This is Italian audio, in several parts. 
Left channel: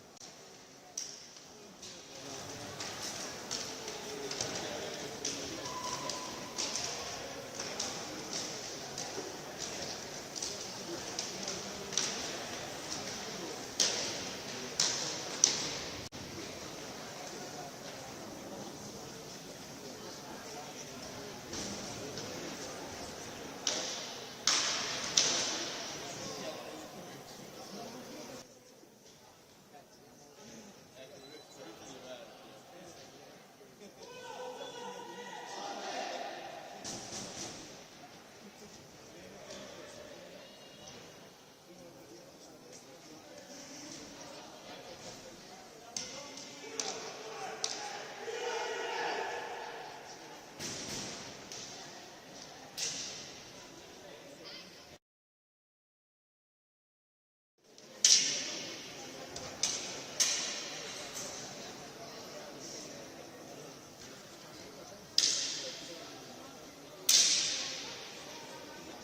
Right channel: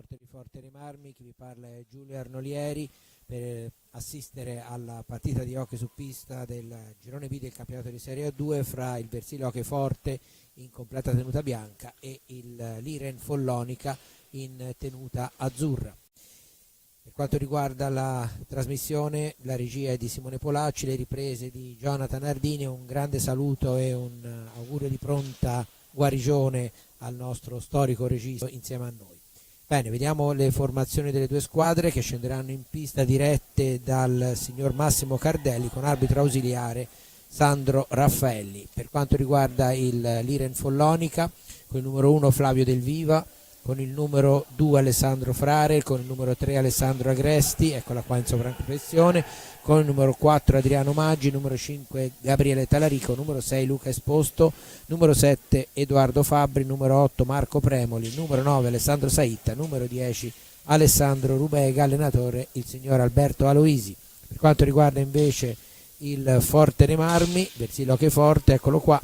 sport di Forte dei Marmi, chi vi parla è Giulio Arnolieri per assistere alla partita di hockey su pista del girone B del campionato di Serie A2 fra il Versilo Hockey Forte in completa tenuta bianca e il Liren Follonica in tenuta azzurra. Per quanto riguarda la trasmissione, la regia è di Simone Polacci, le riprese di Jonathan Ardini. Un grande saluto e un augurio di pronta guarigione al nostro storico regista insieme a noi. Bene, vediamo le formazioni delle due squadre che scenderanno in pista dirette dal signor Massimo Cardelli con arbitro ausiliare Sandro Raffaelli. Per quanto riguarda il Liren Follonica, con il numero 1 Flavio Del Viva, con il numero 2 Alessandro Frare, con il numero 3 Alessandro Agresti, eccola qua in sovraimpressione, con il numero 4 Adriano Maggi, numero 5 Gabriele Talarico, numero 6 Luca Esposto, numero 7 Edoardo Fabbri, numero 8 Marco Premoli, numero 9 Alessandro Saitta, numero 10 Alessandro Rubega, allenatore il signor Alberto Aloisi. Per quanto riguarda invece il Forte dei Marmi, del Versilo Hockey Forte, eccolo qua,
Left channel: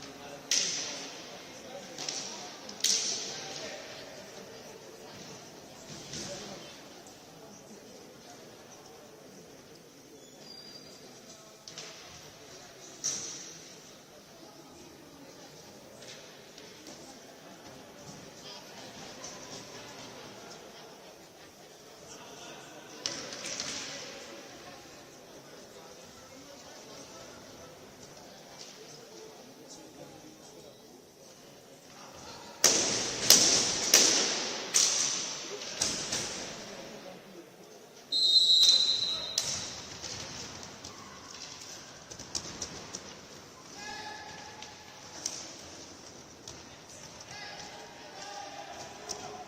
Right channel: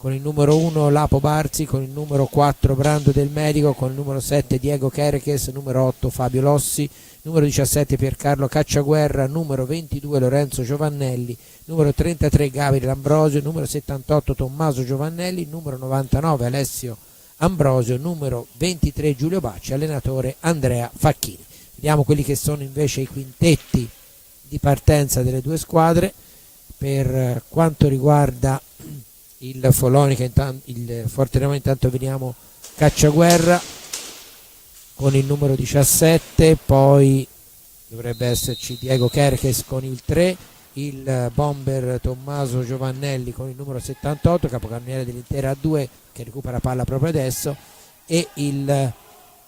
con il numero 1 Lapo Barzi, con il numero 4 Brando Del Medico, con il numero 7 Diego Chereches, numero 8 Fabio Lossi, numero 17 Piercarlo Cacciaguerra, numero 22 Lorenzo Giovannelli, numero 33 Gabriele Ambrosio, numero 78 Tommaso Giovannelli, numero 99 Alessio Ambrosio, numero 23 Giulio Bacci, allenatore Andrea Facchini. Vediamo quelli che sono invece i quintetti di partenza delle due squadre. Per quanto riguarda il Follonica, il Forte dei Marmi, intanto vediamo Cacciaguerra con il numero 17, poi dovrebbe esserci Diego Chereches con il 3, il bomber Tommaso Giovannelli con il numero 78, capocannoniere dell'intera A2 che recupera palla proprio adesso, e il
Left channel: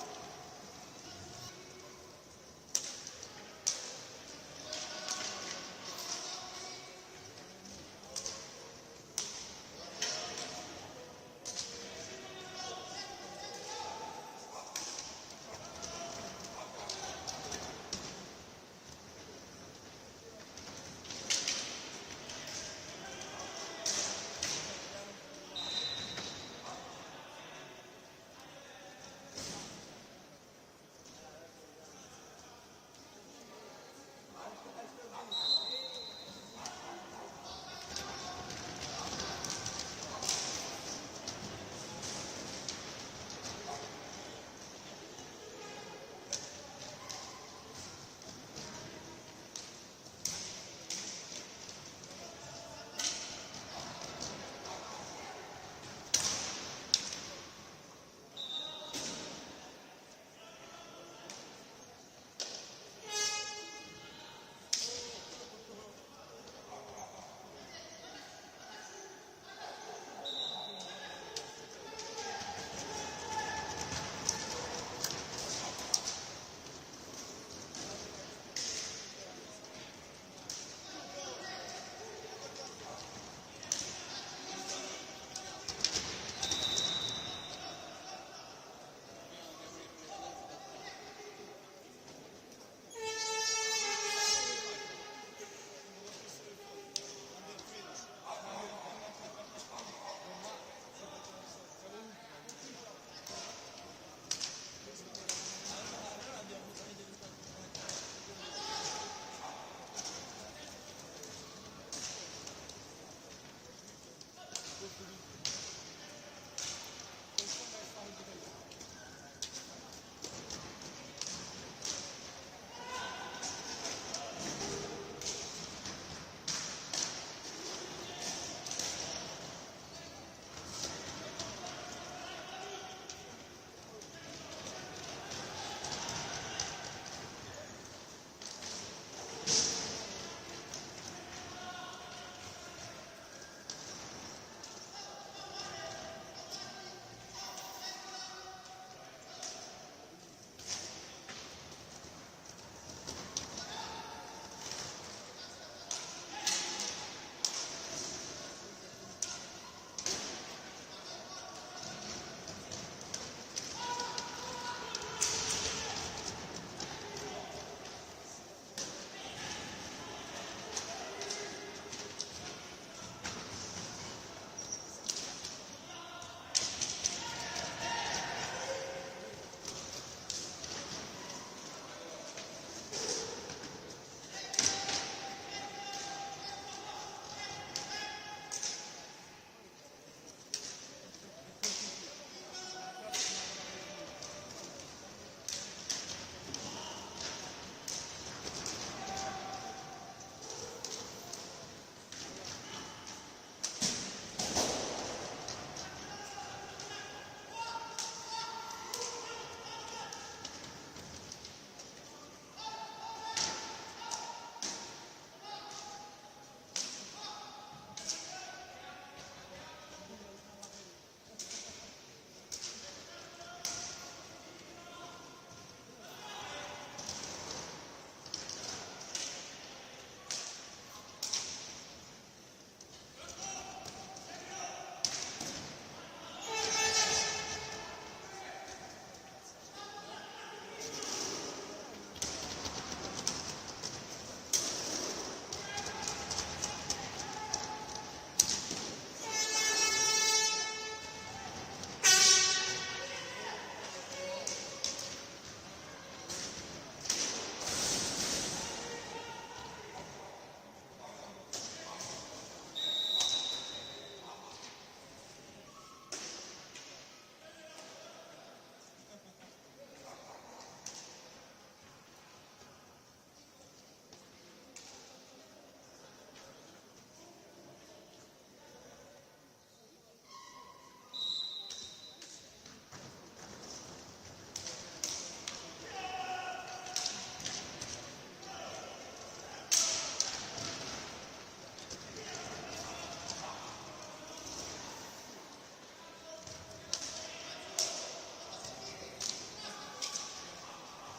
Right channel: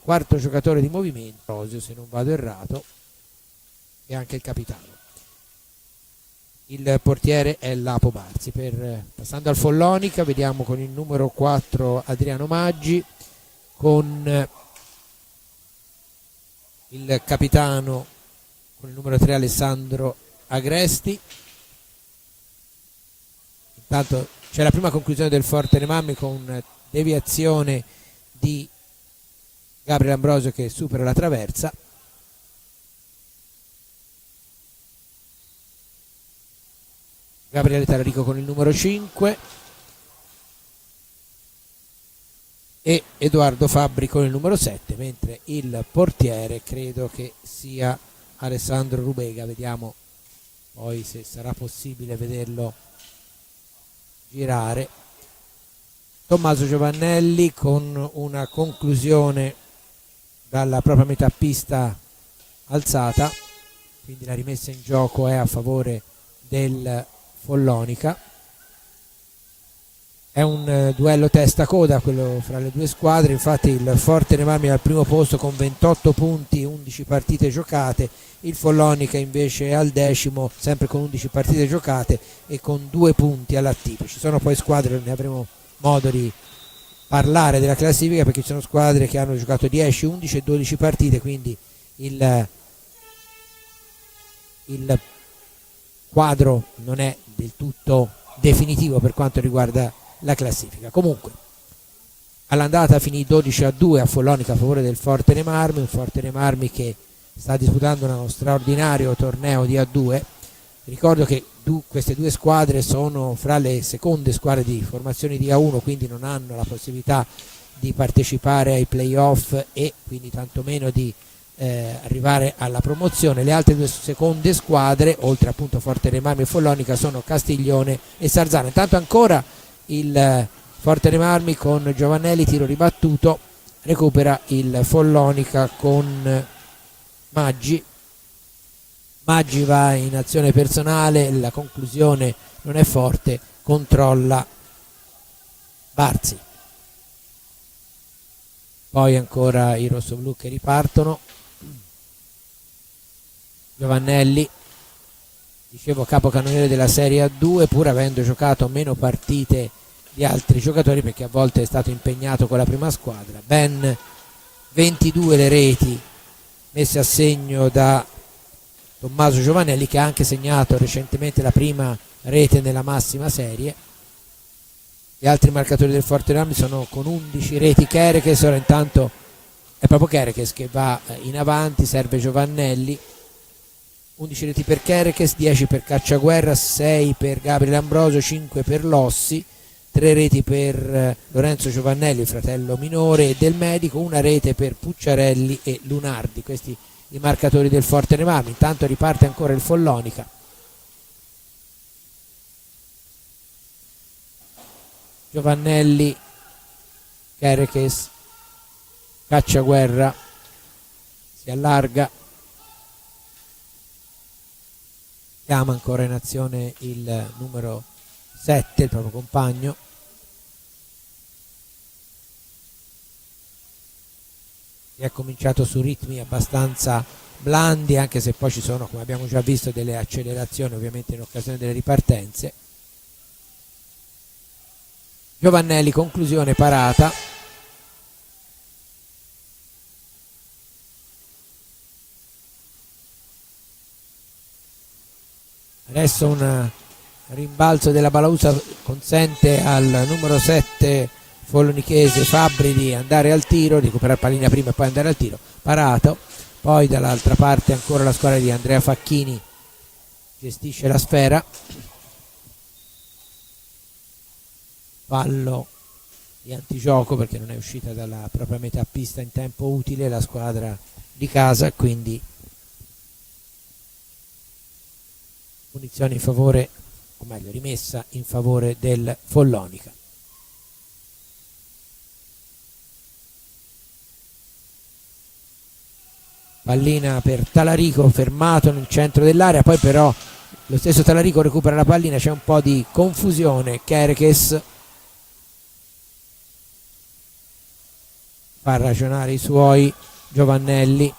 quarto giocatore di movimento, se non vado errato, e anche il capitano. Il portiere è Lapo Barzi. Passando al Follonica, vediamo con il numero 4 Adriano Maggi, con il capitano con il numero 3 Alessandro Agresti. Intanto c'è la prima conclusione del Forte dei Marmi con deviazione di Gabriele Ambrosio che supera la traversa. Gabriele Talarico con il numero 5 e Edoardo Fabbri con il numero 7, mentre il portiere credo che sia Alessandro Rubega. Vediamo poi se sarà possibile vederlo girare. Tommaso Giovannelli con una conclusione dalla propria metà pista alzata, quindi la rimessa in gioco è a favore del Follonica. È un duello testa-coda quello fra le due squadre, infatti il Forte dei Marmi è al primo posto con 28 punti, 11 partite giocate, il Follonica invece è al decimo sempre con 11 partite giocate e con 2 punti all'attivo. Ci sono poi squadre, ne avremo modo di parlare della classifica, perché ci sono squadre che hanno giocato 10, 11 e 12 partite, quindi il quadro non è del tutto definitivo per quanto riguarda la classifica. Comunque all'andata finì 12-2 a Follonica a favore del Forte dei Marmi, un Forte dei Marmi che sta disputando uno straordinario torneo di A2. Ricordo che queste due squadre sono fra le seconde squadre di formazioni di A1, quindi non hanno la possibilità di partecipare ai playoff e quindi tantomeno di arrivare alla promozione. Le altre due seconde squadre, oltre appunto Forte dei Marmi e Follonica, sono Castiglione e Sarzana. Intanto ancora il Forte dei Marmi con Giovannelli, tiro ribattuto, recupera il Follonica con Maggi. Maggi va in azione personale, la conclusione non è forte, controlla Barzi. Poi ancora i rossoblù che ripartono. Giovannelli, dicevo, capocannoniere della Serie A2, pur avendo giocato meno partite di altri giocatori perché a volte è stato impegnato con la prima squadra. Ben 22 le reti messe a segno da Tommaso Giovannelli, che ha anche segnato recentemente la prima rete nella massima serie. Gli altri marcatori del Forte dei Marmi sono con 11 reti Chereches. Ora intanto è proprio Kerekes che va in avanti, serve Giovannelli. 11 reti per Kerekes, 10 per Cacciaguerra, 6 per Gabriele Ambrosio, 5 per Lossi, 3 reti per Lorenzo Giovannelli, fratello minore del medico, una rete per Pucciarelli e Lunardi. Questi i marcatori del Forte dei Marmi. Intanto riparte ancora il Follonica. Giovannelli, Kerekes, Cacciaguerra, si allarga, chiama ancora in azione il numero 7, il proprio compagno. È cominciato su ritmi abbastanza blandi, anche se poi ci sono, come abbiamo già visto, delle accelerazioni ovviamente in occasione delle ripartenze. Giovannelli, conclusione, parata. Adesso un rimbalzo della Balausa consente al numero 7 folonichese Fabbri di andare al tiro, di recuperare pallina prima e poi andare al tiro. Parato. Poi dall'altra parte ancora la squadra di Andrea Facchini gestisce la sfera. Fallo di antigioco perché non è uscita dalla propria metà pista in tempo utile la squadra di casa, quindi punizione in favore, o meglio rimessa in favore del Follonica. Pallina per Talarico, fermato nel centro dell'area, poi però lo stesso Talarico recupera la pallina, c'è un po' di confusione. Kerekes fa ragionare i suoi, Giovannelli,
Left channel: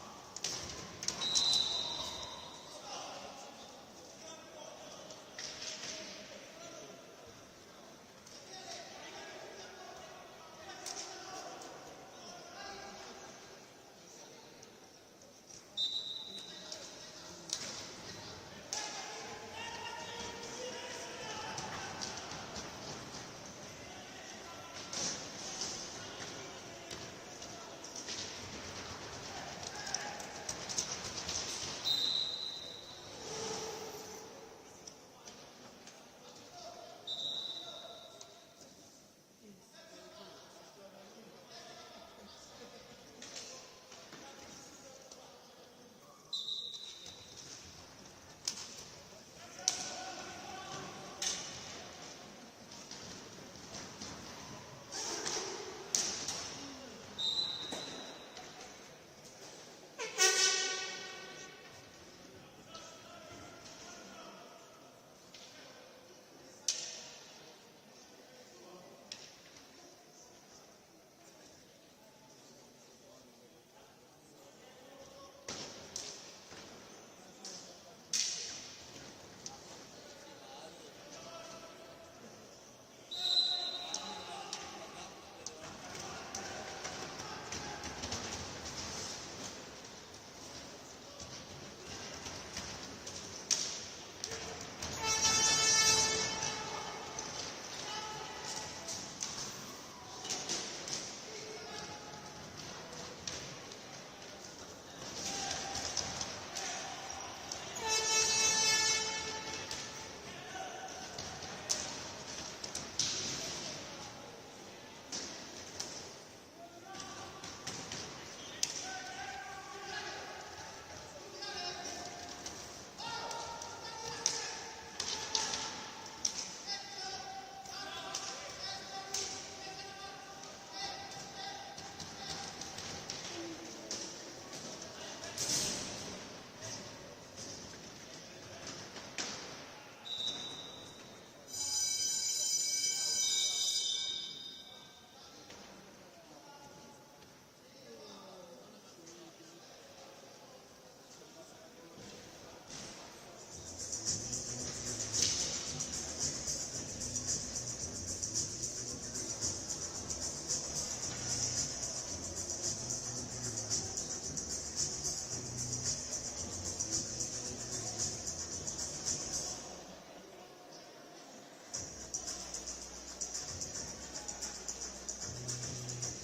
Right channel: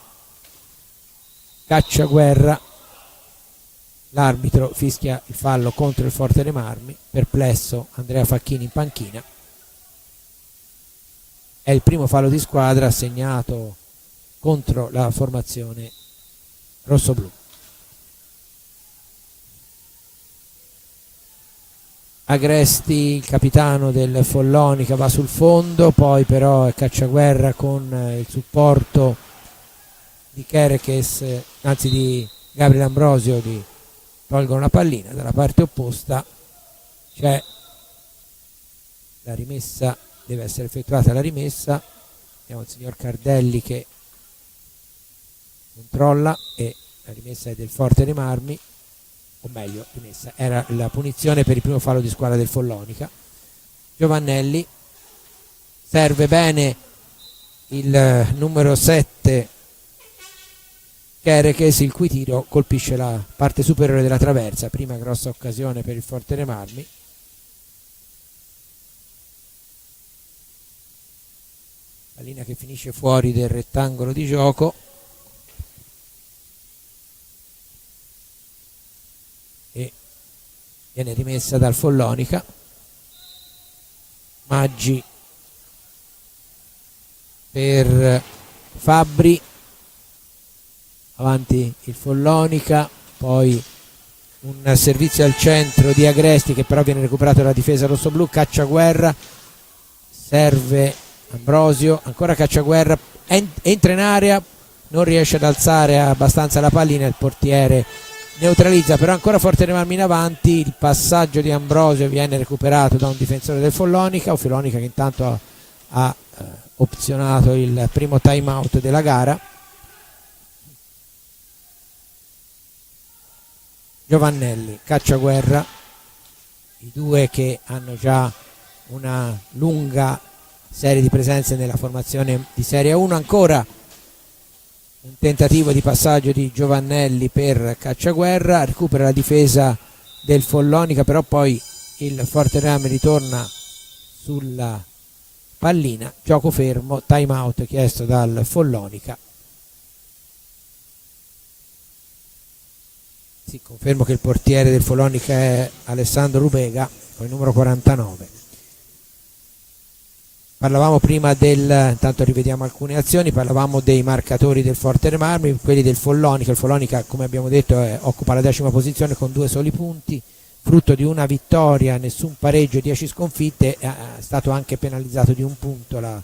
Cacciaguerra, l'arbitro fischia il fallo contro il Forte dei Marmi, perplesso Andrea Facchini in panchina. È il primo fallo di squadra segnato contro la formazione rossoblù. Agresti, il capitano del Follonica, va sul fondo, poi però è Cacciaguerra con il supporto di Kerekes, anzi di Gabriele Ambrosio, di tolgono la pallina. Dalla parte opposta c'è la rimessa, deve essere effettuata la rimessa. Abbiamo il signor Cardelli che controlla e la rimessa è del Forte dei Marmi, o meglio rimessa, era la punizione per il primo fallo di squadra del Follonica. Giovannelli, serve bene il numero 7 Kerekes, il cui tiro colpisce la parte superiore della traversa. Prima grossa occasione per il Forte dei Marmi. Pallina che finisce fuori del rettangolo di gioco e viene rimessa dal Follonica. Maggi per Fabbri, avanti il Follonica, poi un servizio al centro di Agresti che però viene recuperato dalla difesa rossoblù. Cacciaguerra, serve Ambrosio, ancora Cacciaguerra, entra in area, non riesce ad alzare abbastanza la pallina, il portiere neutralizza, però ancora Forte dei Marmi in avanti. Il passaggio di Ambrosio viene recuperato da un difensore del Follonica, o Follonica che intanto ha opzionato il primo time out della gara. Giovannelli, Cacciaguerra, i due che hanno già una lunga serie di presenze nella formazione di Serie 1. Ancora un tentativo di passaggio di Giovannelli per Cacciaguerra, recupera la difesa del Follonica, però poi il Forte dei Marmi ritorna sulla pallina, gioco fermo, time out chiesto dal Follonica. Sì, confermo che il portiere del Follonica è Alessandro Rubega, con il numero 49. Parlavamo prima intanto rivediamo alcune azioni, parlavamo dei marcatori del Forte dei Marmi, quelli del Follonica. Il Follonica, come abbiamo detto, occupa la 10ª posizione con 2 soli punti, frutto di una vittoria, nessun pareggio, 10 sconfitte. È stato anche penalizzato di un punto la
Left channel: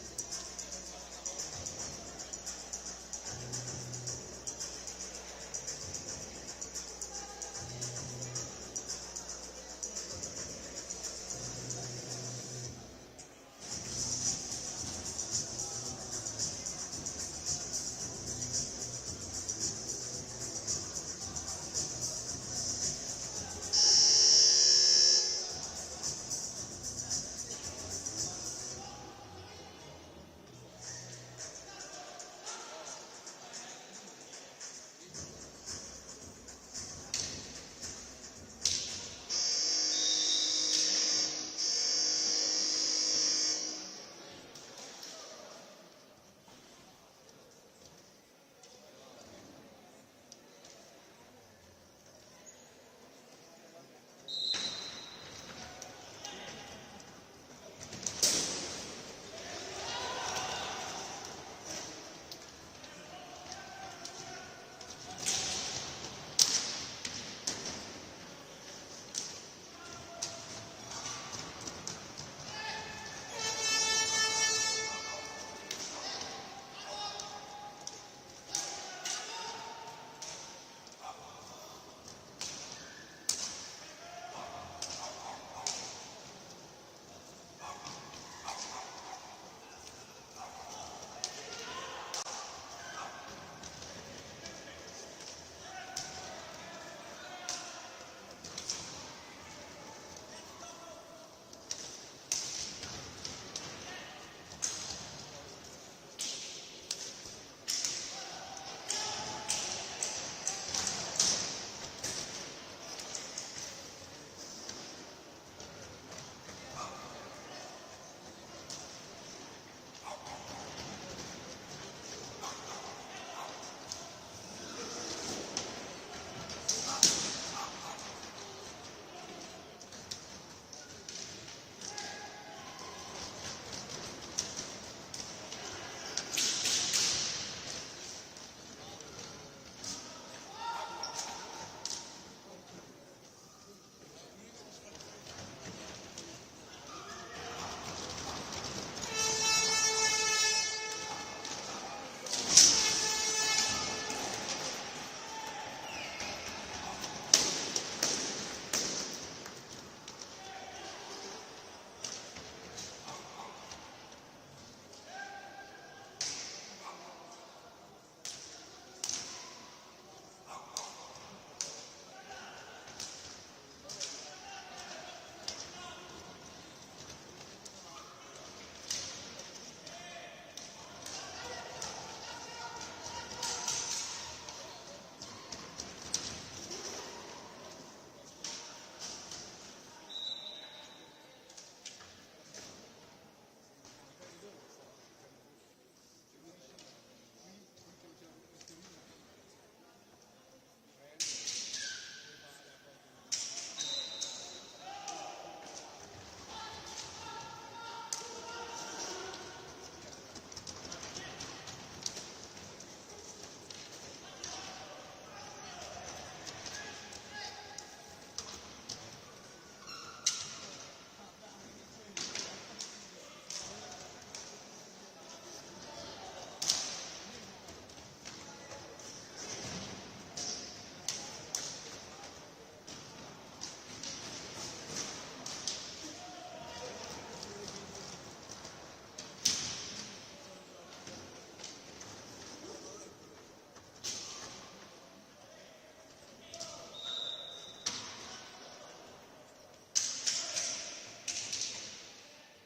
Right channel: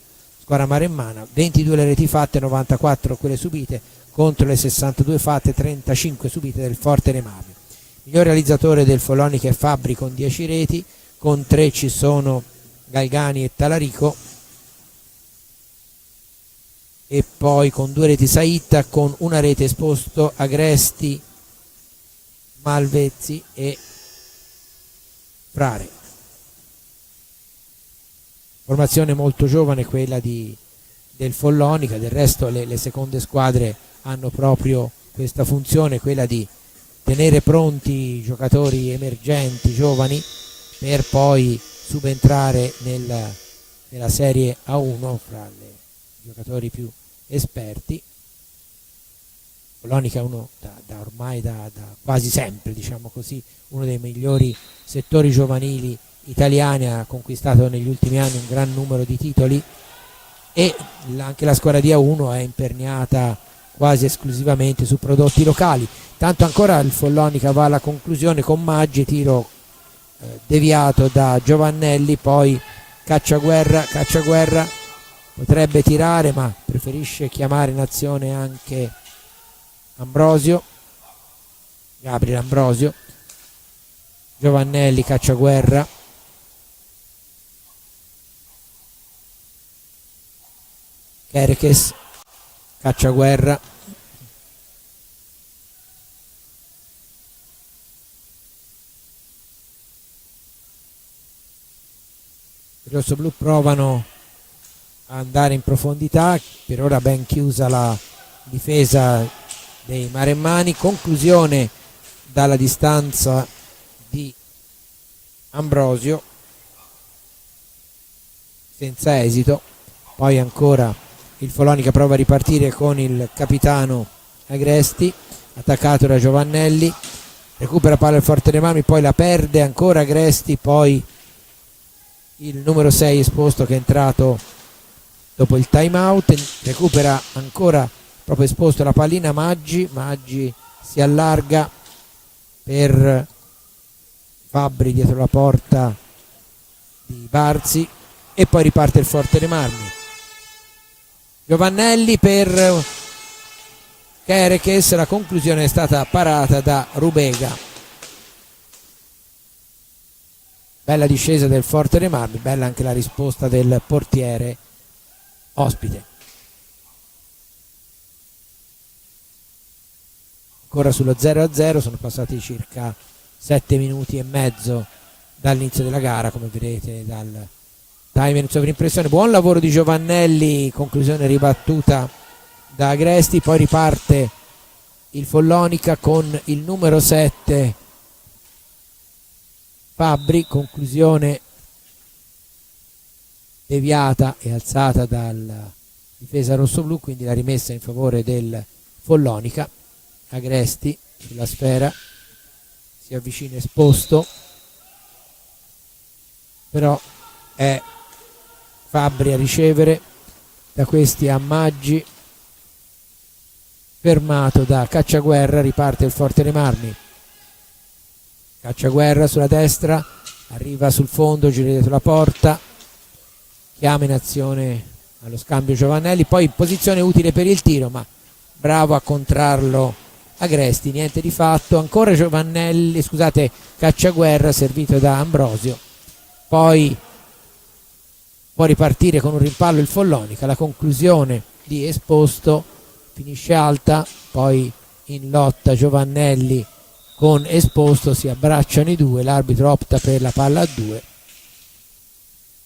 squadra maremmana. 22 le reti fatte, 94 quelle subite contro le 62 fatte, 35 subite del Forte dei Marmi. Miglior realizzatore del Follonica è Fabbri con 10 reti, con 3 ci sono Galgani e Talarico, e poi con 2 reti Saitta, con una rete Esposto, Agresti, Malvezzi e Frare. Formazione molto giovane quella del Follonica, del resto le seconde squadre hanno proprio questa funzione, quella di tenere pronti giocatori emergenti, giovani, per poi subentrare nella Serie A1 fra i giocatori più esperti. Follonica è uno ormai da quasi sempre, diciamo così, uno dei migliori settori giovanili italiani, ha conquistato negli ultimi anni un gran numero di titoli, e anche la squadra di A1 è imperniata quasi esclusivamente su prodotti locali. Tanto ancora il Follonica va alla conclusione con Maggi, tiro deviato da Giovannelli, poi Cacciaguerra potrebbe tirare ma preferisce chiamare in azione anche Gabriele Ambrosio. Giovannelli, Cacciaguerra, Erches, Cacciaguerra, i rossoblù provano a andare in profondità, per ora ben chiusa la difesa dei maremmani. Conclusione dalla distanza di Ambrosio senza esito. Poi ancora il Follonica prova a ripartire con il capitano Agresti, attaccato da Giovannelli, recupera palla il Forte dei Marmi, poi la perde ancora Agresti, poi il numero 6 Esposto che è entrato dopo il time out, recupera ancora proprio Esposto la pallina Maggi si allarga per Fabbri dietro la porta di Barzi, e poi riparte il Forte dei Marmi. Giovannelli per Kerekes, la conclusione è stata parata da Rubega. Bella discesa del Forte dei Marmi, bella anche la risposta del portiere ospite. Ancora sullo 0-0, sono passati circa 7 minuti e mezzo dall'inizio della gara, come vedete dal timer in sovrimpressione. Buon lavoro di Giovannelli, conclusione ribattuta da Agresti, poi riparte il Follonica con il numero 7 Fabbri, conclusione deviata e alzata dalla difesa rossoblù, quindi la rimessa in favore del Follonica. Agresti sulla sfera, si avvicina Esposto, però è Fabbri a ricevere, da questi a Maggi, fermato da Cacciaguerra, riparte il Forte dei Marmi. Cacciaguerra sulla destra, arriva sul fondo, gira dietro la porta, chiama in azione allo scambio Giovannelli, poi in posizione utile per il tiro, ma bravo a contrarlo Agresti, niente di fatto. Ancora Cacciaguerra servito da Ambrosio, poi può ripartire con un rimpallo il Follonica. La conclusione di Esposto, finisce alta, poi in lotta Giovannelli con Esposto, si abbracciano i due, l'arbitro opta per la palla a 2,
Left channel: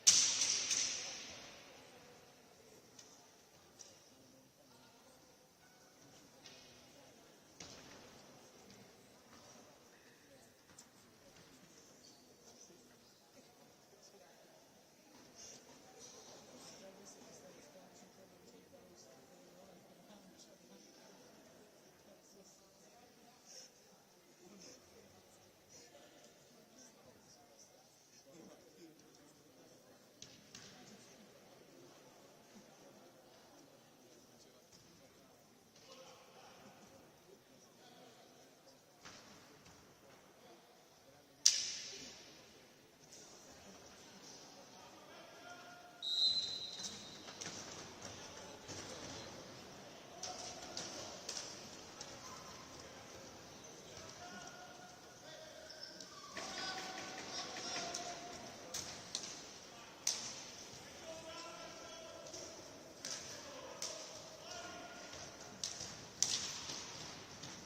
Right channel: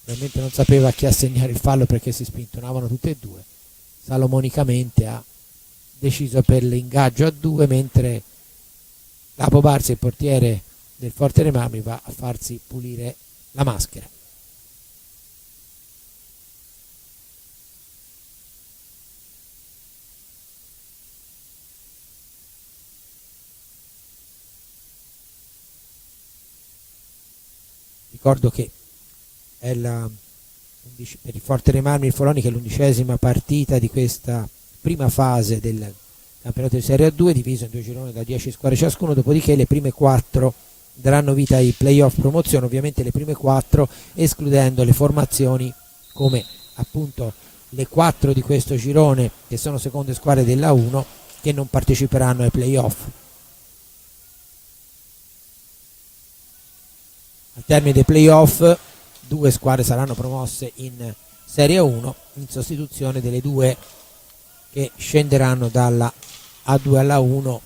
ovviamente non sapeva a chi assegnare il fallo perché si spintonavano tutte e due. Salomonicamente ha deciso per l'ingaggio a 2, mentre Lapo Barzi, il portiere del Forte dei Marmi, va a farsi pulire la maschera. Ricordo che è per il Forte dei Marmi il Follonica è l'11ª partita di questa prima fase del campionato di Serie A2, diviso in 2 gironi da 10 squadre ciascuno, dopodiché le prime 4 daranno vita ai playoff promozione, ovviamente le prime 4 escludendo le formazioni come appunto le 4 di questo girone che sono seconde squadre della 1 che non parteciperanno ai playoff. Al termine dei playoff 2 squadre saranno promosse in Serie 1 in sostituzione delle 2 che scenderanno dalla A2 alla 1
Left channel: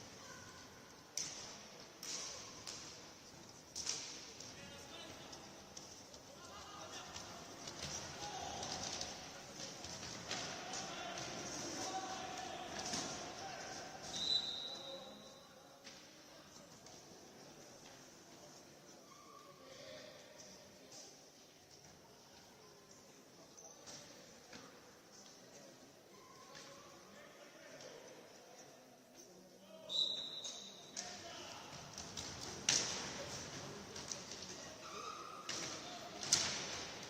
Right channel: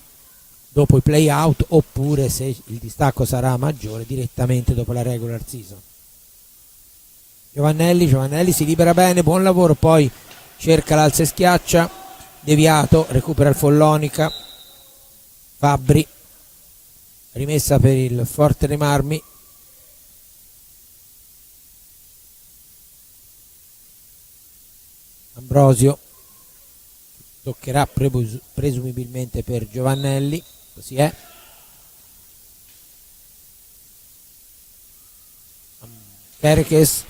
dopo i playout, oppure, se il distacco sarà maggiore, direttamente dopo la regular season. Giovannelli si libera bene, buon lavoro, poi cerca l'alza e schiaccia, deviato, recupera il Follonica, Fabbri, rimessa per il Forte dei Marmi, Ambrosio, toccherà presumibilmente per Giovannelli, così è. Perkes,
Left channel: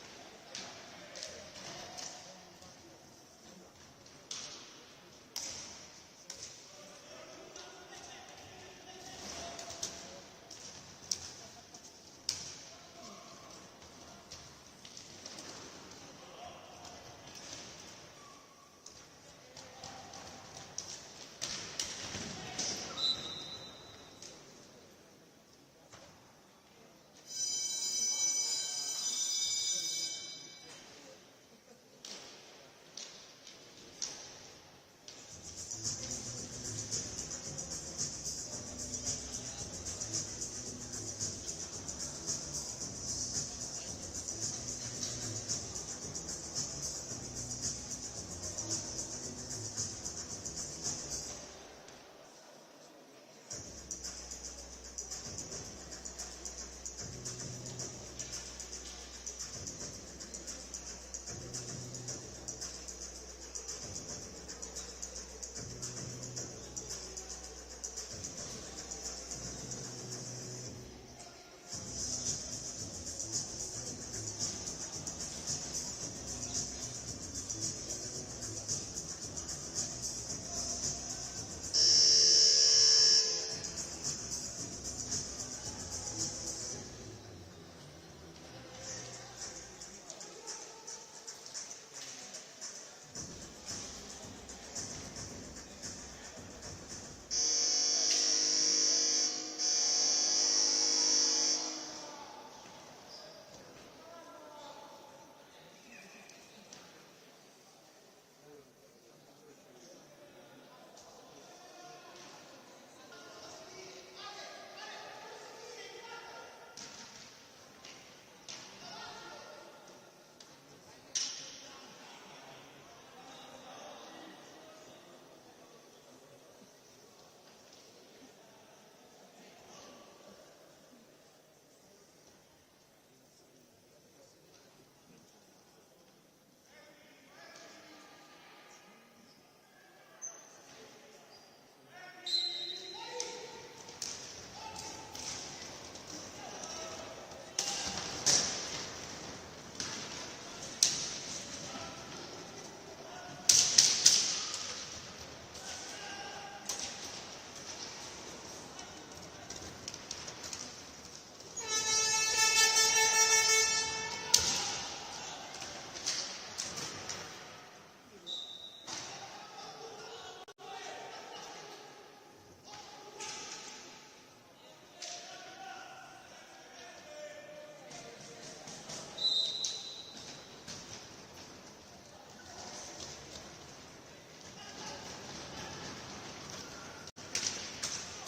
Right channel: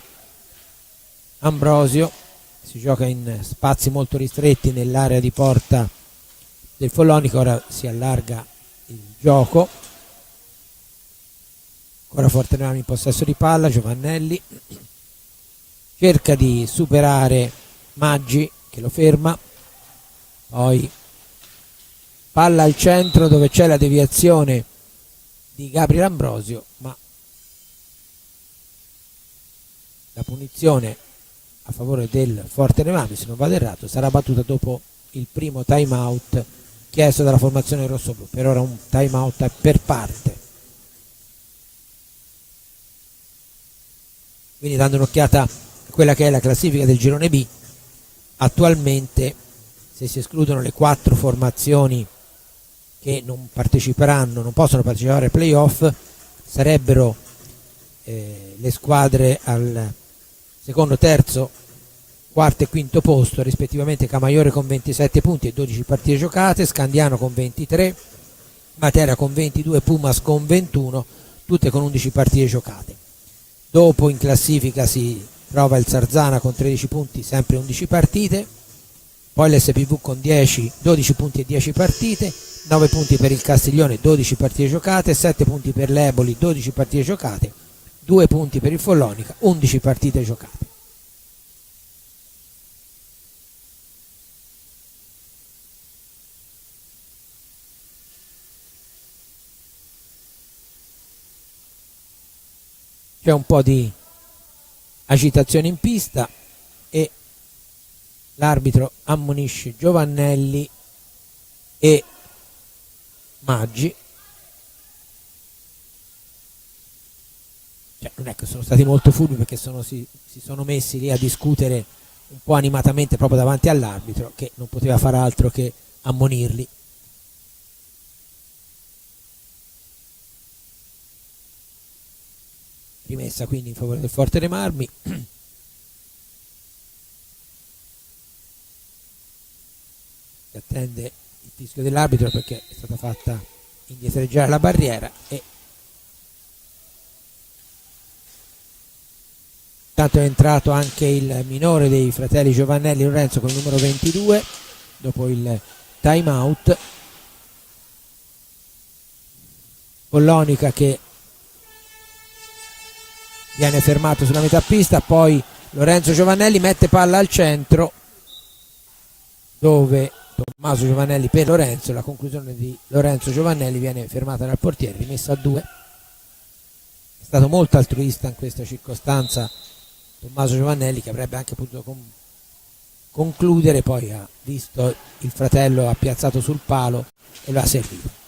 Ambrosio, si gioca in spazi molto ristretti nell'area di porta del Follonica, ora si allarga il gioco, ancora Fortenami in possesso di palla, Giovannelli cerca di superare Maggi che lo ferma, poi palla al centro dove c'è la deviazione di Gabriel Ambrosio, ma la punizione a favore del Forte dei Marmi, se non vado errato, sarà battuta dopo il primo time out chiesto dalla formazione rossoblu. Per ora un time out per parte, quindi dando un'occhiata a quella che è la classifica del girone B, attualmente, se si escludono le 4 formazioni che non parteciperanno, non possono partecipare ai playoff, sarebbero le squadre al secondo, terzo, quarto e quinto posto, rispettivamente Camaiore con 27 punti e 12 partite giocate, Scandiano con 23, Matera con 22, Pumas con 21, tutte con 11 partite giocate. Dopo in classifica si trova il Sarzana con 13 punti, sempre 11 partite, poi l'SPV con 12 punti e 10 partite, 9 punti per il Castiglione, 12 partite giocate, 7 punti per l'Eboli, 12 partite giocate, 2 punti per il Follonica, 11 partite giocate. C'è un po' di agitazione in pista e l'arbitro ammonisce Giovannelli e Maggi. Non è che sono stati molto furbi, perché si sono messi lì a discutere un po' animatamente proprio davanti all'arbitro, che non poteva fare altro che ammonirli. Rimessa quindi in favore del Forte dei Marmi. Si attende il fischio dell'arbitro perché è stata fatta indietreggiare la barriera, e intanto è entrato anche il minore dei fratelli Giovannelli, Lorenzo, con il numero 22 dopo il time out. Follonica che viene fermato sulla metà pista, poi Lorenzo Giovannelli mette palla al centro dove Tommaso Giovannelli per Lorenzo, la conclusione di Lorenzo Giovannelli viene fermata dal portiere, rimessa a 2. È stato molto altruista in questa circostanza Tommaso Giovannelli, che avrebbe anche potuto concludere, poi ha visto il fratello appiazzato sul palo e lo ha servito.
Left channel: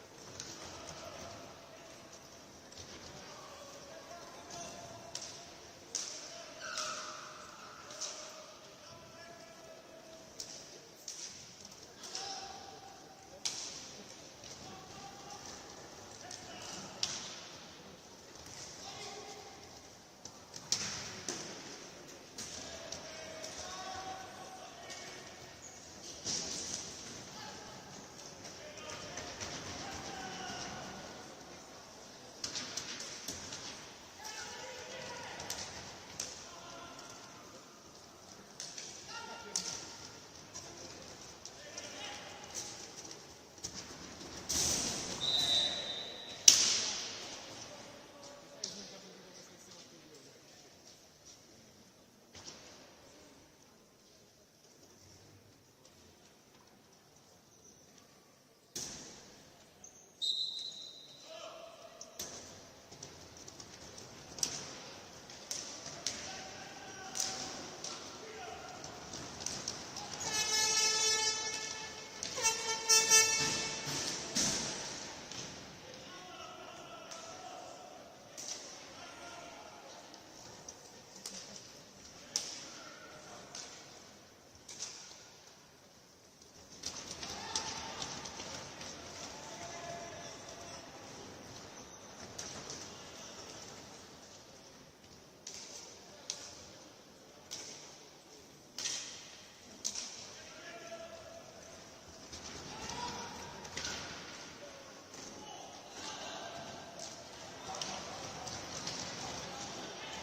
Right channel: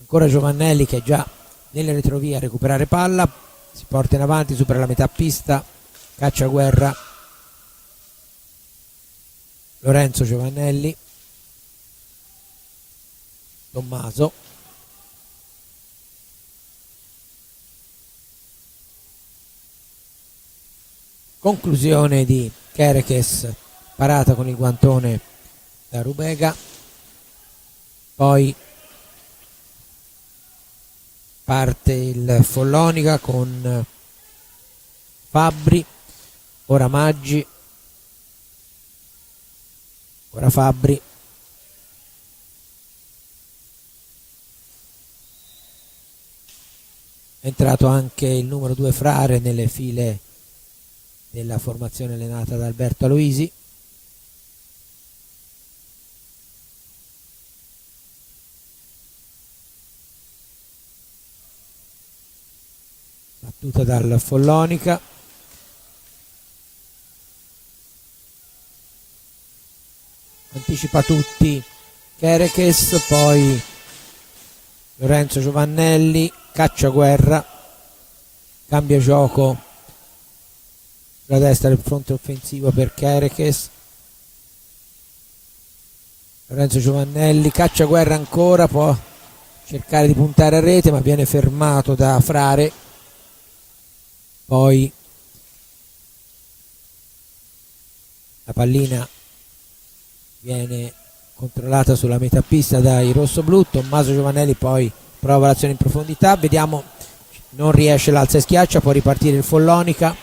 Ancora Giovannelli che è già nelle retrovie a recuperare palla, si porta in avanti, supera la metà pista, caccia guerra Lorenzo Giovannelli, Tommaso, conclusione di Kerekes, parata con il guantone da Rubega, poi parte il Follonica con Fabbri, ora Maggi, ora Fabbri, è entrato anche il numero 2 Frare nelle file della formazione allenata da Alberto Aloisi. Battuta dal Follonica. Anticipa tutti Kerekes, poi Lorenzo Giovannelli, Cacciaguerra, cambia gioco sulla destra del fronte offensivo per Kerekes. Lorenzo Giovannelli, Cacciaguerra ancora, può cercare di puntare a rete ma viene fermato da Frare. Poi la pallina viene controllata sulla metà pista dai rossoblù. Tommaso Giovannelli poi prova l'azione in profondità, vediamo, non riesce l'alza e schiaccia, può ripartire il Follonica.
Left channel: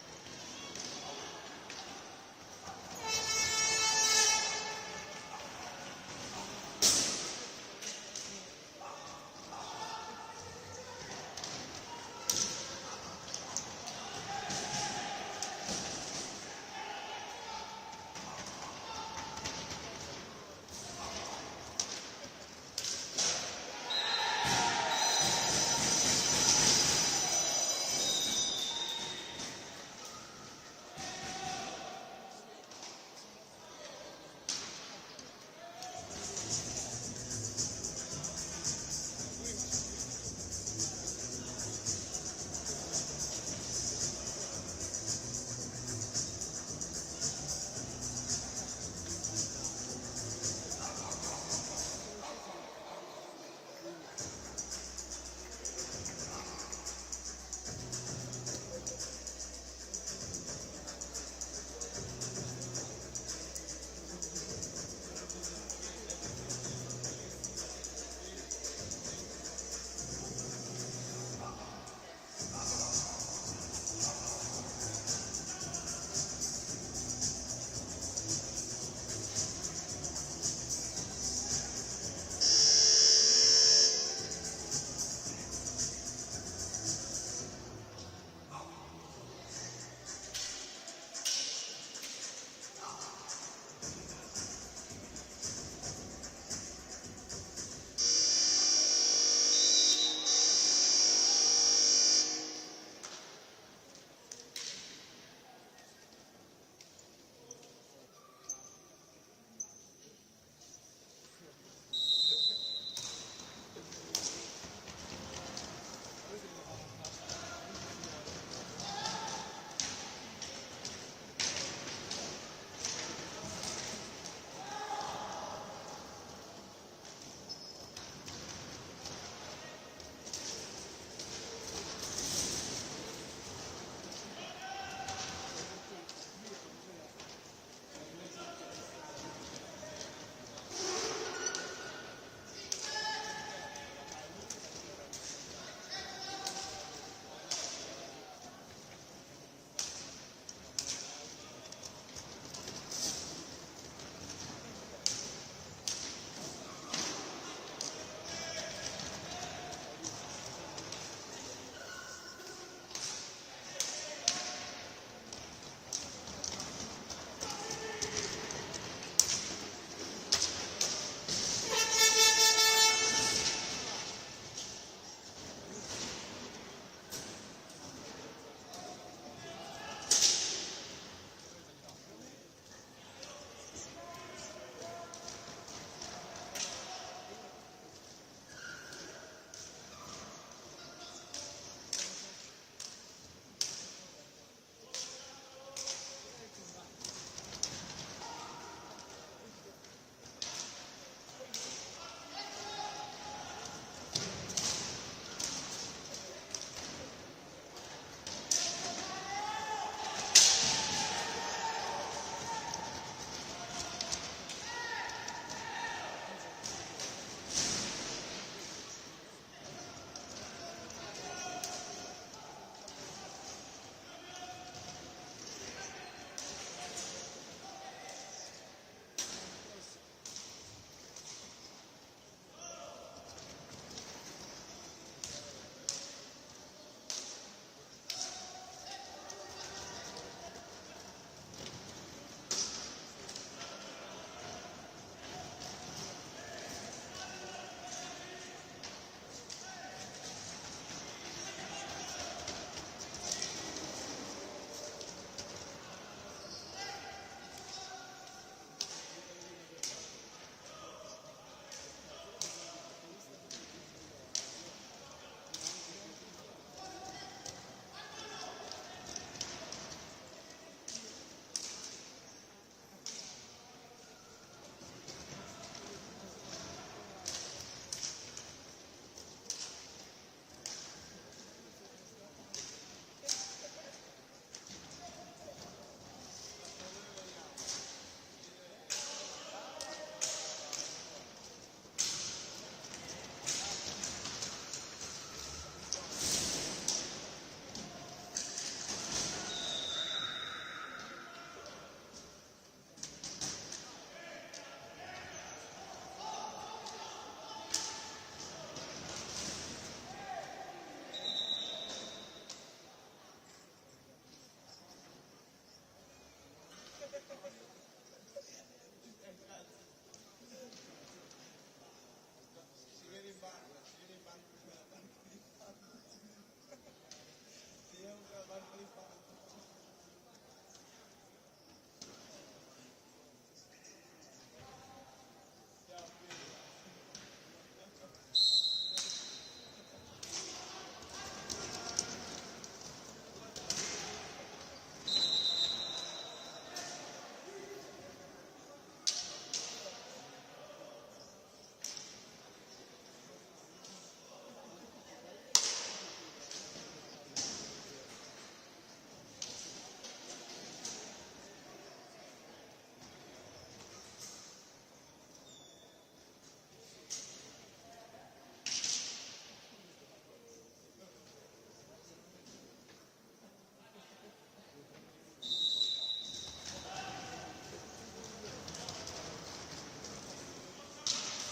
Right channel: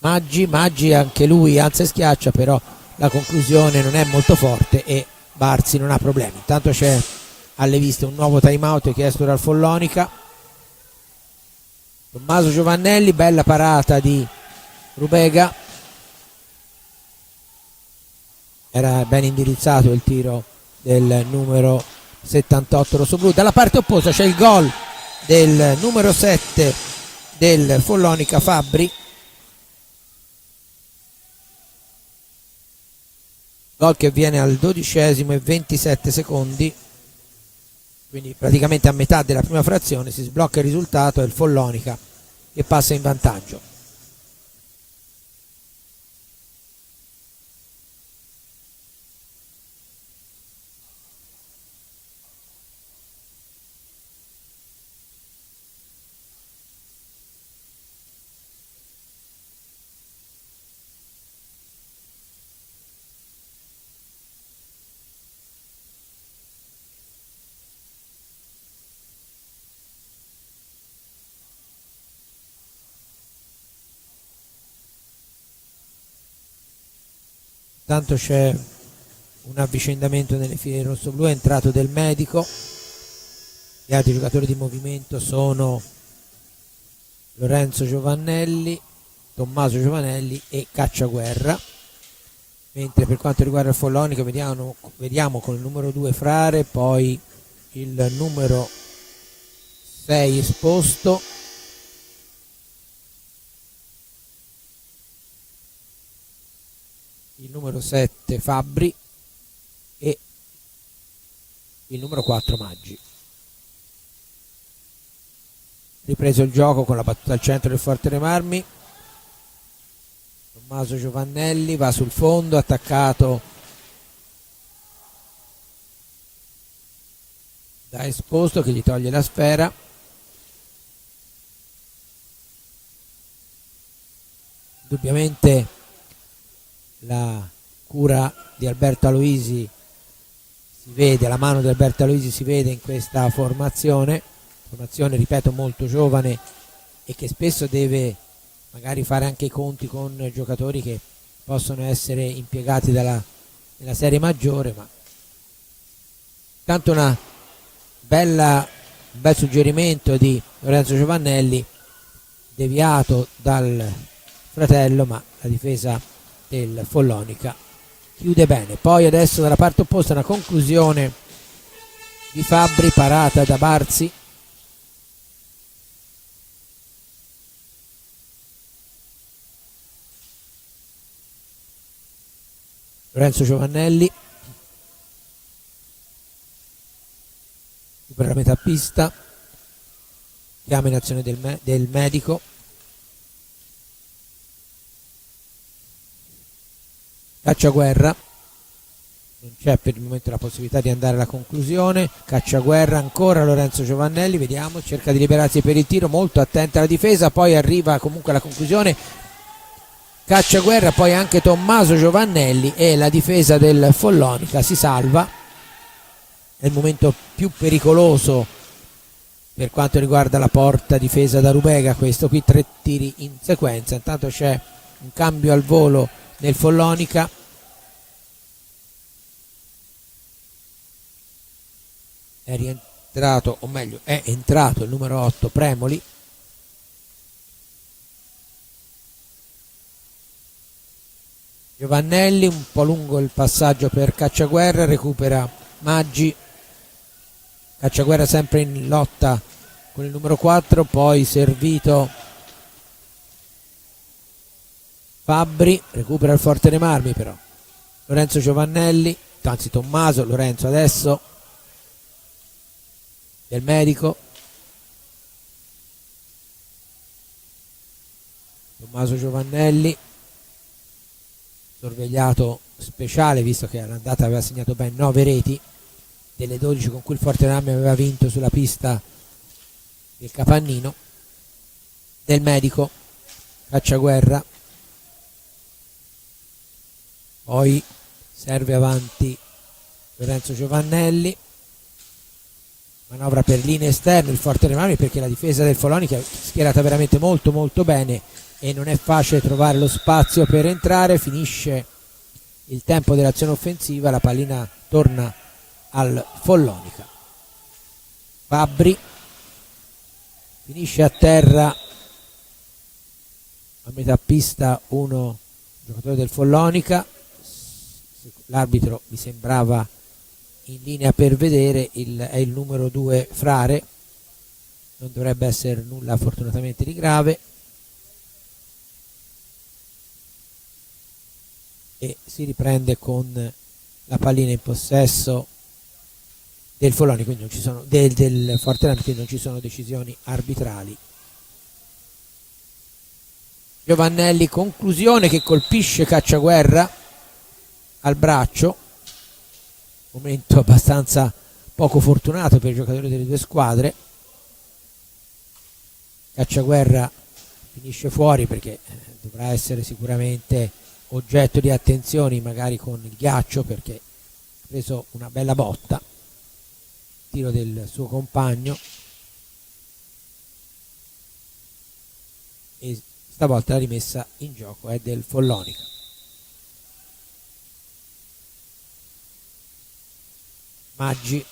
Maggi anche lui alza e schiaccia, però la conclusione non è molto forte e Barzi non ha problemi. Intanto c'è alle viste un nuovo time out chiesto dal Follonica. Tommaso Giovannelli, bella parata di Rubega, era ben indirizzato il tiro del numero 78 rossoblù. Dalla parte opposta c'è il gol del numero 7 del Follonica, Fabbri, gol che viene al 12° e 27 secondi, quindi praticamente a metà della prima frazione. Si sblocca il risultato e il Follonica che passa in vantaggio. Intanto c'è un avvicendamento nelle file rossoblù, è entrato Del Medico. Gli altri giocatori di movimento sono Lorenzo Giovannelli, Tommaso Giovannelli e Cacciaguerra, mentre per quanto riguarda il Follonica vediamo con il numero 2 Frare, poi il numero 6 Esposto, il numero 7 Fabbri e il numero 4 Maggi. Ripreso il gioco con la battuta al centro del Forte dei Marmi. Tommaso Giovannelli va sul fondo, attaccato da Esposto che gli toglie la sfera. Indubbiamente la cura di Alberto Aloisi si vede, la mano di Alberto Aloisi si vede in questa formazione, ripeto, molto giovane e che spesso deve magari fare anche i conti con giocatori che possono essere impiegati nella serie maggiore, ma tanto un bel suggerimento di Lorenzo Giovannelli, deviato dal fratello, ma la difesa del Follonica chiude bene. Poi adesso dalla parte opposta una conclusione di Fabbri, parata da Barzi. Lorenzo Giovannelli supera la metà pista, chiama in azione del Medico. Cacciaguerra, non c'è per il momento la possibilità di andare alla conclusione. Cacciaguerra ancora, Lorenzo Giovannelli, vediamo, cerca di liberarsi per il tiro, molto attenta alla difesa, poi arriva comunque alla conclusione Cacciaguerra, poi anche Tommaso Giovannelli e la difesa del Follonica si salva. È il momento più pericoloso per quanto riguarda la porta difesa da Rubega, questo qui, 3 tiri in sequenza. Intanto c'è un cambio al volo nel Follonica. È rientrato, o meglio è entrato il numero 8 Premoli. Giovannelli, un po' lungo il passaggio per Cacciaguerra, recupera Maggi. Cacciaguerra sempre in lotta con il numero 4, poi servito Fabbri, recupera il Forte dei Marmi però. Lorenzo Giovannelli, anzi Tommaso, Lorenzo adesso, del Medico. Tommaso Giovannelli, sorvegliato speciale visto che all'andata aveva segnato ben 9 reti delle 12 con cui il Forte dei Marmi aveva vinto sulla pista del Capannino. Del Medico, Cacciaguerra, poi serve avanti Lorenzo Giovannelli, manovra per linee esterne il Forte dei Marmi perché la difesa del Follonica è schierata veramente molto molto bene e non è facile trovare lo spazio per entrare. Finisce il tempo dell'azione offensiva, la pallina torna al Follonica. Fabbri finisce a terra a metà pista uno giocatore del Follonica. L'arbitro mi sembrava in linea per vedere, è il numero 2 Frare, non dovrebbe essere nulla fortunatamente di grave, e si riprende con la pallina in possesso del Follonica, quindi non ci sono del Forte Marmi, quindi non ci sono decisioni arbitrali. Giovannelli, conclusione che colpisce Cacciaguerra al braccio, momento abbastanza poco fortunato per i giocatori delle due squadre. Cacciaguerra finisce fuori perché dovrà essere sicuramente oggetto di attenzioni, magari con il ghiaccio, perché ha preso una bella botta, tiro del suo compagno, e stavolta la rimessa in gioco è del Follonica. Maggi,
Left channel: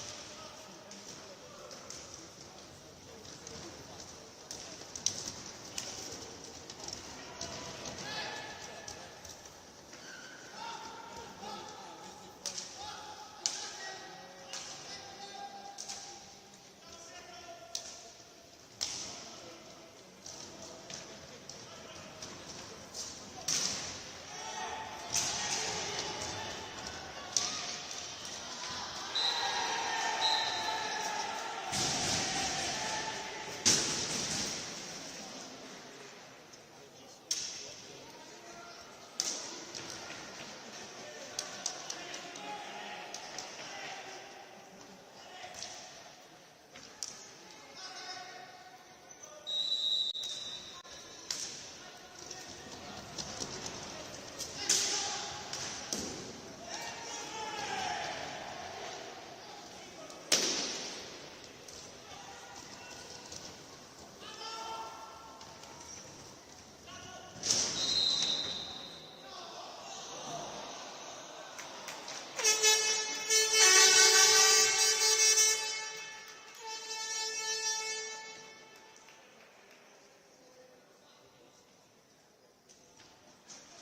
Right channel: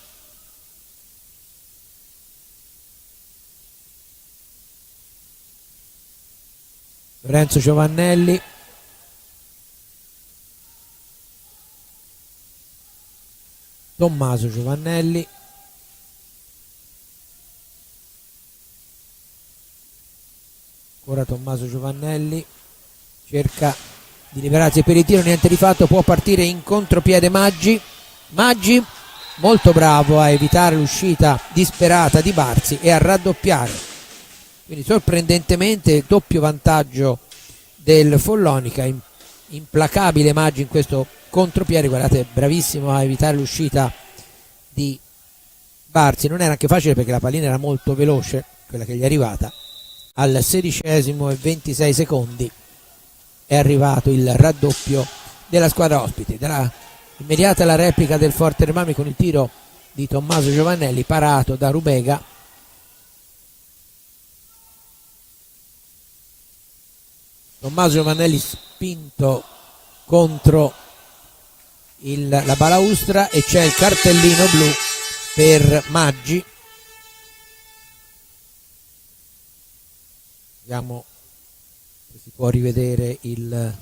Lorenzo Giovannelli, Tommaso Giovannelli, ora Tommaso Giovannelli cerca di liberarsi per il tiro, niente di fatto, può partire in contropiede Maggi. Maggi molto bravo a evitare l'uscita disperata di Barzi e a raddoppiare, quindi sorprendentemente doppio vantaggio del Follonica. Implacabile Maggi in questo contropiede, guardate, bravissimo a evitare l'uscita di Barzi. Non era anche facile perché la pallina era molto veloce, quella che gli è arrivata. Al 16° e 26 secondi è arrivato il raddoppio della squadra ospite. Immediata la replica del Forte dei Marmi con il tiro di Tommaso Giovannelli parato da Rubega. Tommaso Giovannelli spinto contro la balaustra e c'è il cartellino blu per Maggi. Vediamo se si può rivedere il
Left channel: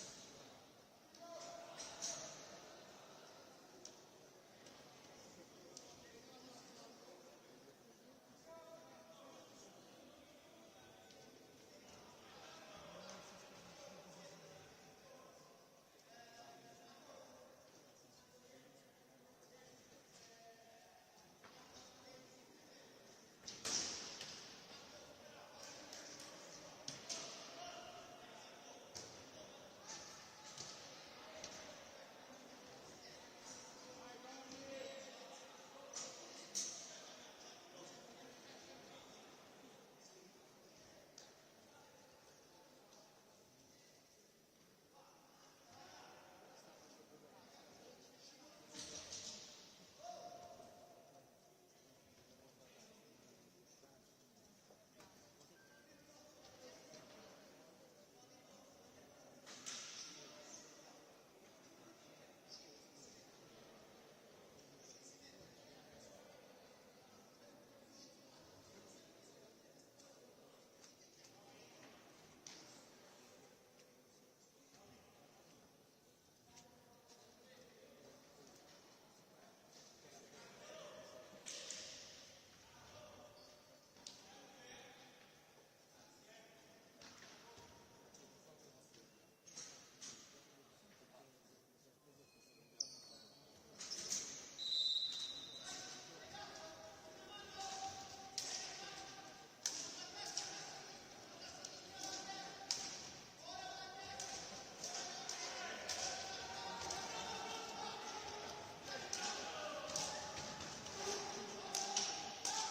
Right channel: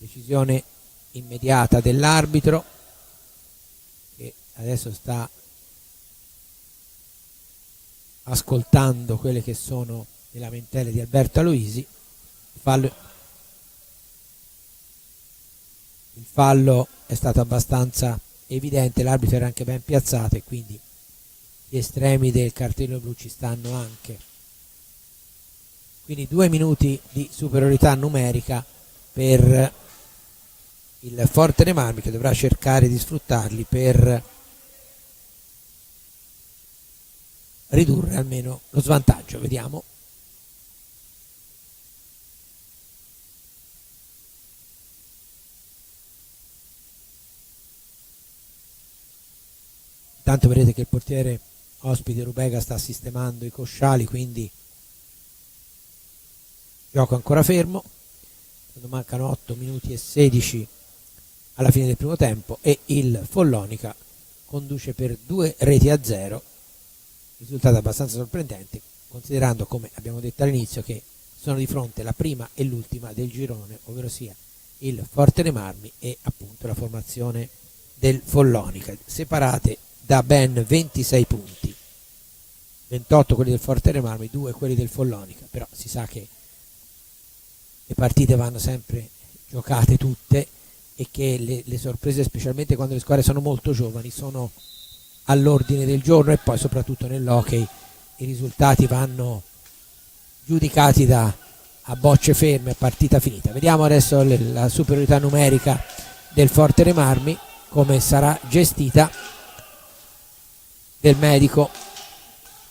decisione immediata dell'arbitro, che adesso sta ascoltando quelle che sono le lamentele di Alberto Aloisi. Il fallo è stato abbastanza evidente, l'arbitro era anche ben piazzato e quindi gli estremi del cartellino blu ci stanno anche. Quindi 2 minuti di superiorità numerica per il Forte dei Marmi, che dovrà cercare di sfruttarli per ridurre almeno lo svantaggio. Vediamo. Intanto vedete che il portiere ospite Rubega sta sistemando i cosciali, quindi gioco ancora fermo. Quando mancano 8 minuti e 16 alla fine del primo tempo e il Follonica conduce per 2-0, risultato abbastanza sorprendente considerando, come abbiamo detto all'inizio, che sono di fronte la prima e l'ultima del girone, ovvero sia il Forte dei Marmi e appunto la formazione del Follonica, separate da ben 26 punti, 28 quelli del Forte dei Marmi, 2 quelli del Follonica. Però si sa che le partite vanno sempre giocate tutte e che le sorprese, specialmente quando le squadre sono molto giovani, sono all'ordine del giorno, e poi soprattutto nell'hockey i risultati vanno giudicati a bocce ferme, partita finita. Vediamo adesso la superiorità numerica del Forte dei Marmi, come sarà gestita, del medico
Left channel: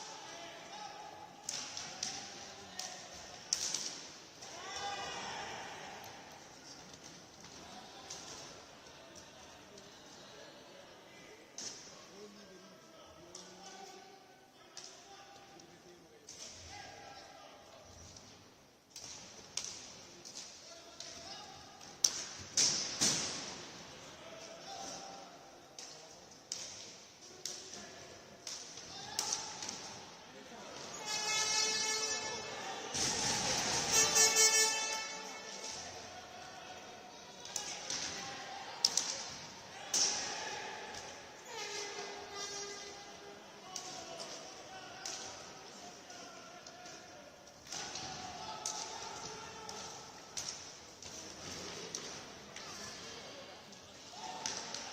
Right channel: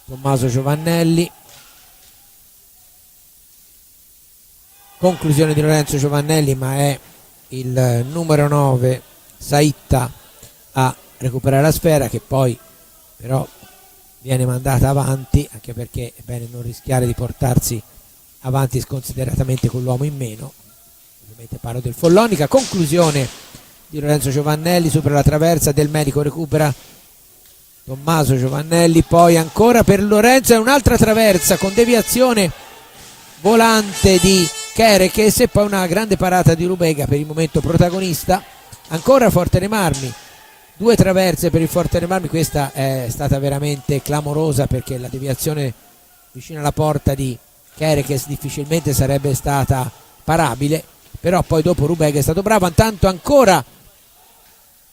Tommaso Giovannelli. Conclusione di Lorenzo Giovannelli, ma è il numero 9 Saitta a recuperare la sfera, che poi però viene mandata avanti, anche perché è bene non rischiare di portarsi avanti sconsideratamente con l'uomo in meno. Ovviamente parlo del Follonica. Conclusione di Lorenzo Giovannelli, supera la traversa, del medico recupera Tommaso Giovannelli, poi ancora per Lorenzo è un'altra traversa con deviazione volante di Kerekes e poi una grande parata di Rubega, per il momento protagonista. Ancora Forte dei Marmi, 2 traverse per il Forte dei Marmi. Questa è stata veramente clamorosa, perché la deviazione vicino alla porta di Kerekes difficilmente sarebbe stata parabile, però poi dopo Rubega è stato bravo. Intanto ancora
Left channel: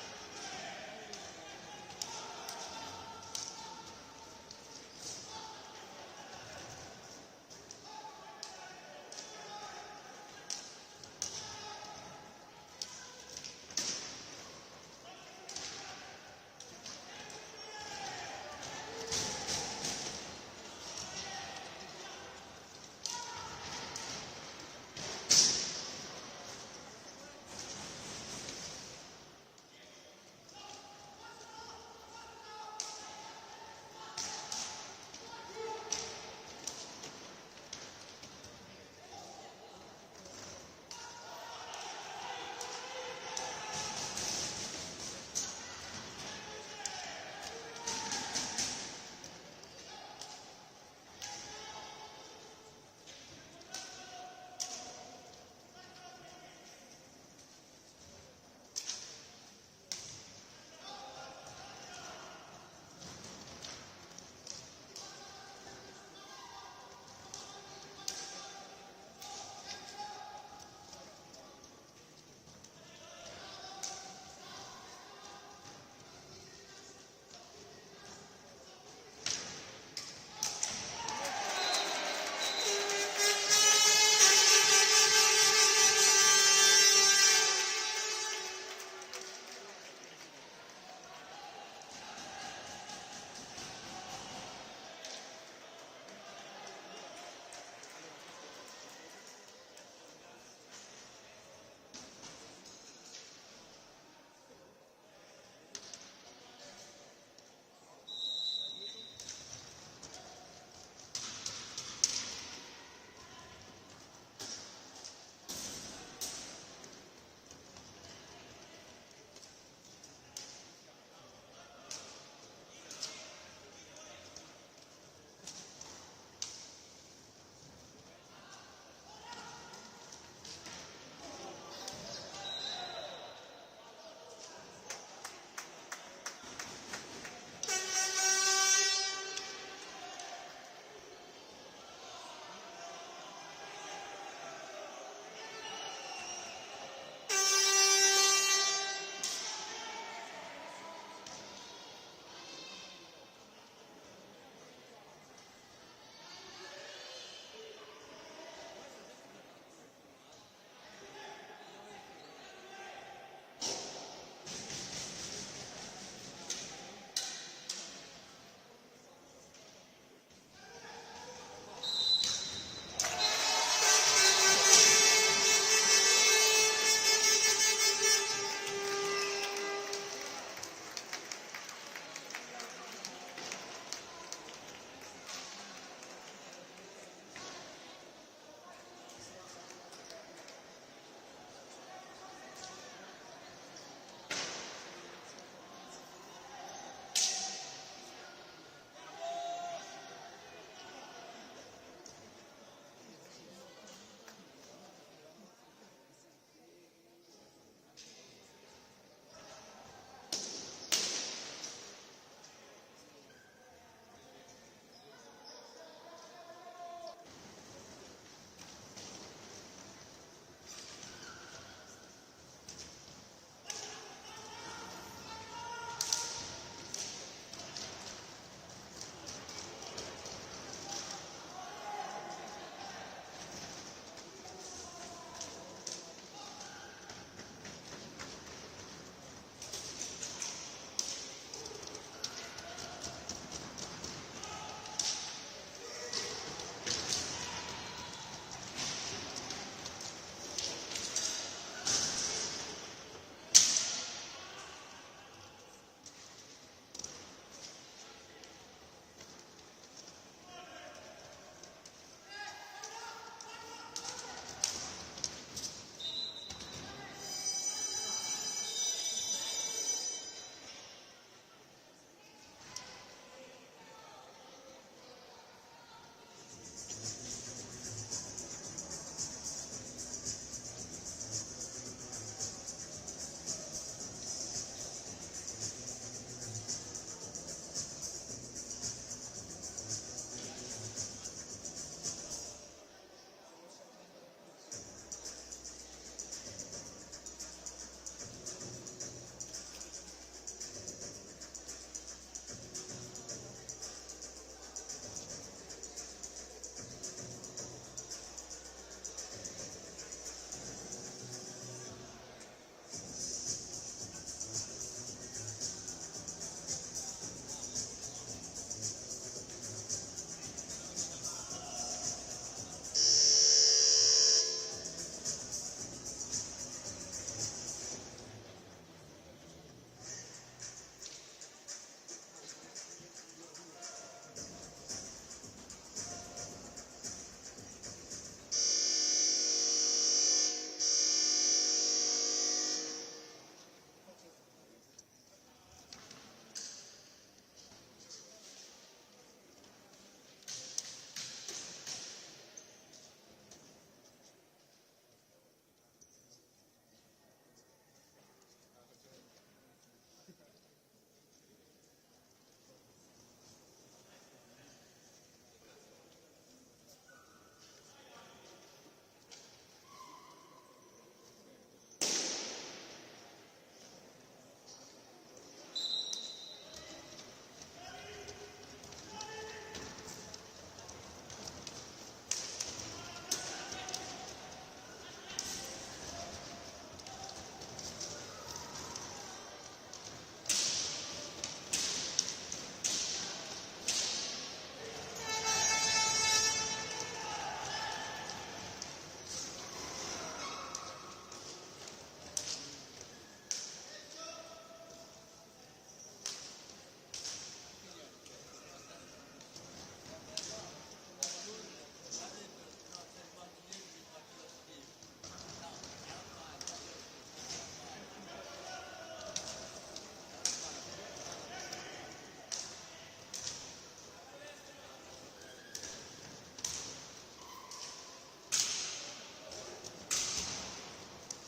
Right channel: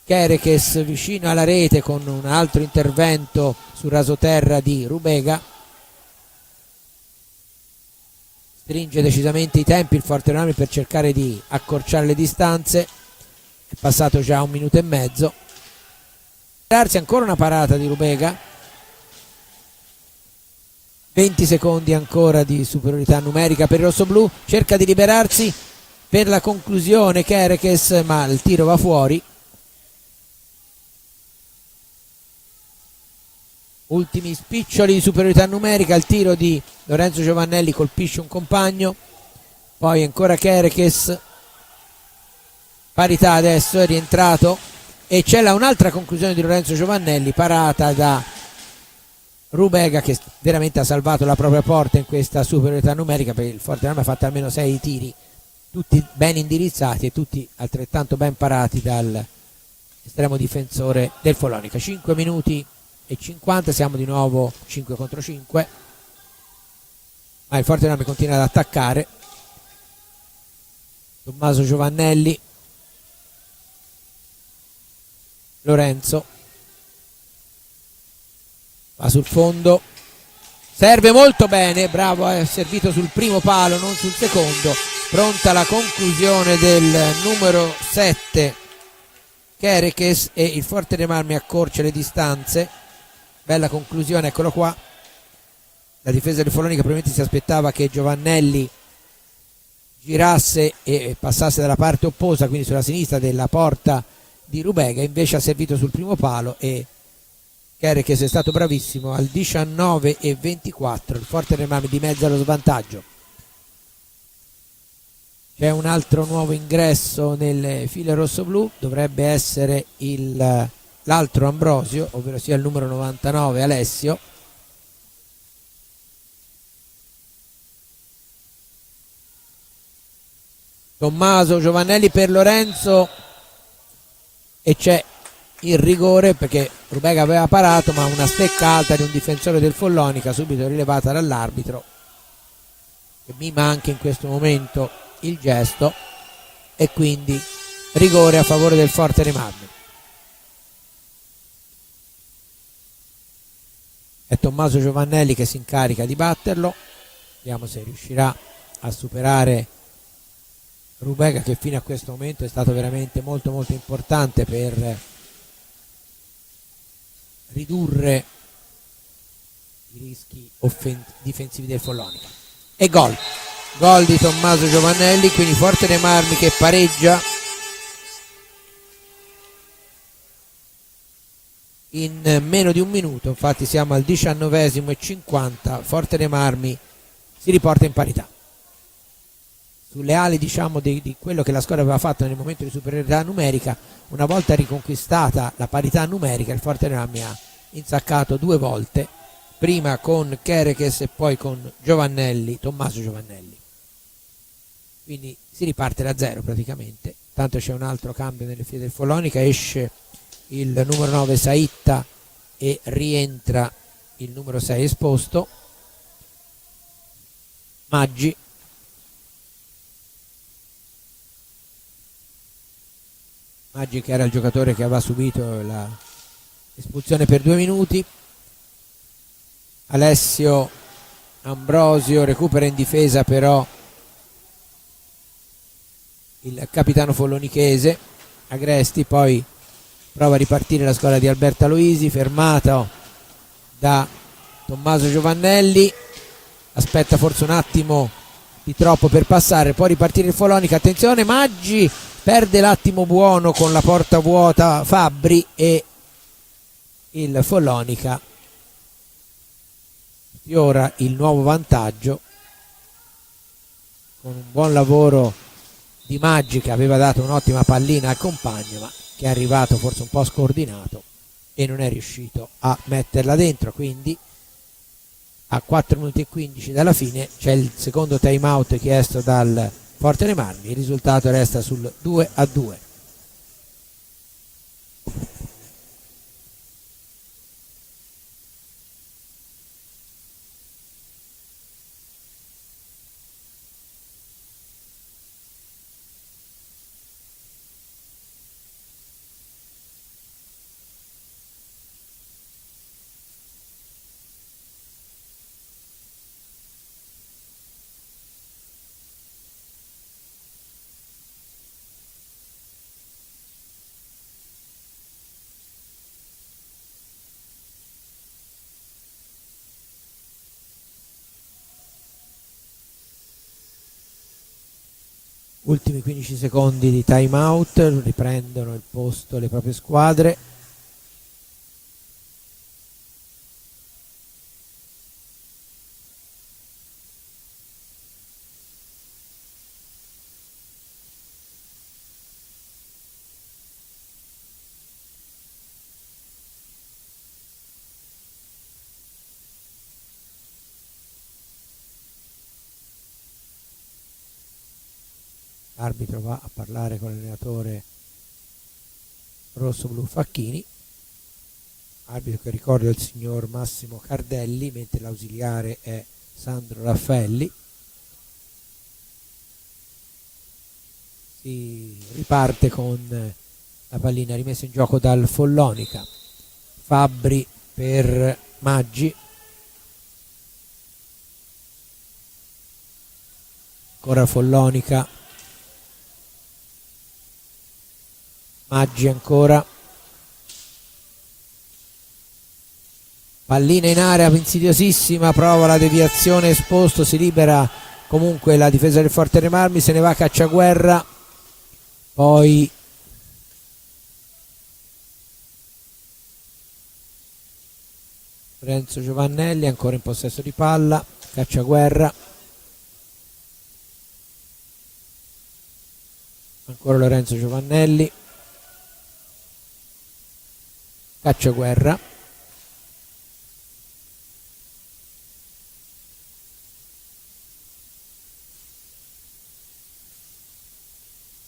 Kerekes vicino alla rete con un altro intervento sul rasoterra di Rubega. Stringe decisamente i tempi il Forte dei Marmi per cercare di accorciare le distanze. È passato già 1 minuto e mezzo. Ancora una parata di Rubega, 20 secondi ancora di superiorità numerica per il rossoblù. Cerca di liberarsi per la conclusione Kerekes, ma il tiro va fuori. Ultimi spiccioli di superiorità numerica, il tiro di Lorenzo Giovannelli colpisce un compagno, poi ancora Kerekes, parità adesso, è rientrato e c'è un'altra conclusione di Lorenzo Giovannelli, parata da Rubega, che veramente ha salvato la propria porta in questa superiorità numerica, perché il Forte dei Marmi ha fatto almeno 6 tiri, tutti ben indirizzati e tutti altrettanto ben parati dall'estremo difensore del Follonica. 5 minuti e 50, siamo di nuovo 5 contro 5, ma il Forte dei Marmi continua ad attaccare. Tommaso Giovannelli, Lorenzo va sul fondo, serve molto bene, bravo, è servito sul primo palo, non sul secondo. Pronta la conclusione del numero 7 Kerekes e il Forte dei Marmi accorcia le distanze. Bella conclusione, eccolo qua. La difesa del Follonica probabilmente si aspettava che Giovannelli girasse e passasse dalla parte opposta, quindi sulla sinistra della porta di Rubega, invece ha servito sul primo palo e Kerekes è stato bravissimo. Al 19:24 il Forte dei Marmi dimezza lo svantaggio. C'è un altro nuovo ingresso nelle file rossoblù, dovrebbe essere l'altro Ambrosio, ovvero sia il numero 99 Alessio. Tommaso Giovannelli per Lorenzo e c'è il rigore, perché Rubega aveva parato, ma una stecca alta di un difensore del Follonica subito rilevata dall'arbitro, che mima anche in questo momento il gesto, e quindi rigore a favore del Forte dei Marmi. È Tommaso Giovannelli che si incarica di batterlo, vediamo se riuscirà a superare Rubega, che fino a questo momento è stato veramente molto molto importante per ridurre i rischi difensivi del Follonica. E gol di Tommaso Giovannelli, quindi Forte dei Marmi che pareggia in meno di un minuto. Infatti siamo al 19:50, Forte dei Marmi si riporta in parità. Sulle ali, diciamo, di quello che la squadra aveva fatto nel momento di superiorità numerica, una volta riconquistata la parità numerica, il Forte dei Marmi ha insaccato 2 volte, prima con Kerekes e poi con Giovannelli, Tommaso Giovannelli. quindi si riparte da zero praticamente. Tanto c'è un altro cambio nelle file del Follonica, esce il numero 9 Saitta e rientra il numero 6 Esposto. Maggi, che era il giocatore che aveva subito l'espulsione per 2 minuti. Alessio Ambrosio recupera in difesa però il capitano follonichese Agresti, poi prova a ripartire la squadra di Alberto Aloisi, fermato da Tommaso Giovannelli, aspetta forse un attimo di troppo per passare, poi ripartire il Follonica. Attenzione, Maggi perde l'attimo buono con la porta vuota Fabbri e il Follonica fiora il nuovo vantaggio con un buon lavoro di Maggi, che aveva dato un'ottima pallina al compagno ma che è arrivato forse un po' scordinato e non è riuscito a metterla dentro. Quindi a 4 minuti e 15 dalla fine c'è il secondo time out chiesto dal Forte dei Marmi, il risultato resta sul 2-2. Ultimi 15 secondi di time out, riprendono il posto le proprie squadre. L'arbitro va a parlare con l'allenatore rosso-blu Facchini, arbitro che ricordo è il signor Massimo Cardelli, mentre l'ausiliare è Sandro Raffaelli. Si riparte con la pallina rimessa in gioco dal Follonica. Fabbri per Maggi, ancora Follonica, Maggi ancora, pallina in area insidiosissima, prova la deviazione, Esposto, si libera comunque la difesa del Forte dei Marmi, se ne va Cacciaguerra, poi Lorenzo Giovannelli ancora in possesso di palla, Cacciaguerra, ancora Lorenzo Giovannelli, Cacciaguerra,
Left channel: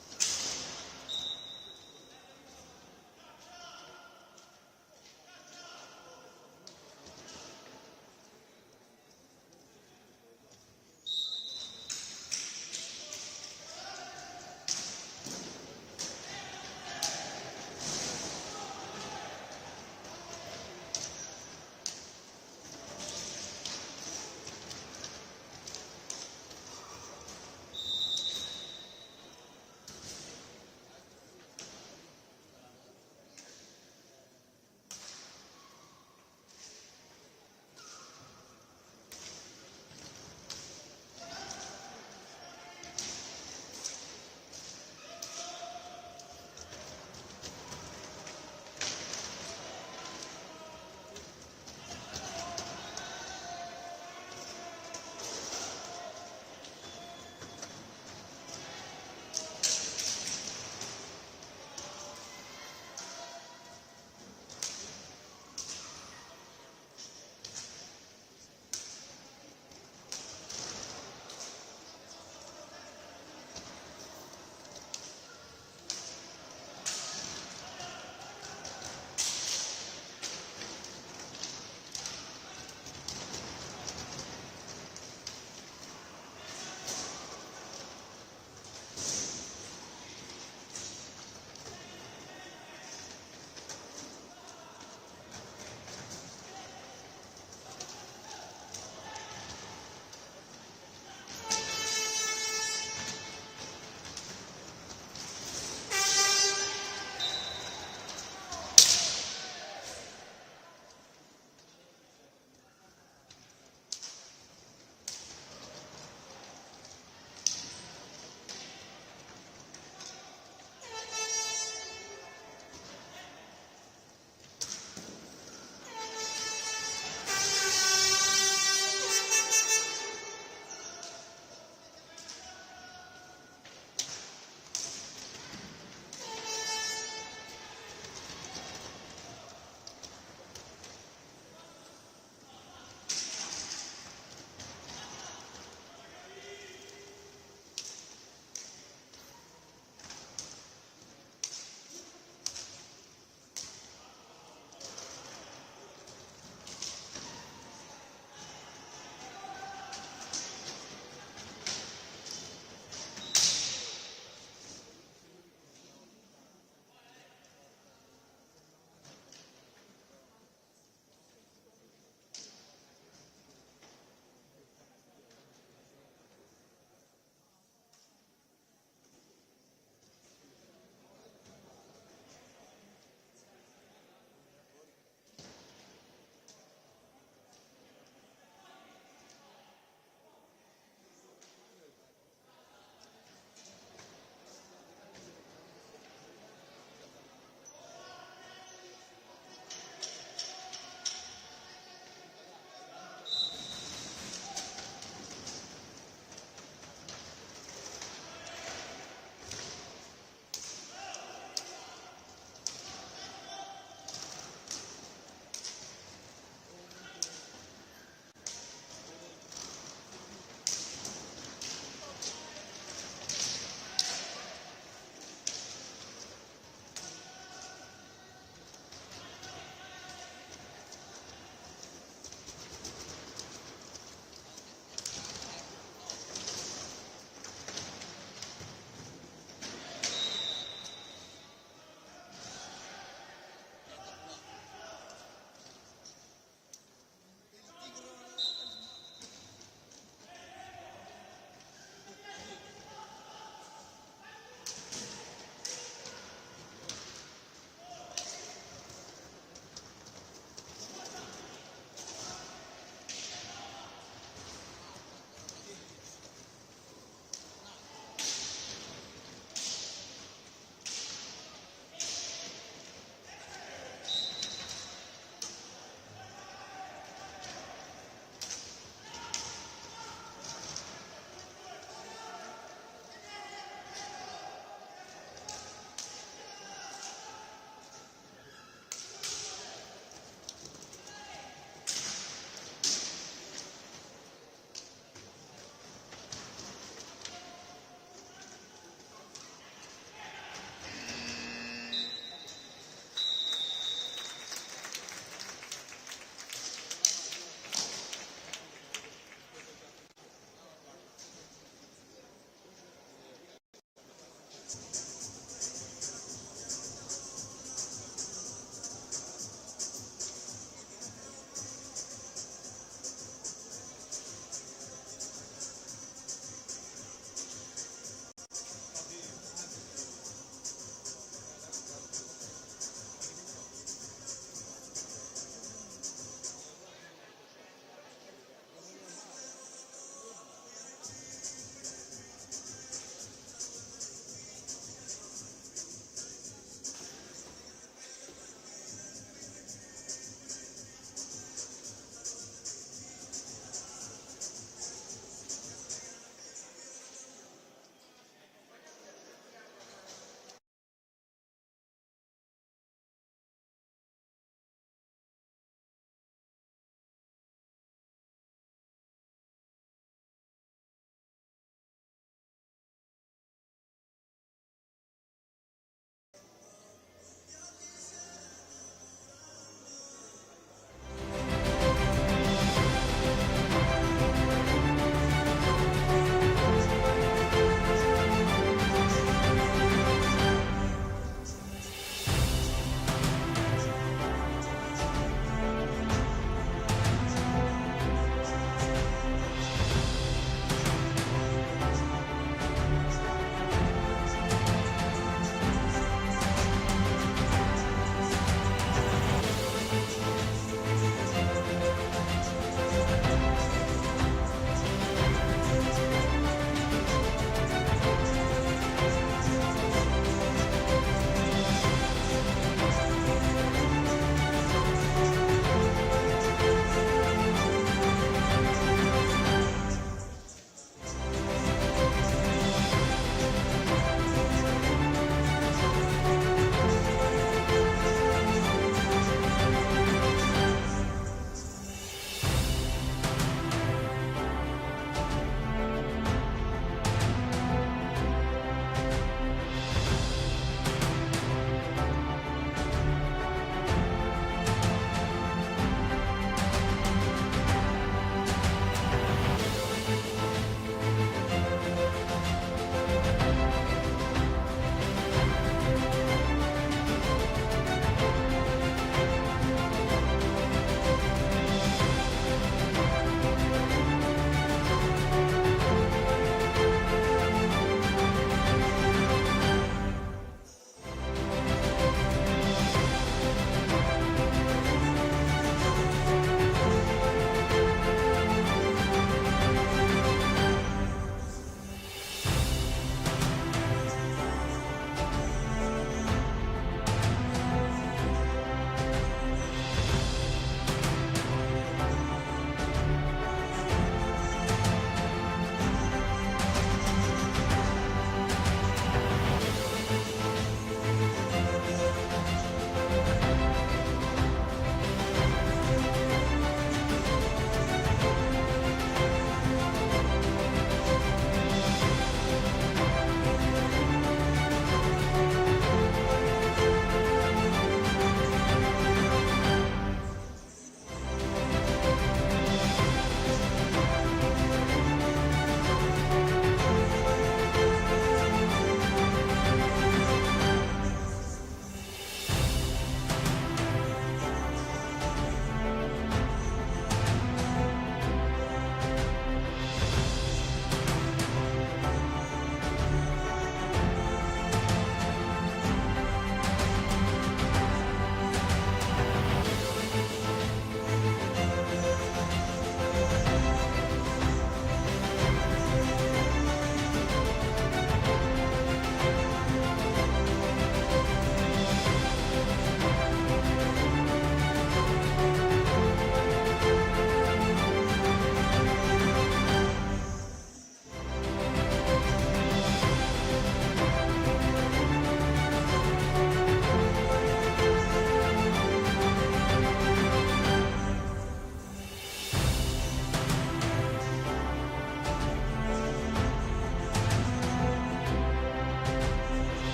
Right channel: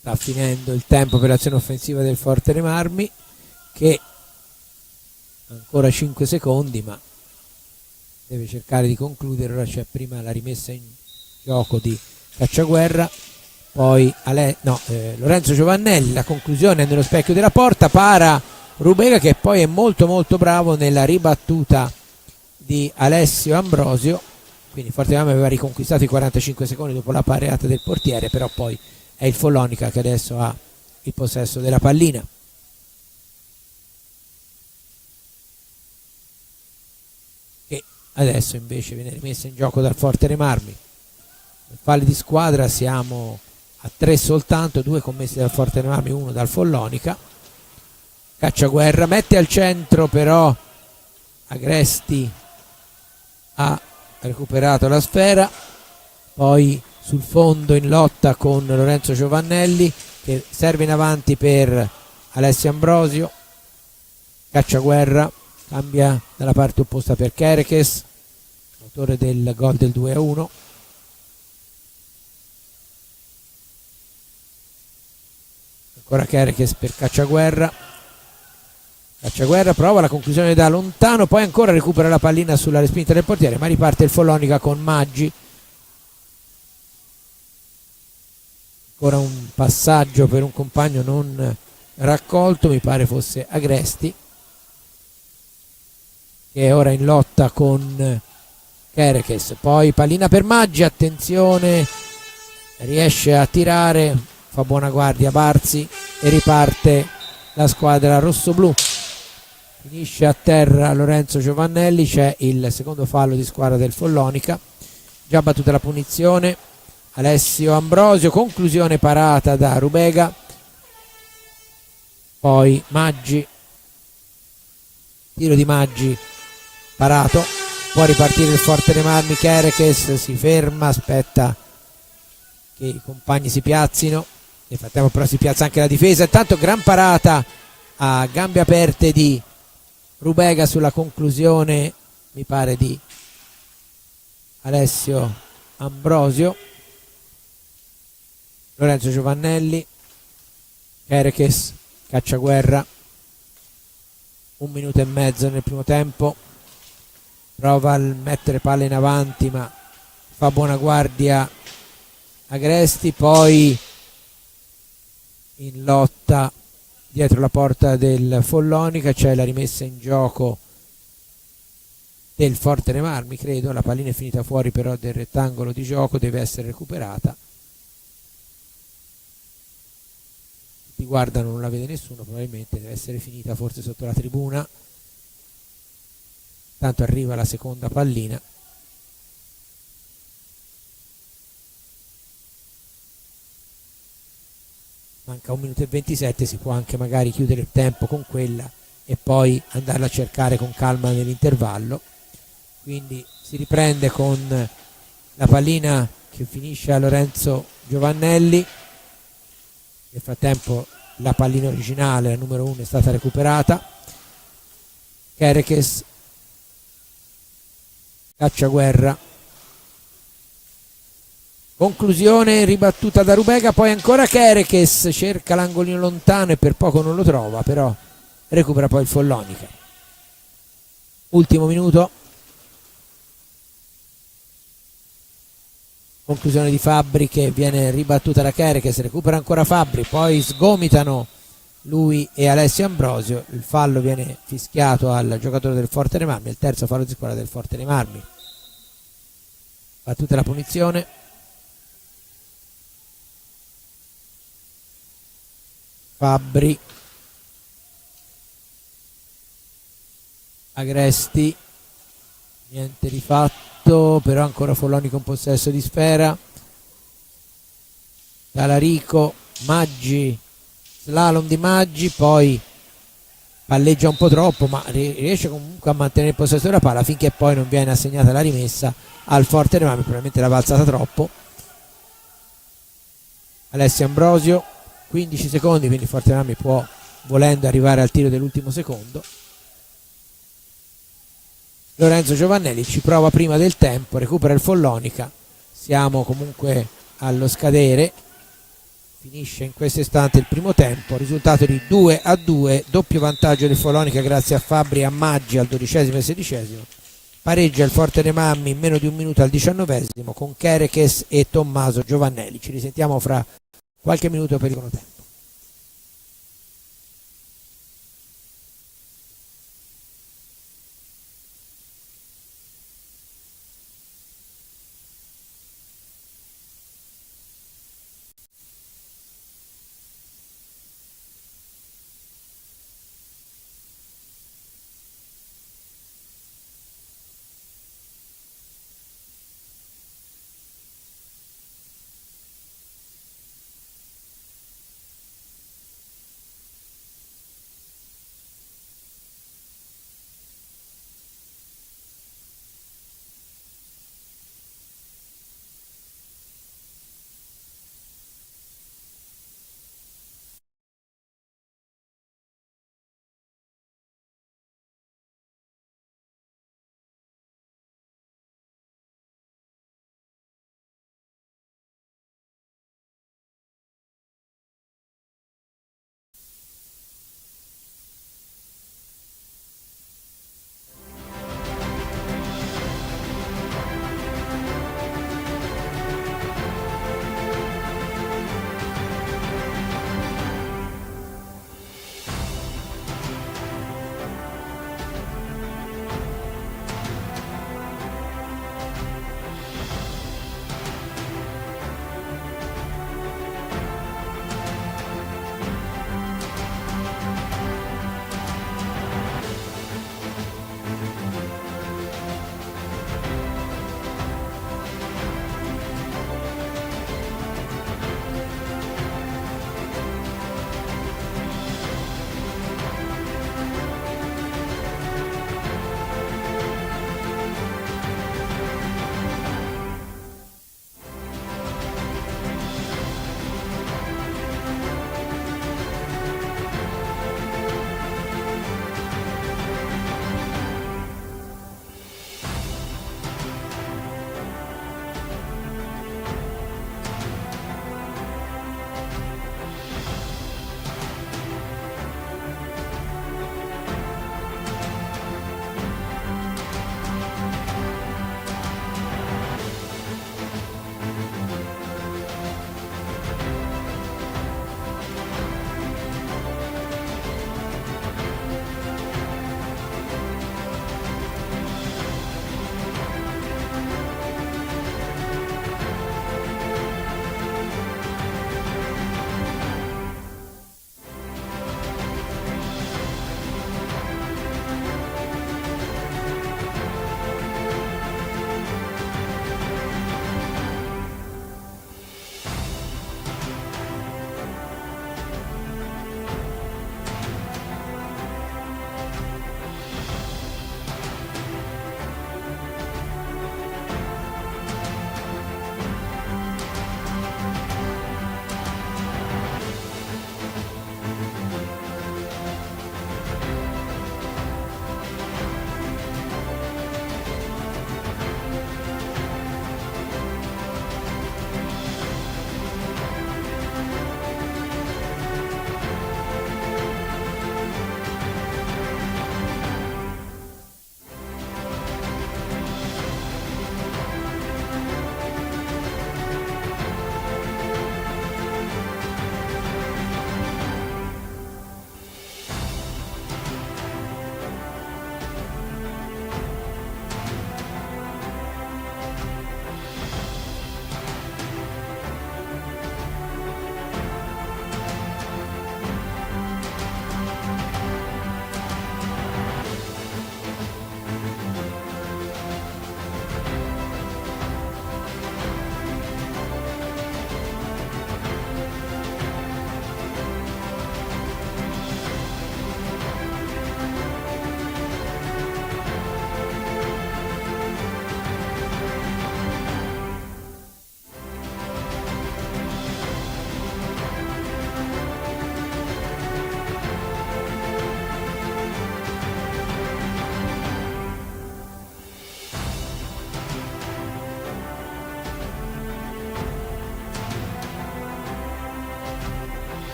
sta finendo il tempo per l'azione offensiva del Forte dei Marmi, che ancora 5 secondi ma deve cercare di concludere. Ora c'è prima la rimessa in gioco di Cacciaguerra, poi Lorenzo Giovannelli, la conclusione è nello specchio della porta, para Rubega, che poi è molto molto bravo nella ribattuta di Alessio Ambrosio, quindi Forte dei Marmi aveva riconquistato i 45 secondi dopo la pareata del portiere, però poi è il Follonica che adesso ha il possesso della pallina. Che adesso invece viene rimessa in gioco dal Forte dei Marmi. Falli di squadra, siamo a 3 soltanto, 2 commessi dal Forte dei Marmi, 1 dal Follonica. Cacciaguerra mette al centro, però Agresti ha recuperato la sfera, poi sul fondo in lotta con Lorenzo Giovannelli che serve in avanti per Alessio Ambrosio. Cacciaguerra cambia dalla parte opposta per Kerekes, autore del gol del 2-1. Ora Kerekes per Cacciaguerra. Cacciaguerra prova la conclusione da lontano, poi ancora recupera la pallina sulla respinta del portiere, ma riparte il Follonica con Maggi. Ancora un passaggio per un compagno non raccolto, mi pare fosse Agresti, che è ora in lotta con Kerekes. Poi pallina per Maggi, attenzione, riesce a tirare, fa buona guardia Barzi e riparte la squadra rossoblù. Finisce a terra Lorenzo Giovannelli, c'è il secondo fallo di squadra del Follonica. Già battuta la punizione, Alessio Ambrosio, conclusione parata da Rubega, poi Maggi, tiro di Maggi parato, può ripartire il Forte dei Marmi. Kerekes si ferma, aspetta che i compagni si piazzino, nel frattempo però si piazza anche la difesa. Intanto gran parata a gambe aperte di Rubega sulla conclusione, mi pare, di Alessio Ambrosio. Lorenzo Giovannelli, Kerekes, Cacciaguerra, 1 minuto e mezzo nel primo tempo, prova a mettere palla in avanti ma fa buona guardia Agresti, poi in lotta dietro la porta del Follonica c'è la rimessa in gioco del Forte dei Marmi, credo. La pallina è finita fuori però del rettangolo di gioco, deve essere recuperata. Ti guardano, non la vede nessuno, probabilmente deve essere finita forse sotto la tribuna. Tanto arriva la seconda pallina. Manca 1 minuto e 27, si può anche magari chiudere il tempo con quella e poi andarla a cercare con calma nell'intervallo. Quindi si riprende con la pallina che finisce a Lorenzo Giovannelli. Nel frattempo la pallina originale, la numero 1, è stata recuperata. Kerekes, Cacciaguerra, conclusione ribattuta da Rubega, poi ancora Kerekes, cerca l'angolino lontano e per poco non lo trova, però recupera poi il Follonica. Ultimo minuto, conclusione di Fabbri che viene ribattuta da Kerekes, recupera ancora Fabbri, poi sgomitano lui e Alessio Ambrosio, il fallo viene fischiato al giocatore del Forte dei Marmi, il terzo fallo di squadra del Forte dei Marmi. Battuta la punizione, Fabbri, Agresti, niente di fatto, però ancora Follonica in possesso di sfera. Talarico, Maggi, slalom di Maggi, poi palleggia un po' troppo ma riesce comunque a mantenere il possesso della palla finché poi non viene assegnata la rimessa al Forte dei Marmi, probabilmente l'ha alzata troppo. Alessio Ambrosio, 15 secondi, quindi Forte dei Marmi può, volendo, arrivare al tiro dell'ultimo secondo. Lorenzo Giovannelli ci prova prima del tempo, recupera il Follonica, siamo comunque allo scadere, finisce in questo istante il primo tempo, risultato di 2-2, doppio vantaggio del Follonica grazie a Fabbri e a Maggi al 12° e 16°. Pareggia il Forte dei Marmi in meno di un minuto al 19° con Kerekes e Tommaso Giovannelli. Ci risentiamo fra qualche minuto per il secondo tempo.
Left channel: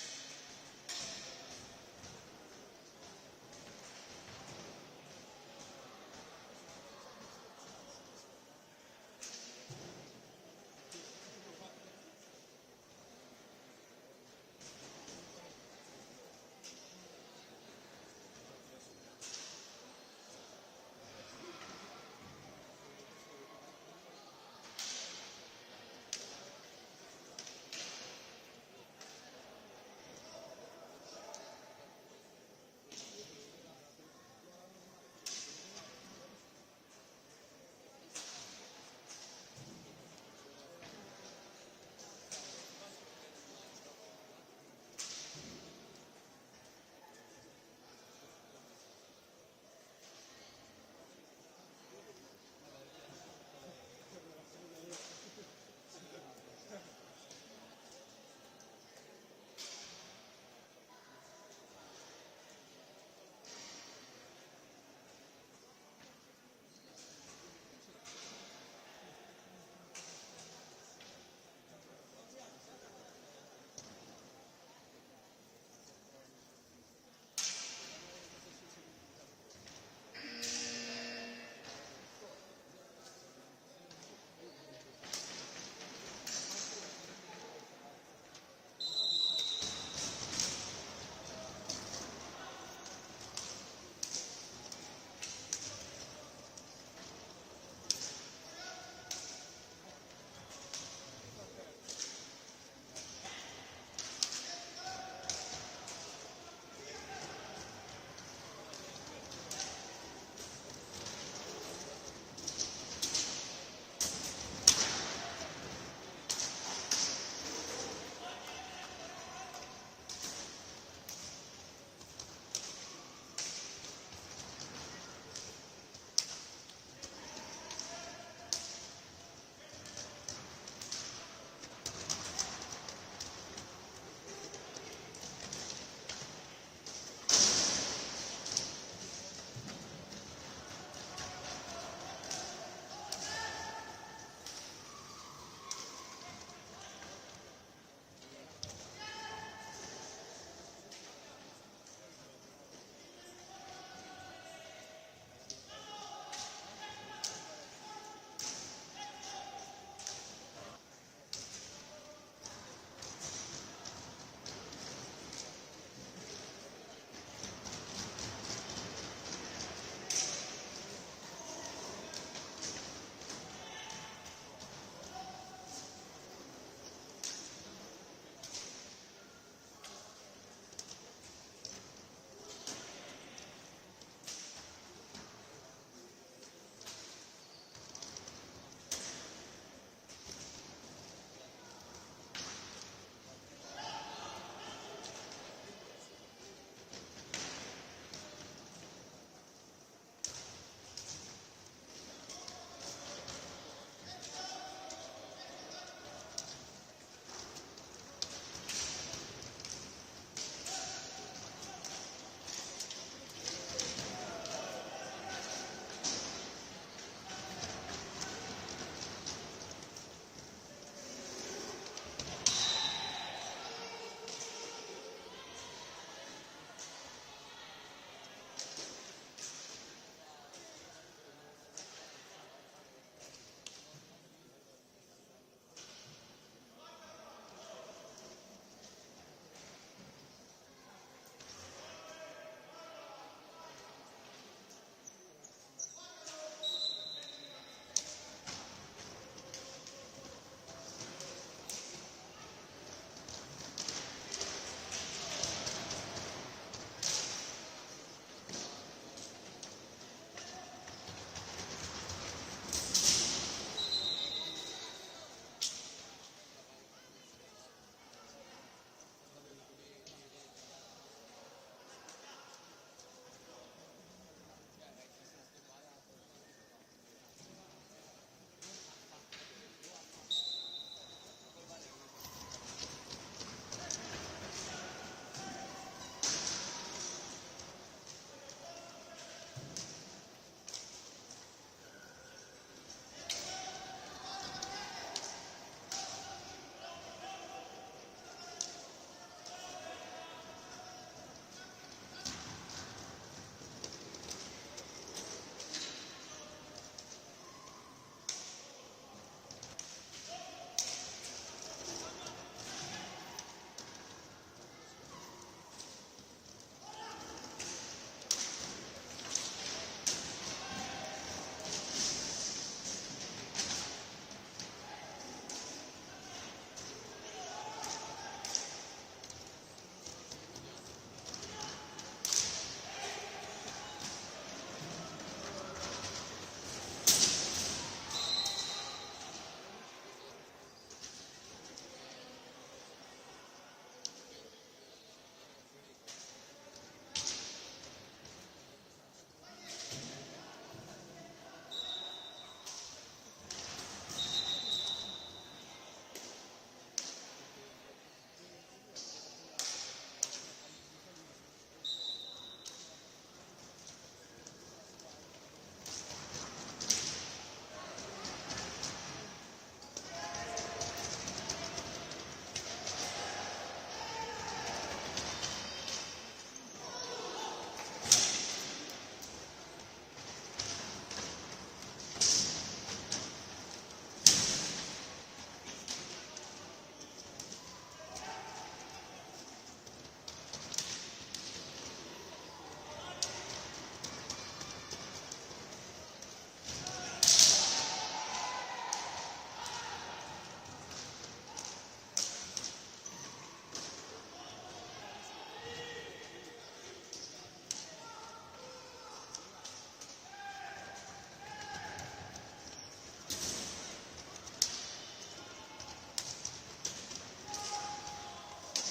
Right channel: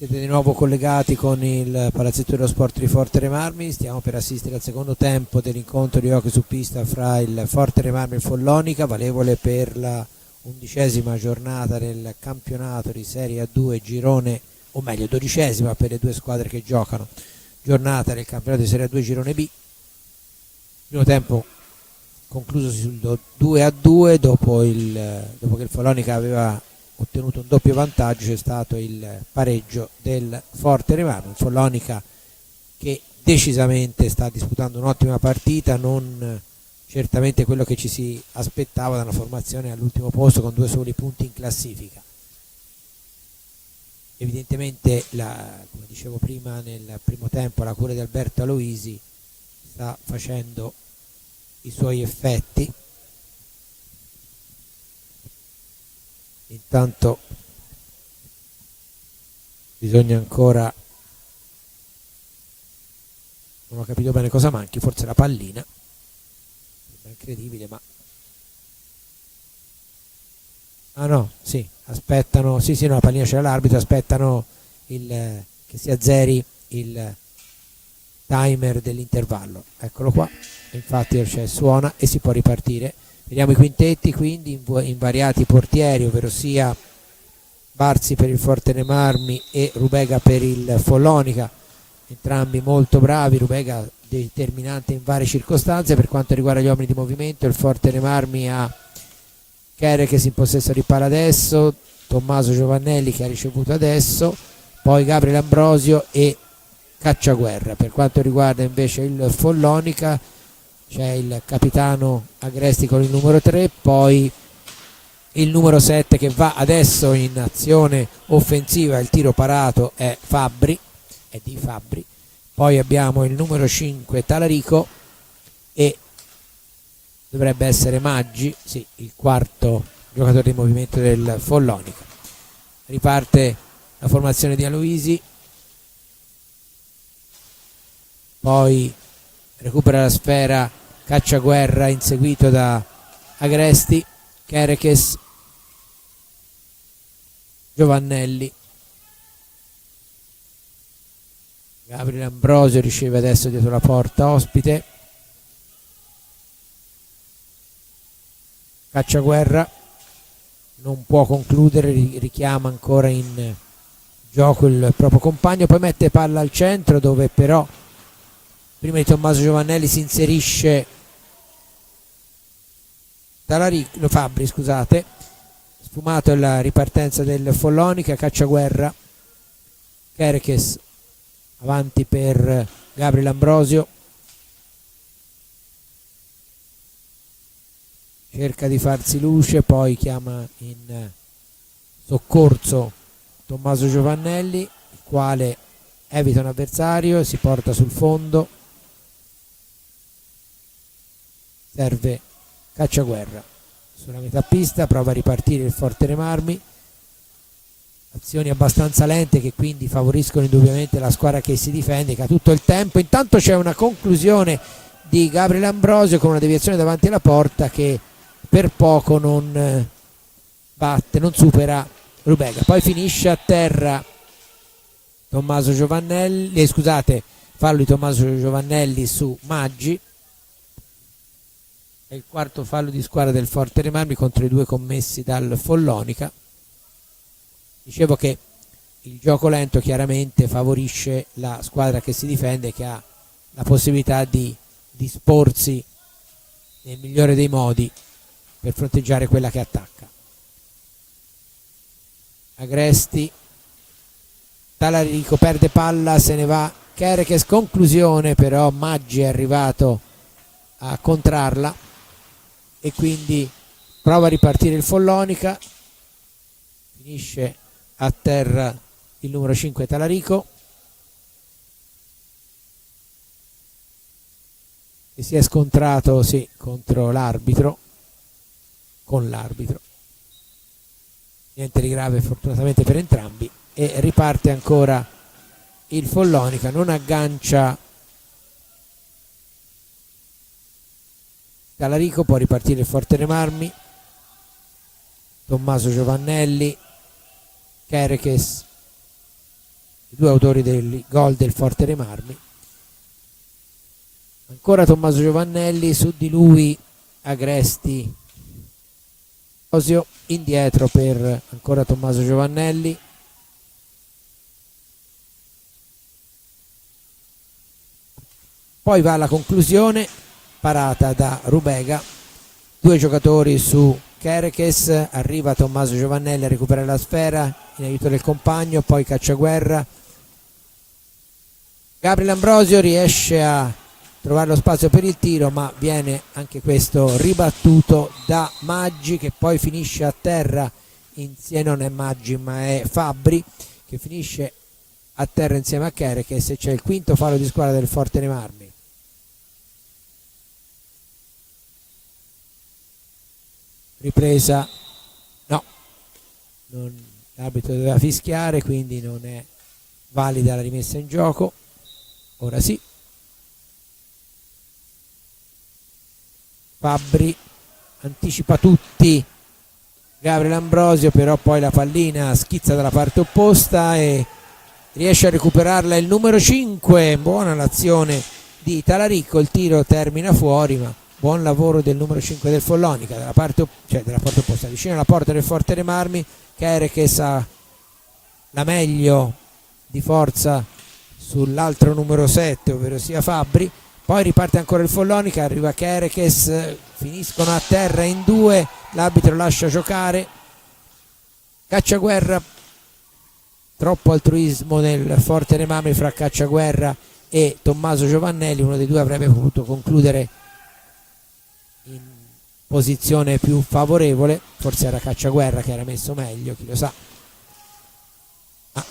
Siete di nuovo collegati con il Palazzetto dello Sport di Forte dei Marmi. Stiamo per assistere al secondo tempo dell'incontro di hockey su pista fra il Forte dei Marmi e il Follonica, valevole per la 11ª giornata del campionato di Serie A2 girone, o meglio 12ª per le due squadre che giocano, giornata del campionato di Serie A2 girone B. Primo tempo conclusosi sul 2-2 dopo che il Follonica aveva ottenuto un doppio vantaggio. C'è stato il pareggio del Forte dei Marmi. Il Follonica che decisamente sta disputando un'ottima partita, non certamente quello che ci si aspettava da una formazione all'ultimo posto con 2 soli punti in classifica. Evidentemente, come dicevo prima, nel primo tempo la cura di Alberto Aloisi sta facendo i suoi effetti. Intanto bisogna ancora, non ho capito bene cosa manchi, forse la pallina, è incredibile, ma no, sì, aspettano, sì no, la pallina c'era l'arbitro, aspettano che si azzeri il timer dell'intervallo. Eccolo qua, infatti suona e si può ripartire. Vediamo i quintetti, quindi invariati portieri, ovvero sia Barzi per il Forte dei Marmi e Rubega per il Follonica, entrambi molto bravi. Rubega determinante in varie circostanze. Per quanto riguarda gli uomini di movimento, il Forte dei Marmi ha Chere che si in possesso di palla adesso, Tommaso Giovannelli che ha ricevuto adesso, poi Gabriele Ambrosio e Cacciaguerra. Per quanto riguarda invece il Follonica c'è il capitano Agresti con il numero 3, poi il numero 7 che va adesso in azione offensiva, il tiro parato è di Fabbri, poi abbiamo il numero 5 Talarico e dovrebbe essere Maggi, sì, il quarto giocatore di movimento del Follonica. Riparte la formazione di Aloisi, poi recupera la sfera Cacciaguerra inseguito da Agresti, Kerekes, Giovannelli, Gabriele Ambrosio riceve adesso dietro la porta ospite, Cacciaguerra non può concludere, richiama ancora in gioco il proprio compagno, poi mette palla al centro dove però prima di Tommaso Giovannelli si inserisce Fabbri, scusate. Sfumato la ripartenza del Follonica, Cacciaguerra, Kerekes avanti per Gabriele Ambrosio, cerca di farsi luce, poi chiama in soccorso Tommaso Giovannelli, il quale evita un avversario, si porta sul fondo, serve Cacciaguerra sulla metà pista, prova a ripartire il Forte dei Marmi, azioni abbastanza lente che quindi favoriscono indubbiamente la squadra che si difende, che ha tutto il tempo. Intanto c'è una conclusione di Gabriele Ambrosio con una deviazione davanti alla porta che per poco non supera Rubega, poi finisce a terra Tommaso Giovannelli, fallo di Tommaso Giovannelli su Maggi. È il quarto fallo di squadra del Forte dei Marmi contro i 2 commessi dal Follonica. Dicevo che il gioco lento chiaramente favorisce la squadra che si difende, che ha la possibilità di disporsi nel migliore dei modi per fronteggiare quella che attacca. Agresti, Talarico perde palla, se ne va Kerekes, conclusione però Maggi è arrivato a contrarla e quindi prova a ripartire il Follonica, finisce a terra il numero 5 Talarico che si è scontrato con l'arbitro, niente di grave fortunatamente per entrambi, e riparte ancora il Follonica, non aggancia Talarico, può ripartire il Forte dei Marmi, Tommaso Giovannelli, Kerekes, i due autori del gol del Forte dei Marmi. Ancora Tommaso Giovannelli, su di lui Agresti, Osio, indietro per ancora Tommaso Giovannelli. Poi va alla conclusione, parata da Rubega, due giocatori su Kerekes, arriva Tommaso Giovannelli a recuperare la sfera in aiuto del compagno, poi Cacciaguerra. Gabriel Ambrosio riesce a trovare lo spazio per il tiro, ma viene anche questo ribattuto da Maggi, che poi finisce a terra insieme, non è Maggi ma è Fabbri, che finisce a terra insieme a Kerekes, e c'è il quinto fallo di squadra del Forte dei Marmi. Ripresa, no, l'arbitro doveva fischiare, quindi non è valida la rimessa in gioco. Ora sì, Fabbri anticipa tutti Gabriel Ambrosio, però poi la pallina schizza dalla parte opposta e riesce a recuperarla il numero 5. Buona l'azione di Talarico, il tiro termina fuori, ma buon lavoro del numero 5 del Follonica dalla parte opposta, vicino alla porta del Forte dei Marmi. Kerekes ha la meglio di forza sull'altro numero 7, ovvero sia Fabbri. Poi riparte ancora il Follonica, arriva Kerekes, finiscono a terra in due, l'arbitro lascia giocare. Cacciaguerra, troppo altruismo nel Forte dei Marmi fra Cacciaguerra e Tommaso Giovannelli, uno dei due avrebbe potuto concludere in posizione più favorevole, forse era Cacciaguerra che era messo meglio, chi lo sa. Ma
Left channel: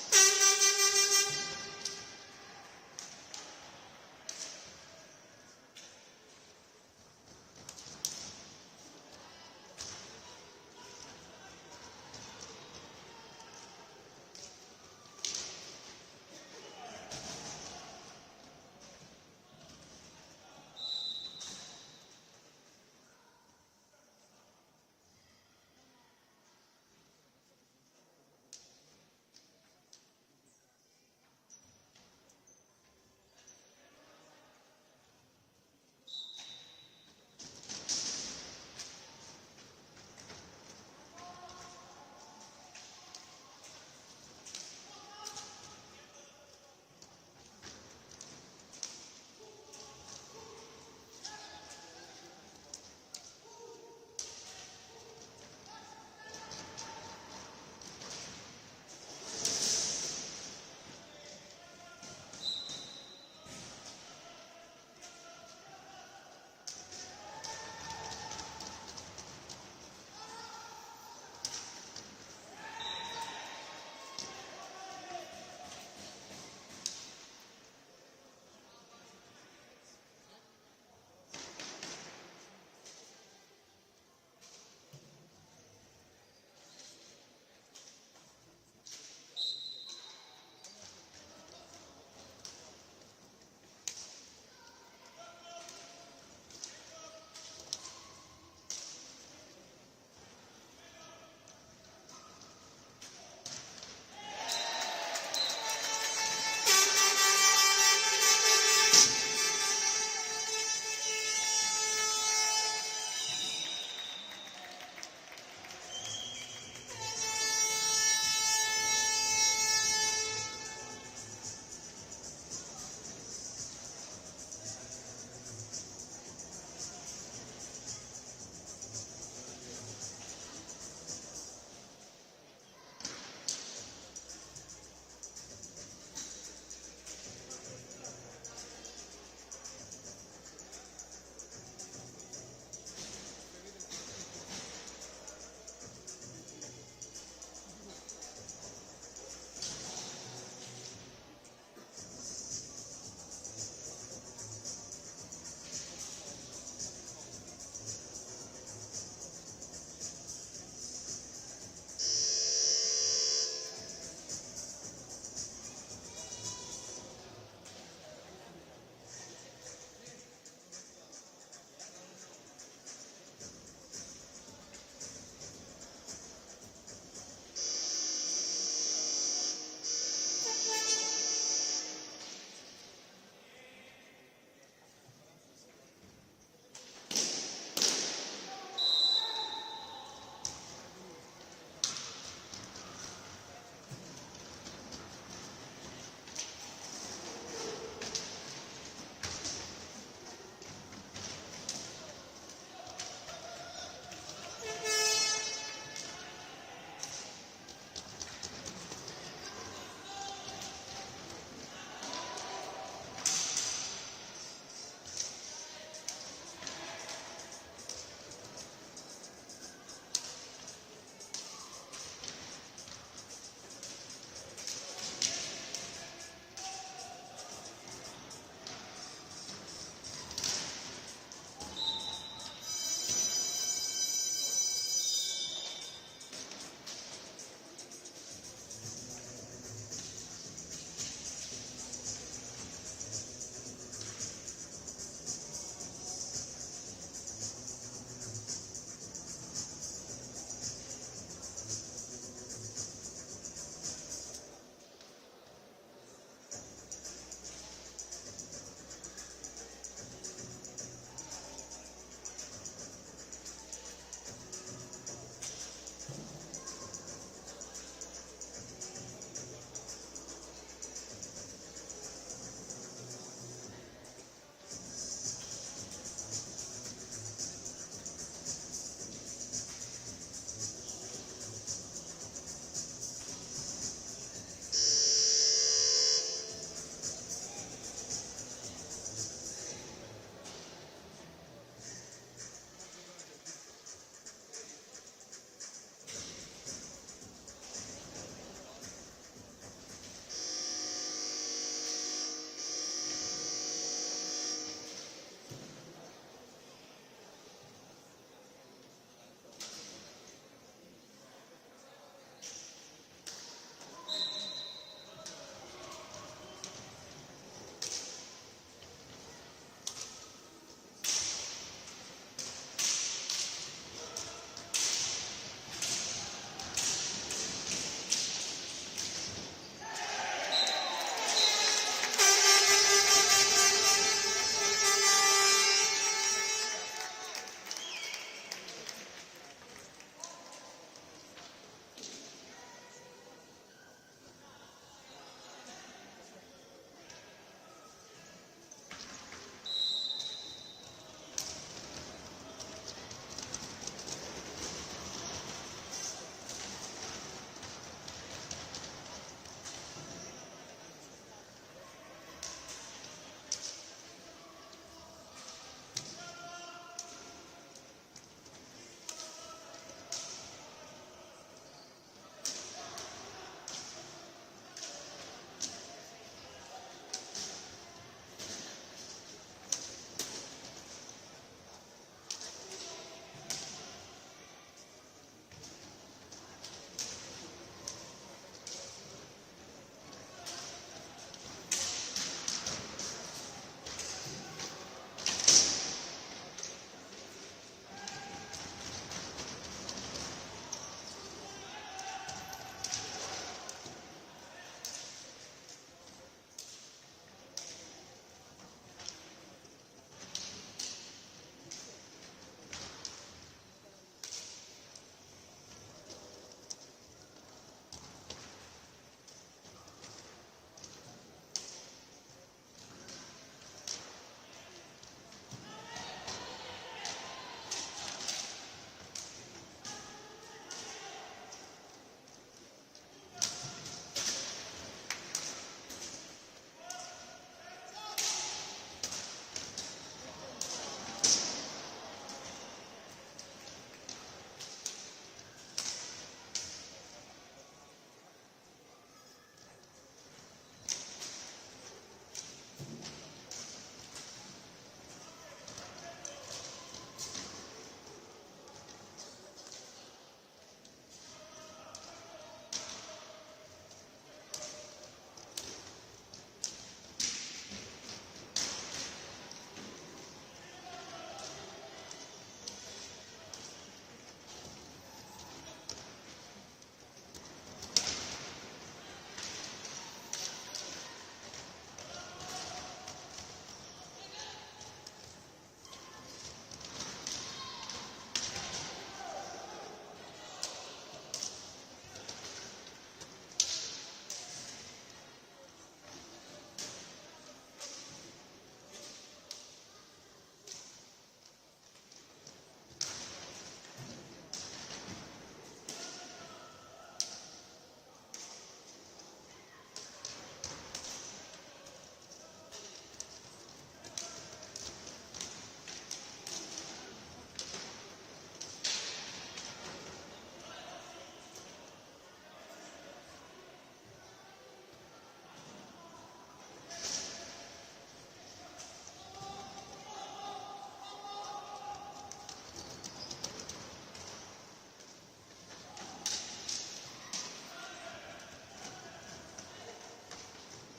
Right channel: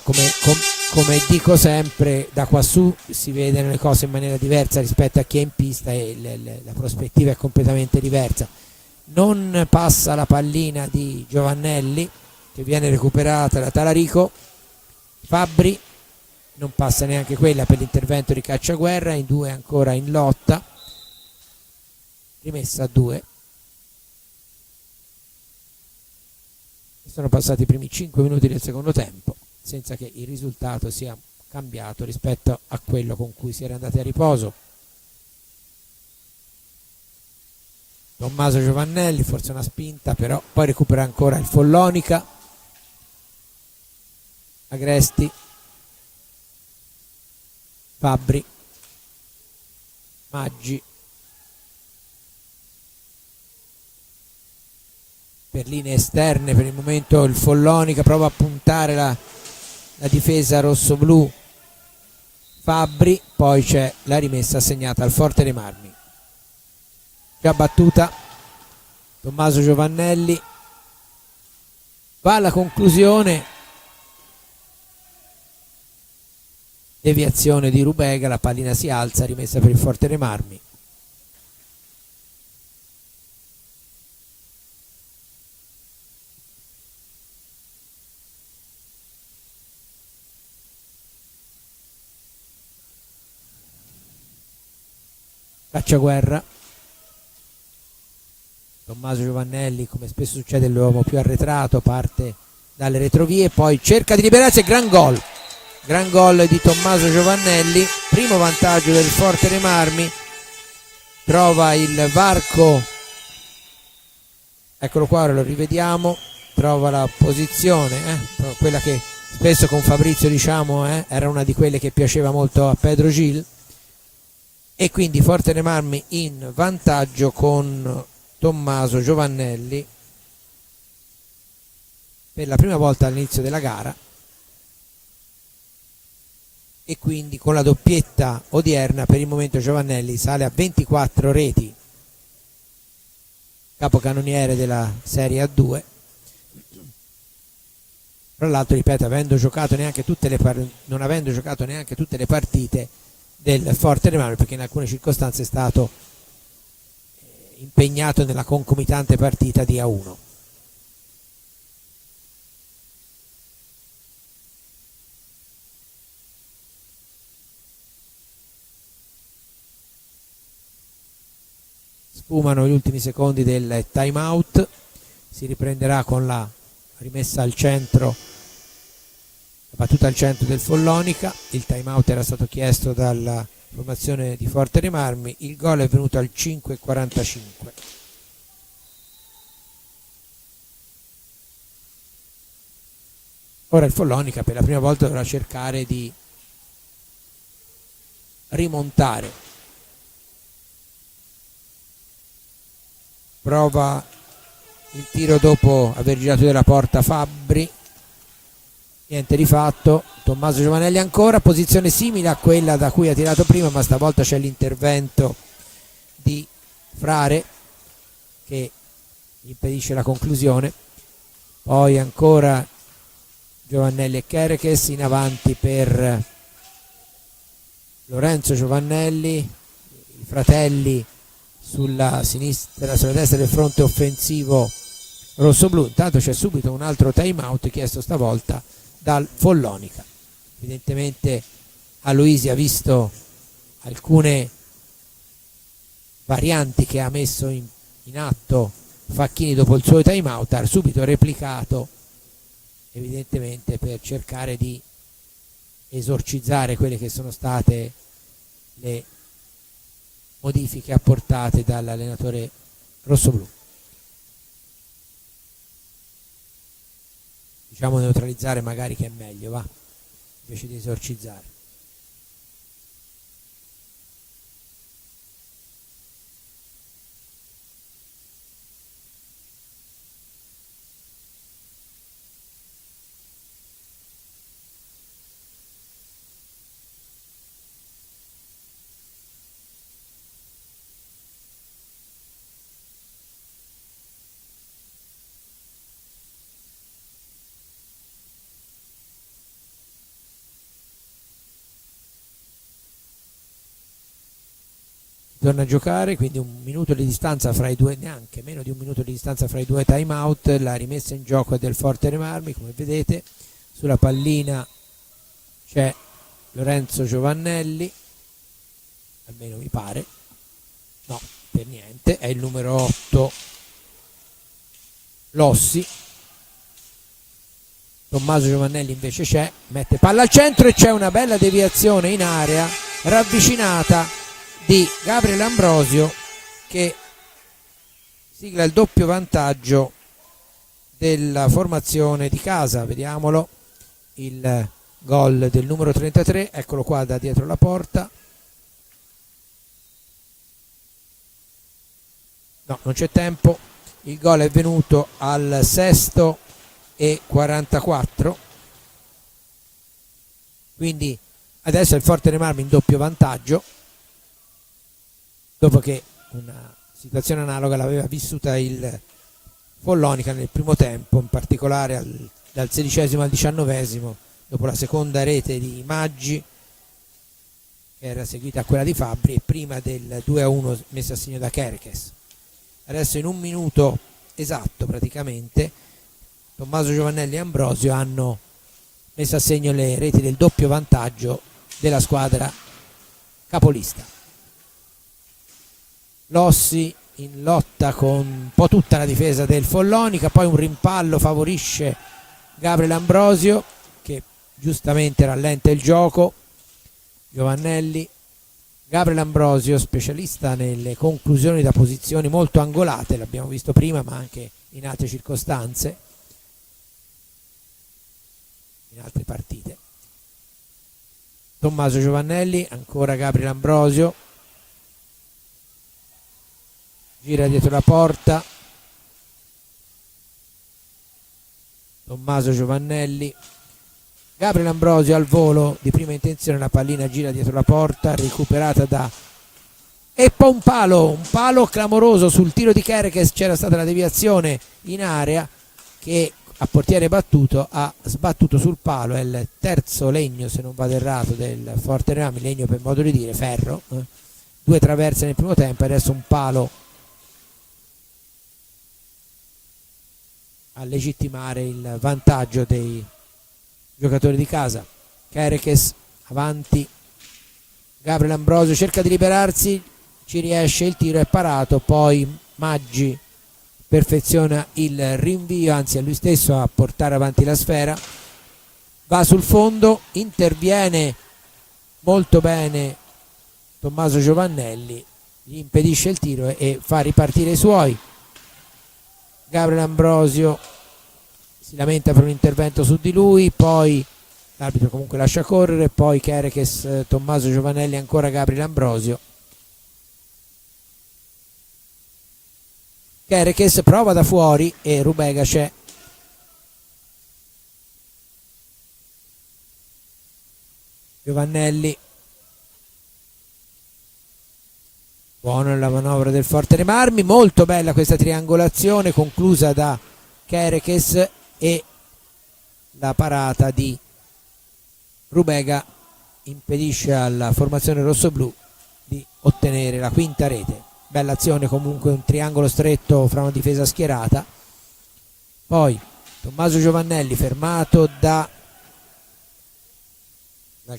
come dico sempre, da quassù si vedono le cose in maniera diversa rispetto a chi è in pista, e la prospettiva è completamente diversa. Non passa la pallina di Giovannelli, che viene recuperata da Talarico. Fabbri, non passa neanche quella per l'intervento di Cacciaguerra, in due ancora in lotta, rimessa a 2. Sono passati i primi 5 minuti del secondo tempo senza che il risultato sia cambiato rispetto a quello con cui si era andati a riposo. Tommaso Giovannelli, forse una spinta, però poi recupera ancora il Follonica. Agresti, Fabbri, Maggi, per linee esterne per il momento il Follonica prova a puntare la difesa rossoblù. Fabbri, poi c'è la rimessa assegnata al Forte dei Marmi, già battuta. Tommaso Giovannelli va alla conclusione, deviazione di Rubega, la pallina si alza, rimessa per il Forte dei Marmi. Cacciaguerra, Tommaso Giovannelli, come spesso succede l'uomo più arretrato, parte dalle retrovie, poi cerca di liberarsi, gran gol di Tommaso Giovannelli, primo vantaggio del Forte dei Marmi. Trova il varco, eccolo qua, ora lo rivediamo, trova la posizione, quella che spesso con Fabrizio diciamo era una di quelle che piaceva molto a Pedro Gil, e quindi Forte dei Marmi in vantaggio con Tommaso Giovannelli per la prima volta all'inizio della gara, e quindi con la doppietta odierna per il momento Giovannelli sale a 24 reti, capocannoniere della Serie A2. Tra l'altro, ripeto, non avendo giocato neanche tutte le partite del Forte dei Marmi, perché in alcune circostanze è stato impegnato nella concomitante partita di A1. Sfumano gli ultimi secondi del time out, si riprenderà con la rimessa al centro battuta al centro del Follonica, il time out era stato chiesto dalla formazione di Fortere Marmi, il gol è venuto al 5:45. Ora il Follonica per la prima volta dovrà cercare di rimontare. Prova il tiro dopo aver girato della porta Fabbri, niente di fatto. Tommaso Giovanelli ancora, posizione simile a quella da cui ha tirato prima, ma stavolta c'è l'intervento di Frare che impedisce la conclusione. Poi ancora Giovannelli e Kerekes in avanti per Lorenzo Giovannelli, i fratelli sulla sinistra, sulla destra del fronte offensivo rossoblu. Intanto c'è subito un altro time out chiesto stavolta dal Follonica. Evidentemente Aloisi ha visto alcune varianti che ha messo in atto Facchini dopo il suo time out, ha subito replicato, evidentemente per cercare di esorcizzare quelle che sono state le modifiche apportate dall'allenatore rossoblu. Diciamo neutralizzare magari, che è meglio, va, invece di esorcizzare. Torna a giocare, quindi un minuto di distanza fra i due, neanche meno di un minuto di distanza fra i due time out. La rimessa in gioco è del Fortere Marmi, come vedete sulla pallina c'è Lorenzo Giovannelli, almeno mi pare, no, per niente, è il numero 8 Lossi. Tommaso Giovannelli invece c'è, mette palla al centro e c'è una bella deviazione in area ravvicinata di Gabriele Ambrosio che sigla il doppio vantaggio della formazione di casa. Vediamolo, il gol del numero 33, eccolo qua da dietro la porta. No, non c'è tempo, il gol è venuto al 6:44, quindi adesso il Fortere Marmi in doppio vantaggio, dopo che una situazione analoga l'aveva vissuta il Follonica nel primo tempo, in particolare dal 16° al 19°, dopo la seconda rete di Maggi, che era seguita a quella di Fabbri, e prima del 2-1 messo a segno da Kerekes. Adesso in un minuto esatto praticamente Tommaso Giovannelli e Ambrosio hanno messo a segno le reti del doppio vantaggio della squadra capolista. Lossi in lotta con un po' tutta la difesa del Follonica, poi un rimpallo favorisce Gabriele Ambrosio che giustamente rallenta il gioco. Giovannelli, Gabriele Ambrosio specialista nelle conclusioni da posizioni molto angolate, l'abbiamo visto prima ma anche in altre circostanze, in altre partite. Tommaso Giovannelli, ancora Gabriele Ambrosio, gira dietro la porta, Tommaso Giovannelli, Gabriele Ambrosio al volo di prima intenzione, la pallina gira dietro la porta, recuperata da e poi un palo clamoroso sul tiro di Kerekes. C'era stata la deviazione in area che a portiere battuto ha sbattuto sul palo. È il terzo legno, se non vado errato, del Fortere Marmi, legno per modo di dire, ferro, 2 traverse nel primo tempo, adesso un palo a legittimare il vantaggio dei giocatori di casa. Kerekes avanti, Gabriele Ambrosio cerca di liberarsi, ci riesce, il tiro è parato, poi Maggi perfeziona il rinvio, anzi è lui stesso a portare avanti la sfera. va sul fondo, interviene molto bene Tommaso Giovannelli, gli impedisce il tiro e fa ripartire i suoi. Gabriel Ambrosio si lamenta per un intervento su di lui, poi l'arbitro comunque lascia correre, poi Kerekes, Tommaso Giovannelli, ancora Gabriel Ambrosio. Kerekes prova da fuori e Rubega c'è. Giovannelli, buona la manovra del Forte dei Marmi, molto bella questa triangolazione conclusa da Kerekes e la parata di Rubega impedisce alla formazione rossoblù di ottenere la quinta rete. Bella azione comunque, un triangolo stretto fra una difesa schierata. Poi Tommaso Giovannelli fermato dal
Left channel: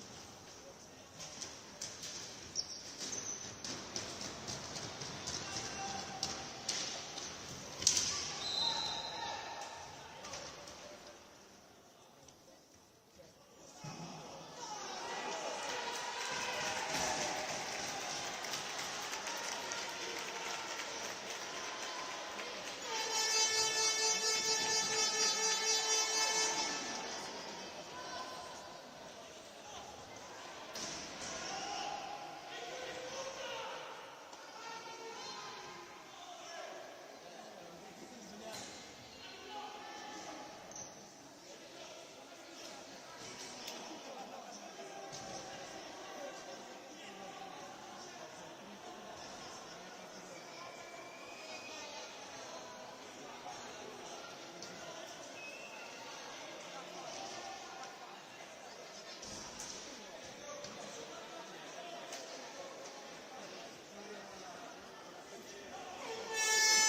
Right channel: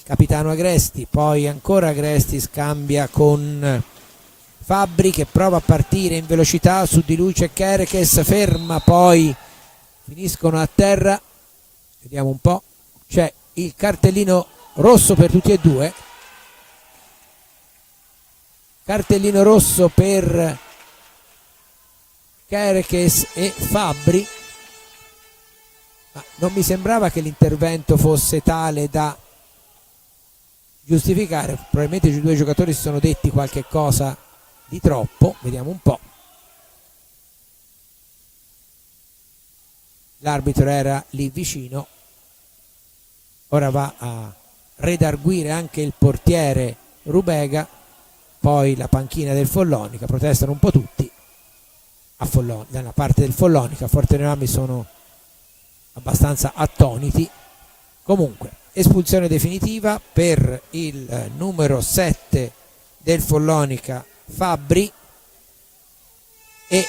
capitano Agresti, poi ancora Agresti scambia con Fabbri che prova a partire in velocità, su di lui c'è Kerekes, ferma, poi finiscono a terra. Vediamo un po', c'è il cartellino rosso per tutti e due, cartellino rosso per Kerekes e Fabbri. Non mi sembrava che l'intervento fosse tale da giustificare, probabilmente i due giocatori si sono detti qualche cosa di troppo. Vediamo un po'. L'arbitro era lì vicino, ora va a redarguire anche il portiere Rubega, poi la panchina del Follonica, protestano un po' tutti dalla parte del Follonica. Forte dei Marmi sono abbastanza attoniti. Comunque espulsione definitiva per il numero 7 del Follonica, Fabbri, e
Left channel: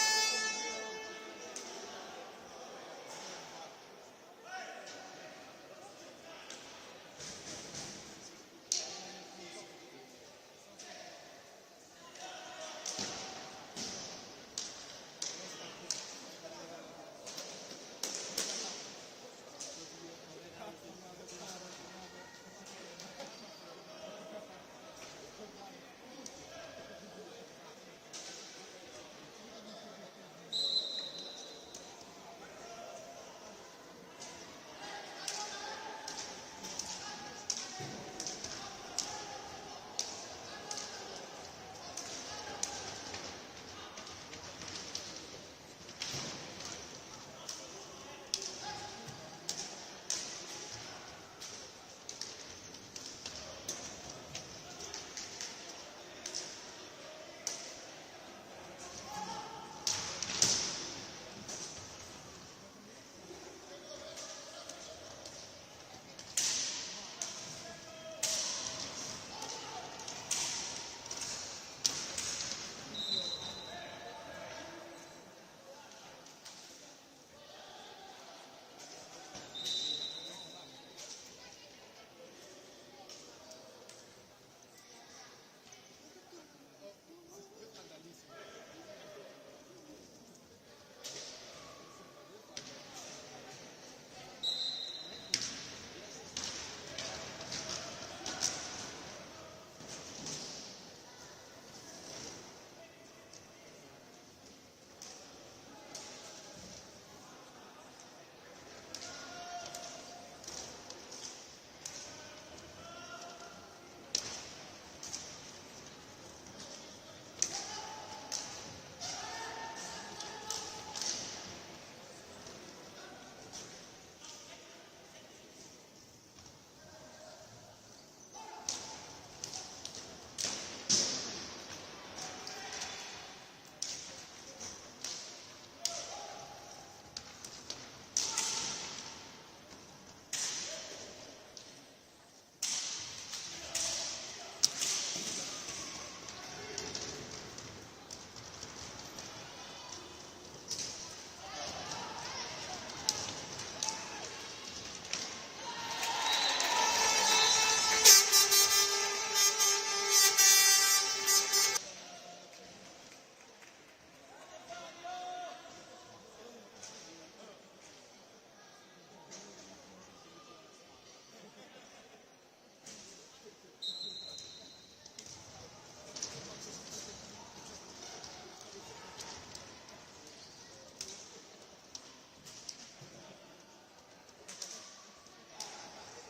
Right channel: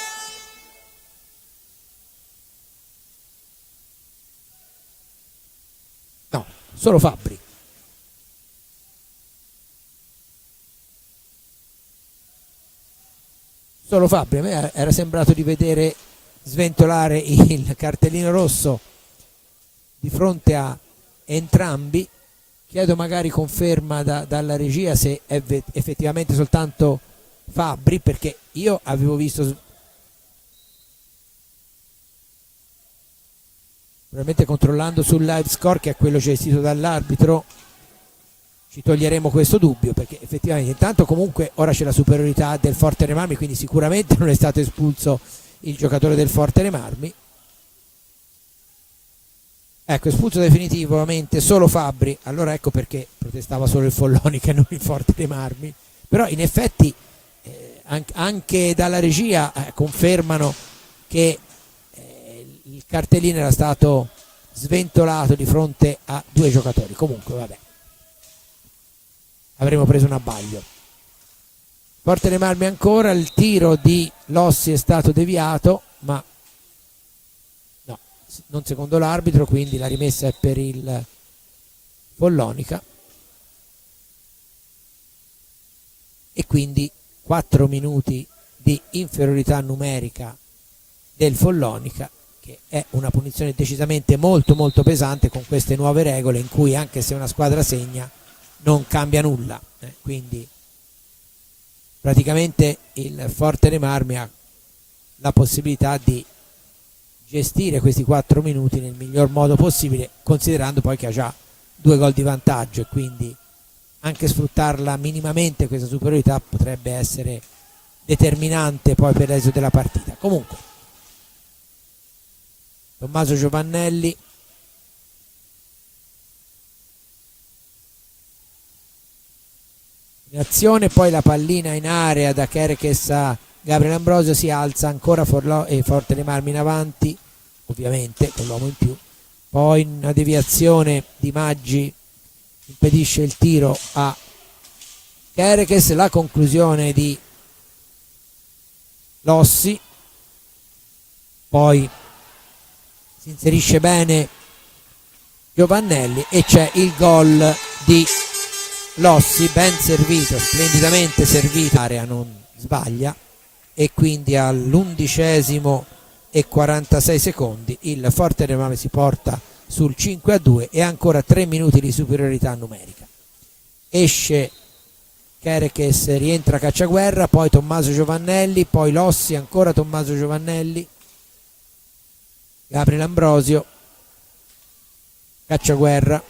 no, solo Fabbri. Solo Fabbri, a me era sembrato di vedere sventolare il cartellino rosso di fronte a entrambi. Chiedo magari conferma dalla regia se è effettivamente soltanto Fabbri, perché io avevo visto, probabilmente controllando sul live score, che è quello gestito dall'arbitro, ci toglieremo questo dubbio, perché effettivamente intanto comunque ora c'è la superiorità del Forte dei Marmi, quindi sicuramente non è stato espulso il giocatore del Forte dei Marmi. Ecco, espulso definitivamente solo Fabbri. Allora ecco perché protestava solo il Follonica e non il Forte dei Marmi. Però in effetti anche dalla regia confermano che il cartellino era stato sventolato di fronte a due giocatori. Comunque vabbè, avremmo preso un abbaglio. Forte dei Marmi ancora, il tiro di Lossi è stato deviato, ma no, non secondo l'arbitro, quindi la rimessa è per il Follonica. E quindi 4 minuti di inferiorità numerica del Follonica, che è una punizione decisamente molto molto pesante con queste nuove regole, in cui anche se una squadra segna non cambia nulla, quindi praticamente il Forte dei Marmi ha la possibilità di gestire questi 4 minuti nel miglior modo possibile, considerando poi che ha già 2 gol di vantaggio, e quindi anche sfruttarla minimamente questa superiorità potrebbe essere determinante poi per l'esito della partita. Comunque Tommaso Giovannelli in azione, poi la pallina in area da Kerekes a Gabriel Ambrosio, si alza ancora Forte dei Marmi in avanti, ovviamente con l'uomo in più, poi una deviazione di Maggi impedisce il tiro a Kerekes, la conclusione di Lossi, poi si inserisce bene Giovannelli e c'è il gol di Lossi, ben servito, splendidamente servito, l'area non sbaglia, e quindi all'11° e 46 secondi il Forte dei Marmi si porta sul 5-2 e ancora 3 minuti di superiorità numerica. Esce Kerekes, rientra Cacciaguerra, poi Tommaso Giovannelli, poi Lossi, ancora Tommaso Giovannelli, Gabriele Ambrosio, Cacciaguerra,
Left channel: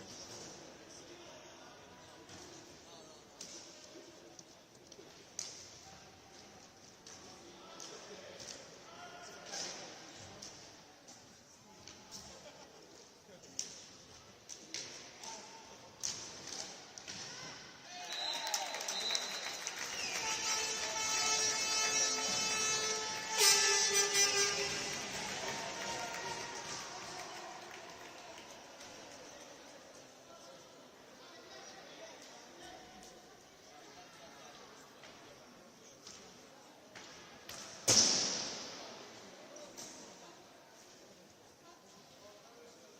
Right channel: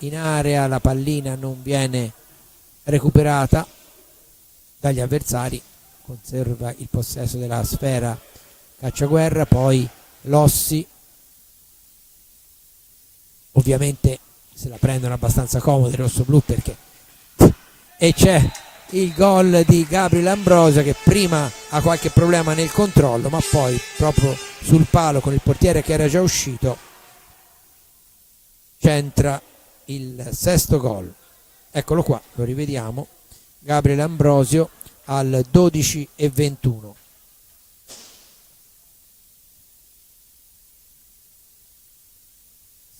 in area, la pallina non viene recuperata dagli avversari, conserva il possesso della sfera Cacciaguerra, poi Lossi, ovviamente se la prendono abbastanza comodi i rossoblù, perché e c'è il gol di Gabriele Ambrosio, che prima ha qualche problema nel controllo, ma poi proprio sul palo con il portiere che era già uscito centra il sesto gol. Eccolo qua, lo rivediamo, Gabriele Ambrosio al 12:21.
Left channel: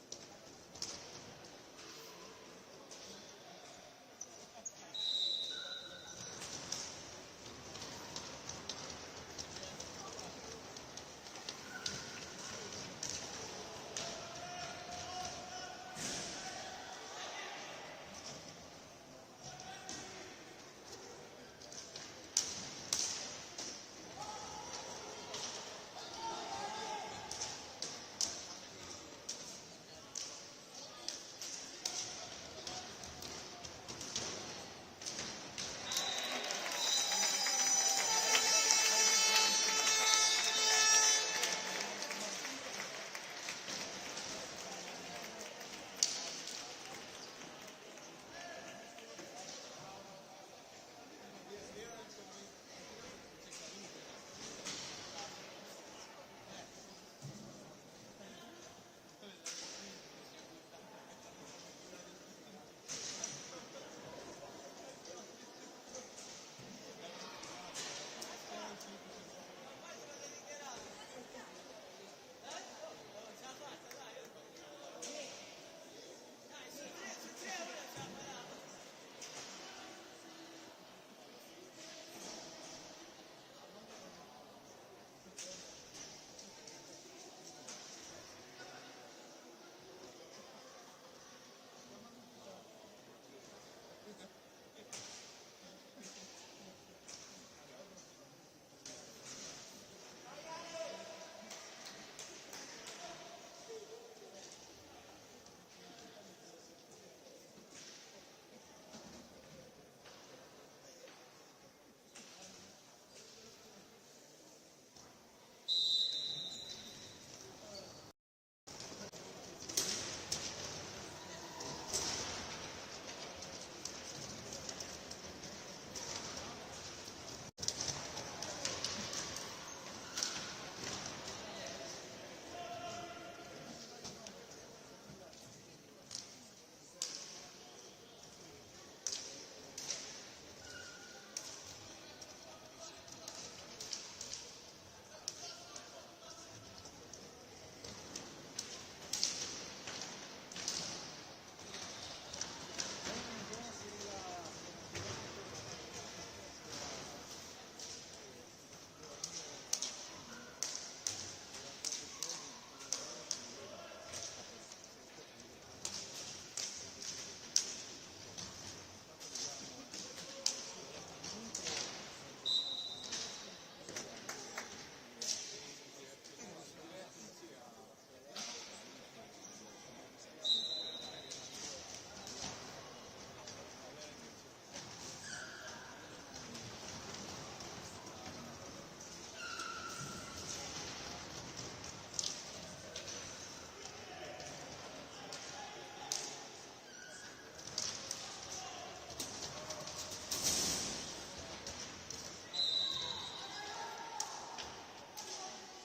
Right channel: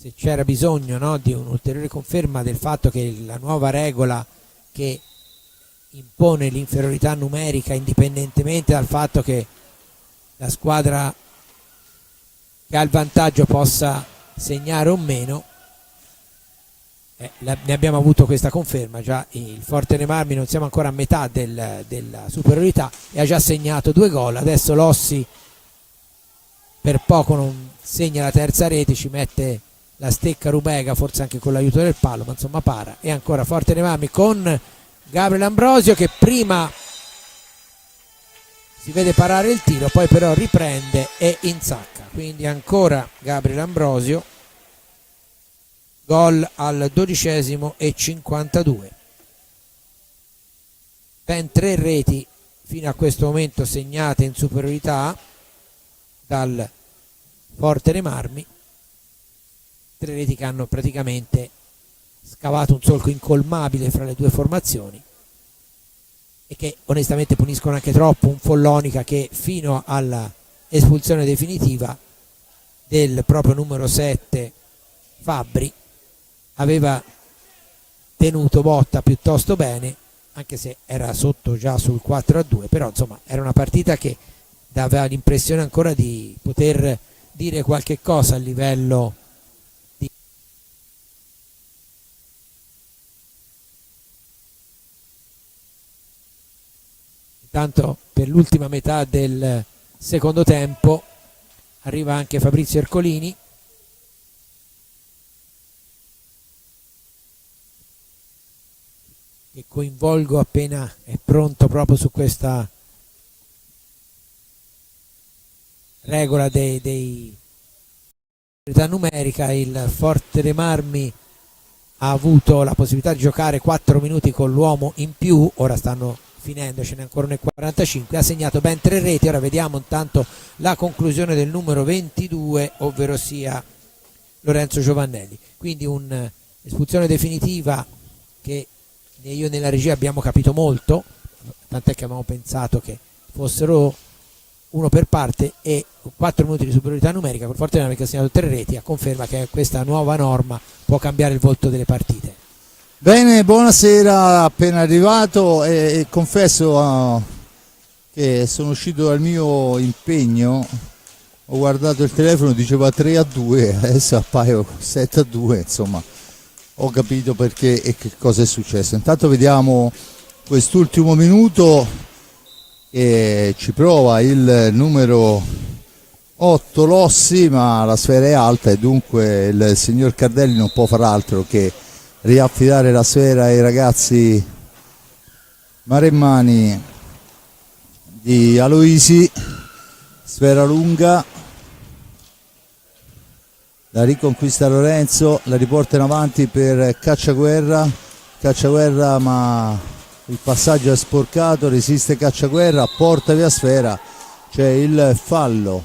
Se c'era bisogno, no, di un'ulteriore conferma del fatto che la nuova regola che impone l'inferiorità numerica indipendentemente dal fatto che la squadra che ha il vantaggio possa segnare o meno, ne abbiamo avuto questa conferma. Già il Forte dei Marmi, non siamo ancora a metà della superiorità, e ha già segnato 2 gol. Adesso Lossi per poco non segna la terza rete, ci mette la stecca Rubega, forse anche con l'aiuto del palo, ma insomma para. E ancora Forte dei Marmi con Gabriele Ambrosio, che prima si vede parare il tiro, poi però riprende e insacca. Quindi ancora Gabriele Ambrosio, gol al 12:52. Ben 3 reti fino a questo momento segnate in superiorità dal Forte dei Marmi, 3 reti che hanno praticamente scavato un solco incolmabile fra le due formazioni e che onestamente puniscono anche troppo un Follonica che fino alla espulsione definitiva del proprio numero 7 Fabbri aveva tenuto botta piuttosto bene, anche se era sotto già sul 4-2, però insomma era una partita che dava l'impressione ancora di poter dire qualche cosa a livello di... Intanto per l'ultima metà del secondo tempo arriva anche Fabrizio Ercolini, che coinvolgo appena è pronto proprio su questa regola dei numerica. Il Forte dei Marmi ha avuto la possibilità di giocare 4 minuti con l'uomo in più, ora stanno finendo, ce n'è ancora nel 45, ha segnato ben 3 reti. Ora vediamo intanto la conclusione del numero 22, ovvero sia Lorenzo Giovannelli. Quindi un'espulsione definitiva che io nella regia abbiamo capito molto, tant'è che avevamo pensato che fossero uno per parte, e 4 minuti di superiorità numerica con Forte dei Marmi che ha segnato 3 reti, a conferma che questa nuova norma può cambiare il volto delle partite. Bene, buonasera, appena arrivato e confesso che sono uscito dal mio impegno, ho guardato il telefono, diceva 3-2, adesso appaio 7-2, insomma ho capito perché e che cosa è successo. Intanto vediamo quest'ultimo minuto che ci prova il numero 8 Lossi, ma la sfera è alta e dunque il signor Cardelli non può far altro che riaffidare la sfera ai ragazzi maremmani di Aloisi. Sfera lunga, la riconquista Lorenzo, la riporta in avanti per Cacciaguerra, ma il passaggio è sporcato, resiste Cacciaguerra, porta via sfera, c'è il fallo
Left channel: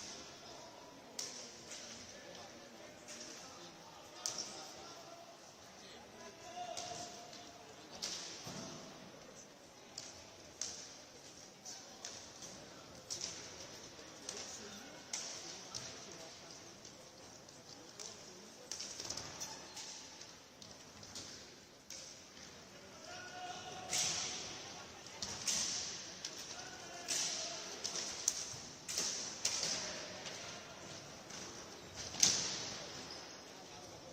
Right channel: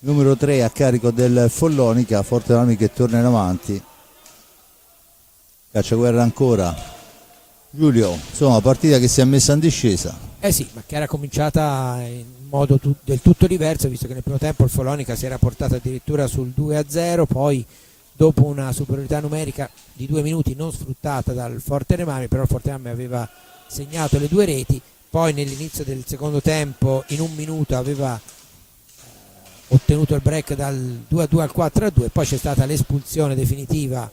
numero 3 a carico del Follonica. Forte dei Marmi che torna in avanti, Cacciaguerra ancora, Giulio, insomma partita che si è messa in discesa. Sì, ma che era cominciata in modo del tutto diverso, visto che nel primo tempo il Follonica si era portato addirittura sul 2-0, poi dopo una superiorità numerica di 2 minuti non sfruttata dal Forte dei Marmi, però il Forte dei Marmi aveva segnato le 2 reti, poi nell'inizio del secondo tempo in un minuto aveva ottenuto il break dal 2-2 al 4-2, poi c'è stata l'espulsione definitiva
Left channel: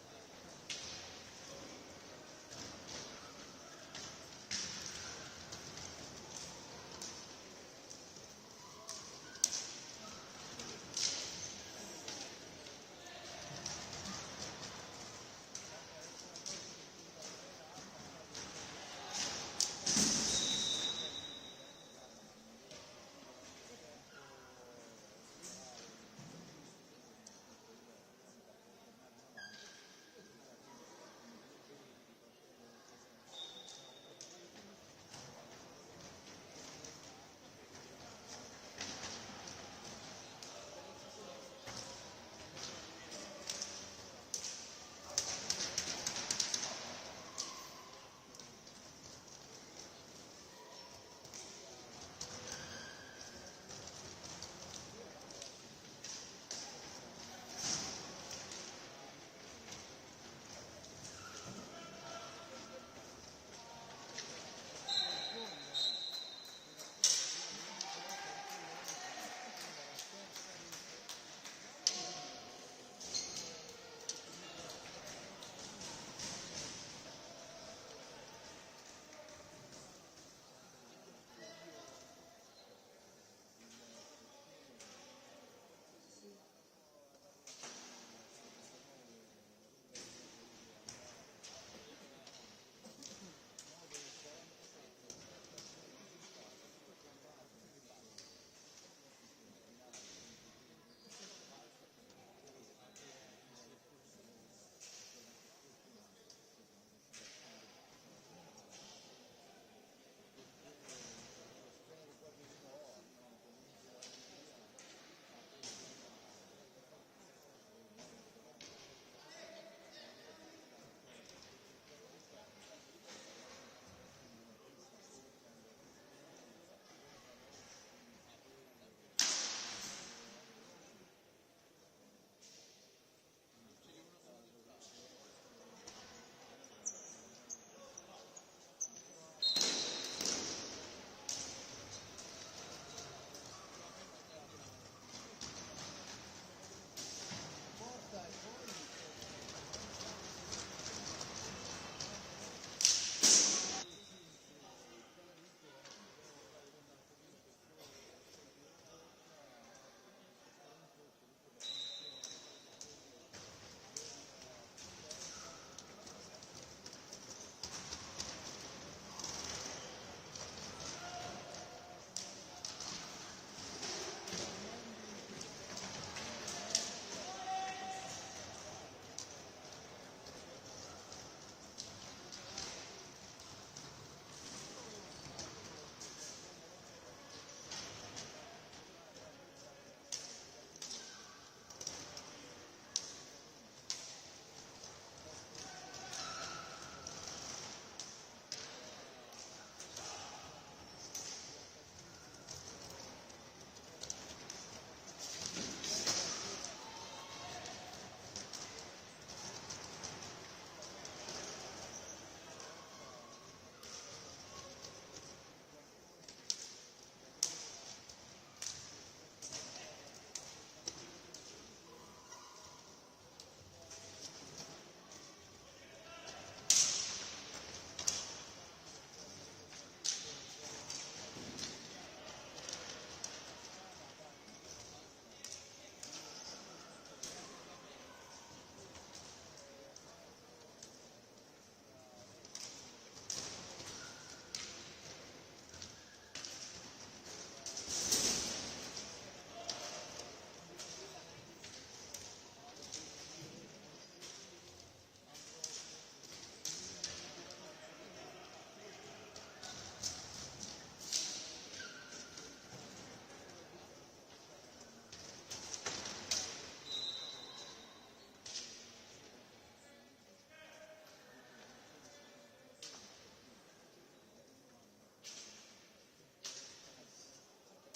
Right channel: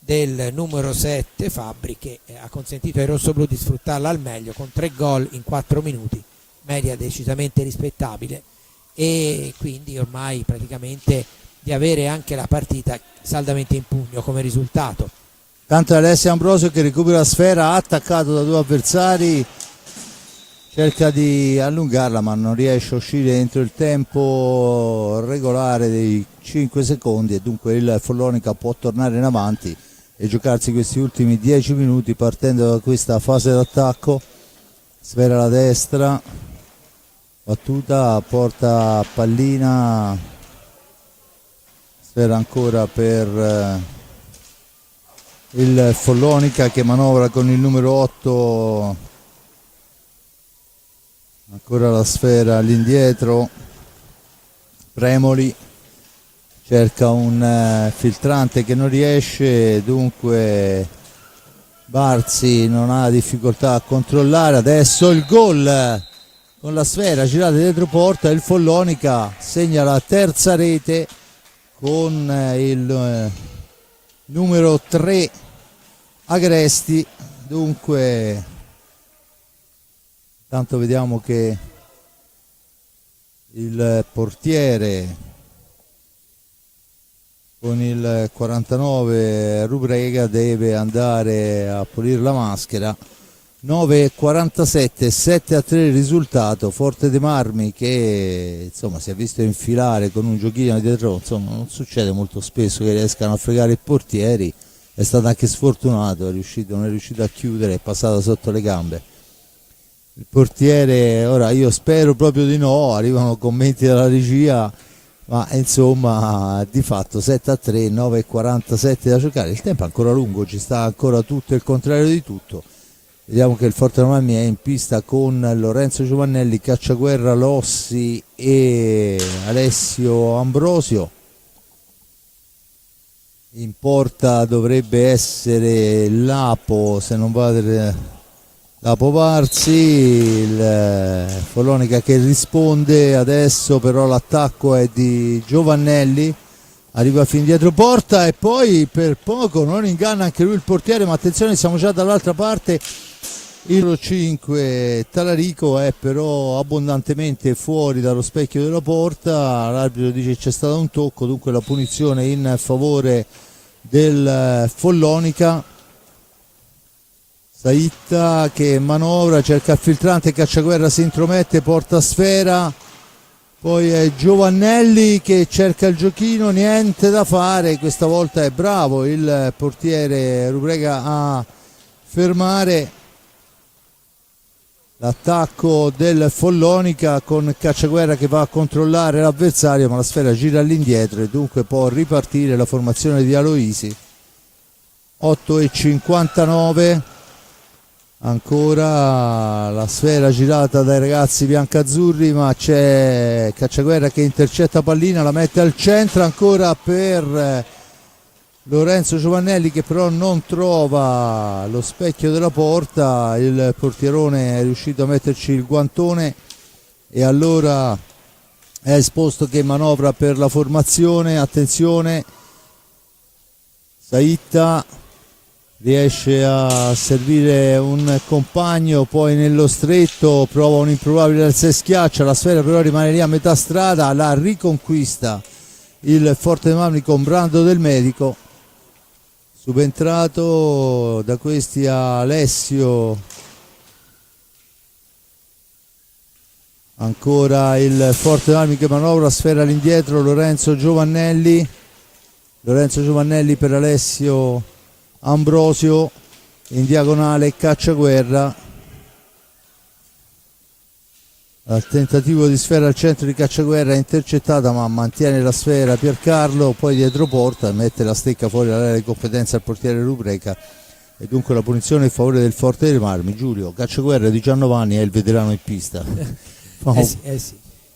del numero 7 Fabbri, che ha consentito ai rossoblù di sfruttarla al meglio con 3 gol in 4 minuti, media decisamente rispettabile, e quindi ormai praticamente di avere anche la partita saldamente in pugno come risultato. Tanto Alessio Ambrosio che recupera la sfera, attaccato da due avversari, cerca di allungarla ma non riesce a uscire entro il tempo regolare dei 5 secondi, e dunque il Follonica può tornare in avanti e giocarsi questi ultimi 10 minuti partendo da questa fase d'attacco. Sfera alla destra, battuta, porta pallina, sfera ancora per il Follonica che manovra con il numero 8, ancora la sfera all'indietro, Premoli cerca un filtrante che non riesce, dunque Barzi non ha difficoltà a controllare. Adesso il gol con la sfera girata dietro porta, il Follonica segna la terza rete con il numero 3 Agresti. Dunque tanto vediamo che il portiere con il 49 Rubrega deve andare a pulire la maschera. 9:47, 7-3 il risultato. Forte De Marmi che insomma si è visto infilare con un giochino dietro, insomma non succede molto spesso che riescano a fregare i portieri, è stato anche sfortunato, non è riuscito a chiudere, è passato sotto le gambe il portiere. Ora io spero proprio di no, arrivano commenti dalla regia, ma insomma di fatto 7-3, 9:47 da giocare, il tempo è ancora lungo, ci sta ancora tutto il contrario di tutto. Vediamo che il Forte Dei Marmi è in pista con Lorenzo Giovannelli, Cacciaguerra, Lossi e Alessio Ambrosio. In porta dovrebbe essere Lapo, se non vado, Lapo Barzi, il Follonica che risponde adesso, però l'attacco è di Giovannelli, arriva fin dietro porta e poi per poco non inganna anche lui il portiere, ma attenzione, siamo già dall'altra parte. Il 5 Talarico è però abbondantemente fuori dallo specchio della porta, l'arbitro dice che c'è stato un tocco, dunque la punizione in favore del Follonica. Saitta che manovra, cerca il filtrante, Cacciaguerra si intromette, porta sfera, poi è Giovannelli che cerca il giochino, niente da fare, questa volta è bravo il portiere Rubrega a fermare l'attacco del Follonica con Cacciaguerra che va a controllare l'avversario, ma la sfera gira all'indietro e dunque può ripartire la formazione di Aloisi. 8:59, ancora la sfera girata dai ragazzi biancazzurri, ma c'è Cacciaguerra che intercetta pallina, la mette al centro ancora per Lorenzo Giovannelli che però non trova lo specchio della porta, il portierone è riuscito a metterci il guantone e allora è esposto che manovra per la formazione. Attenzione, Saitta riesce a servire un compagno, poi nello stretto prova un improbabile al 6 schiaccia, la sfera però rimane lì a metà strada, la riconquista il Forte Dei Marmi con Brando Del Medico. Subentrato da questi Alessio, ancora il Forte Dei Marmi che manovra, sfera all'indietro, Lorenzo Giovannelli per Alessio Ambrosio, in diagonale Cacciaguerra, al tentativo di sfera al centro di Cacciaguerra è intercettata ma mantiene la sfera Piercarlo, poi dietro porta mette la stecca fuori dall'area di competenza al portiere Rubrega e dunque la punizione in favore del Forte Dei Marmi. Giulio, Cacciaguerra di 19 anni è il veterano in pista. Sì,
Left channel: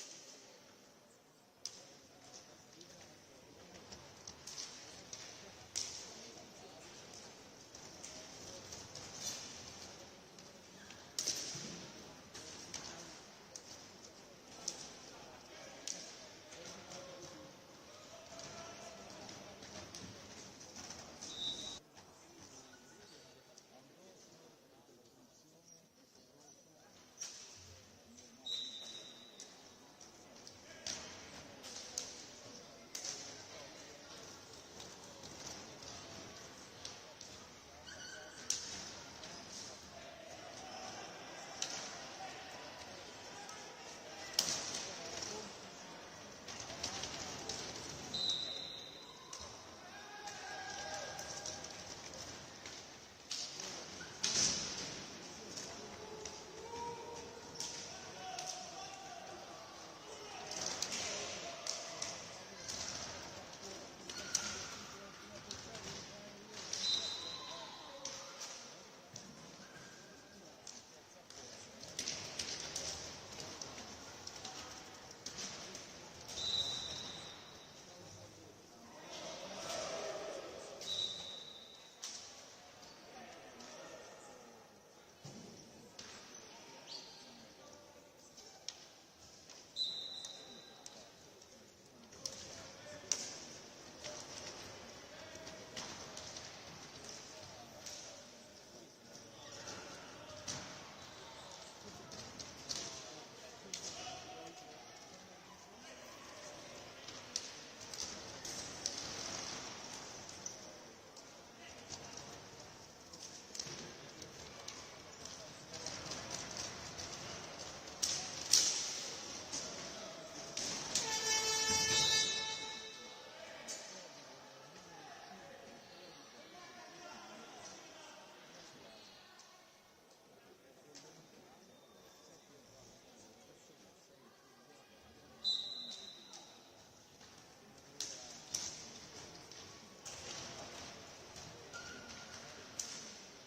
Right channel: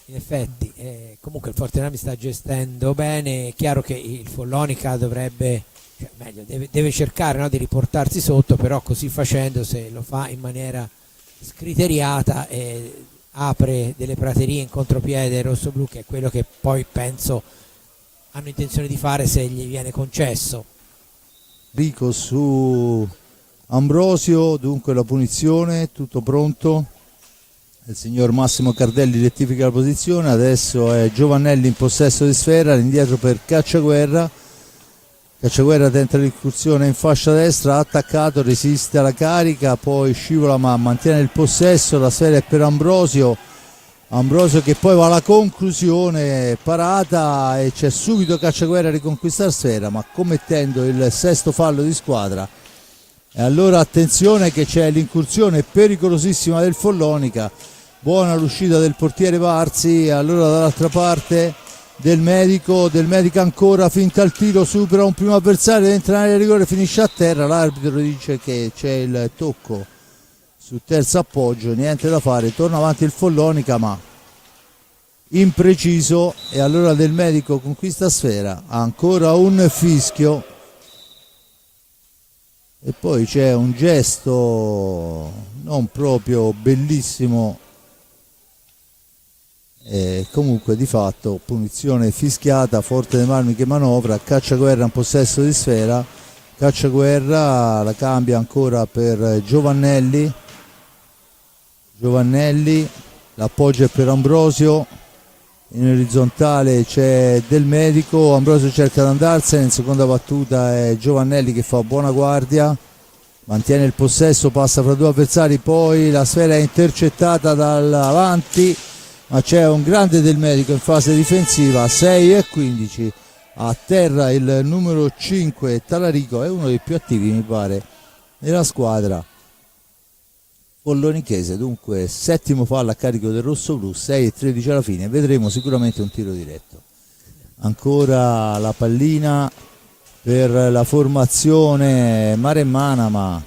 in effetti comunque il Forte Dei Marmi sta gestendo bene, è chiaro che il Follonica dovrebbe, cioè, meglio, deve cercare, no, di riportarsi sotto, però così facendo, se lo fa in maniera scriteriata e apre delle praterie in contropiede rossoblu, che è quello che poi penso hanno intenzione di fare se gli viene concesso. Rico su Ambrosio, dunque la punizione, tutto pronto. Il signor Massimo Cardelli rettifica la posizione, adesso è Giovannelli in possesso di sfera, all'indietro per Cacciaguerra. Cacciaguerra tenta l'incursione in fascia destra, attaccato, resiste alla carica, poi scivola ma mantiene il possesso, la sfera è per Ambrosio. Ambrosio che poi va alla conclusione, parata, e c'è subito Cacciaguerra a riconquistare sfera, ma commettendo il sesto fallo di squadra. E allora attenzione che c'è l'incursione pericolosissima del Follonica, buona l'uscita del portiere Varzi, allora dall'altra parte del medico ancora, finta il tiro, supera un primo avversario, entra in area di rigore, finisce a terra, l'arbitro dice che c'è il tocco sul terzo appoggio, niente da fare, torna avanti il Follonica ma impreciso, e allora Del Medico conquista sfera, ancora un fischio e poi c'è un gesto non proprio bellissimo, e comunque di fatto punizione fischiata, Forte dei Marmi che manovra, Cacciaguerra in possesso di sfera, Cacciaguerra la cambia ancora per Giovannelli, l'appoggio è per Ambrosio, in orizzontale c'è Del Medico, Ambrosio cerca di andarsene, in seconda battuta è Giovannelli che fa buona guardia, mantiene il possesso, passa fra due avversari, poi la sfera è intercettata dall'avanti, ma c'è un grande Del Medico in fase difensiva, 6-15, a terra il numero 5 Talarico, è uno dei più attivi mi pare nella squadra follonichese, dunque settimo fallo a carico del rossoblu, 6-13 alla fine, vedremo sicuramente un tiro diretto. Ancora la pallina per la formazione maremmana, ma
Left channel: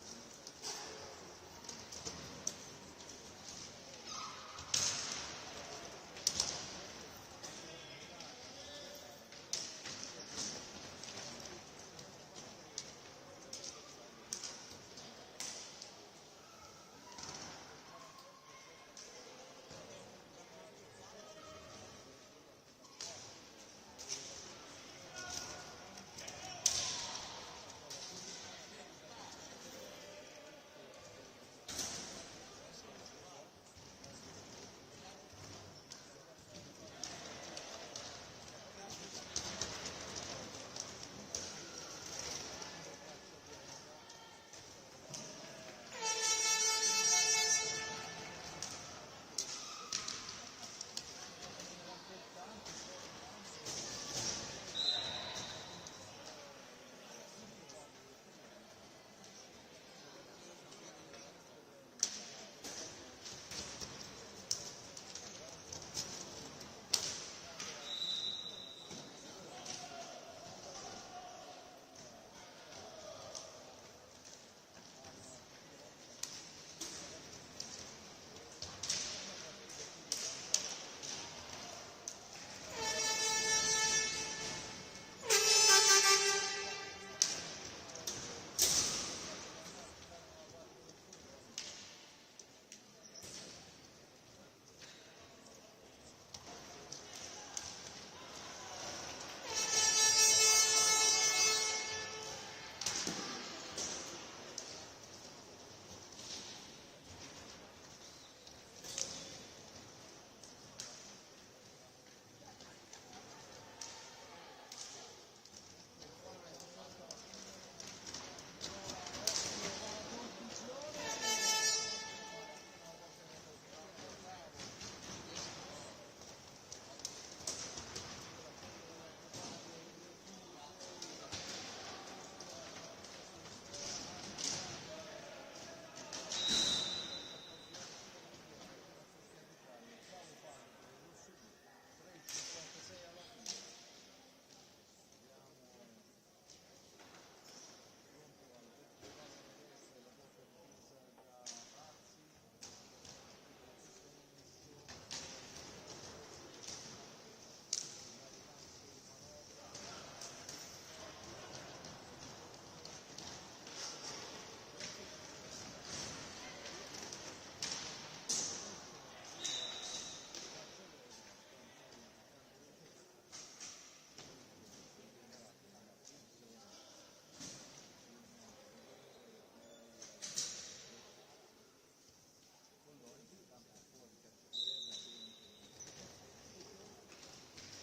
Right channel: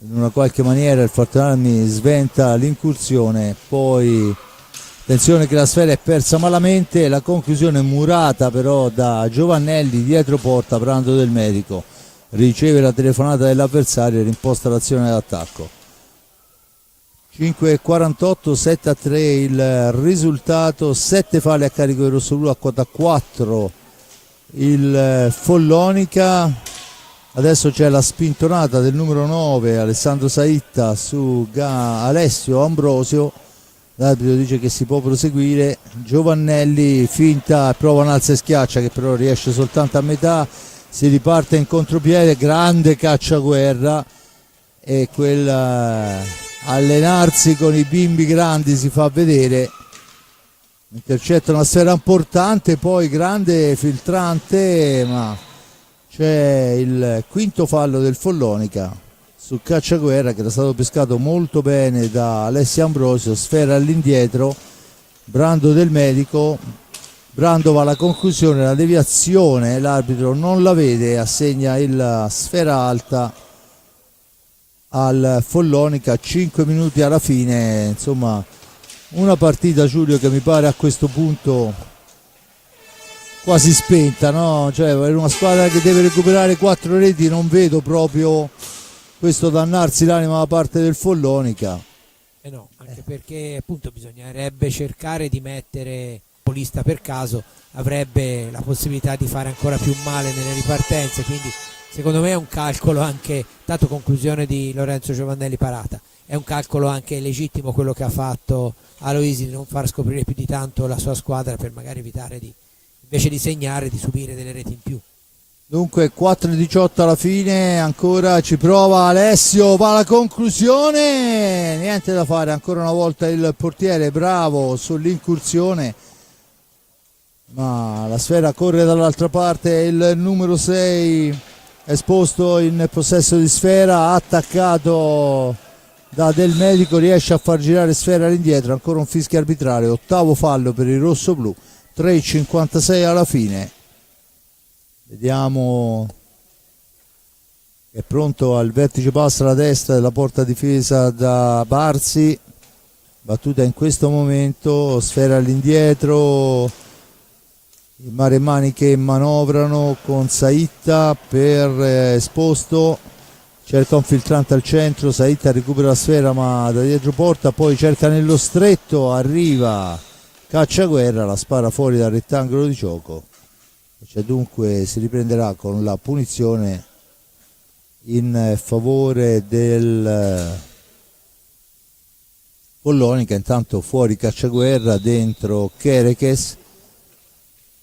in una qualche maniera il Fortunarmi sventa l'incursione, poi attenzione che la sfera è persa malamente, la conclusione murata però da Giovannelli dietro porta, Brando Del Medico riceve la telefonata dell'avversario e rimposta l'azione d'attacco. 5-48, 7-3 il risultato, 7 falli a carico del rossoblu, a quota 4 il Follonica. Adesso c'è la spintonata del numero 9 Alessandro Saitta su Alessio Ambrosio, l'arbitro dice che si può proseguire, Giovannelli finta, prova un alza e schiaccia che però riesce soltanto a metà, si riparte in contropiede, grande Cacciaguerra, e quel allenarsi con i bimbi grandi si fa vedere, intercetta una sfera importante, poi grande filtrante, ma c'è il quinto fallo del Follonica su Cacciaguerra che era stato pescato molto bene da Alessio Ambrosio, sfera all'indietro, Brando Del Medico, Brando va alla conclusione, la deviazione l'arbitro non la vede, assegna la sfera alta al Follonica, 5 minuti alla fine, insomma una partita, Giulio, che mi pare a questo punto quasi spenta, no? Cioè è una squadra che deve recuperare 4 reti, non vedo proprio questo dannarsi l'anima da parte del Follonica. No, anche perché appunto bisognerebbe cercare di mettere polista per caso, avrebbe la possibilità di fare ancora più male nelle ripartenze, quindi secondo me è un calcolo anche, dato conclusione di Lorenzo Giovannelli parata, è un calcolo anche legittimo quello che ha fatto Aloisi di non far scoprire più di tanto la sua squadra per magari evitare di, invece di segnare, di subire delle reti in più. Dunque 4-18 alla fine, ancora ci prova Alessio, va alla conclusione, niente da fare, ancora una volta il portiere bravo sull'incursione, ma la sfera corre dall'altra parte, il numero 6 esposto in possesso di sfera, attaccato da Del Medico, riesce a far girare sfera all'indietro, ancora un fischio arbitrale, ottavo fallo per il rossoblu, 3,56 alla fine. Vediamo, è pronto al vertice passo alla destra della porta difesa da Barzi, battuta in questo momento, sfera all'indietro, i maremmani che manovrano con Saitta per esposto, cerca un filtrante al centro, Saitta recupera la sfera ma da dietro porta, poi cerca nello stretto, arriva Cacciaguerra, la spara fuori dal rettangolo di gioco, cioè dunque si riprenderà con la punizione in favore del Follonica. Intanto fuori Cacciaguerra, dentro Kerekes,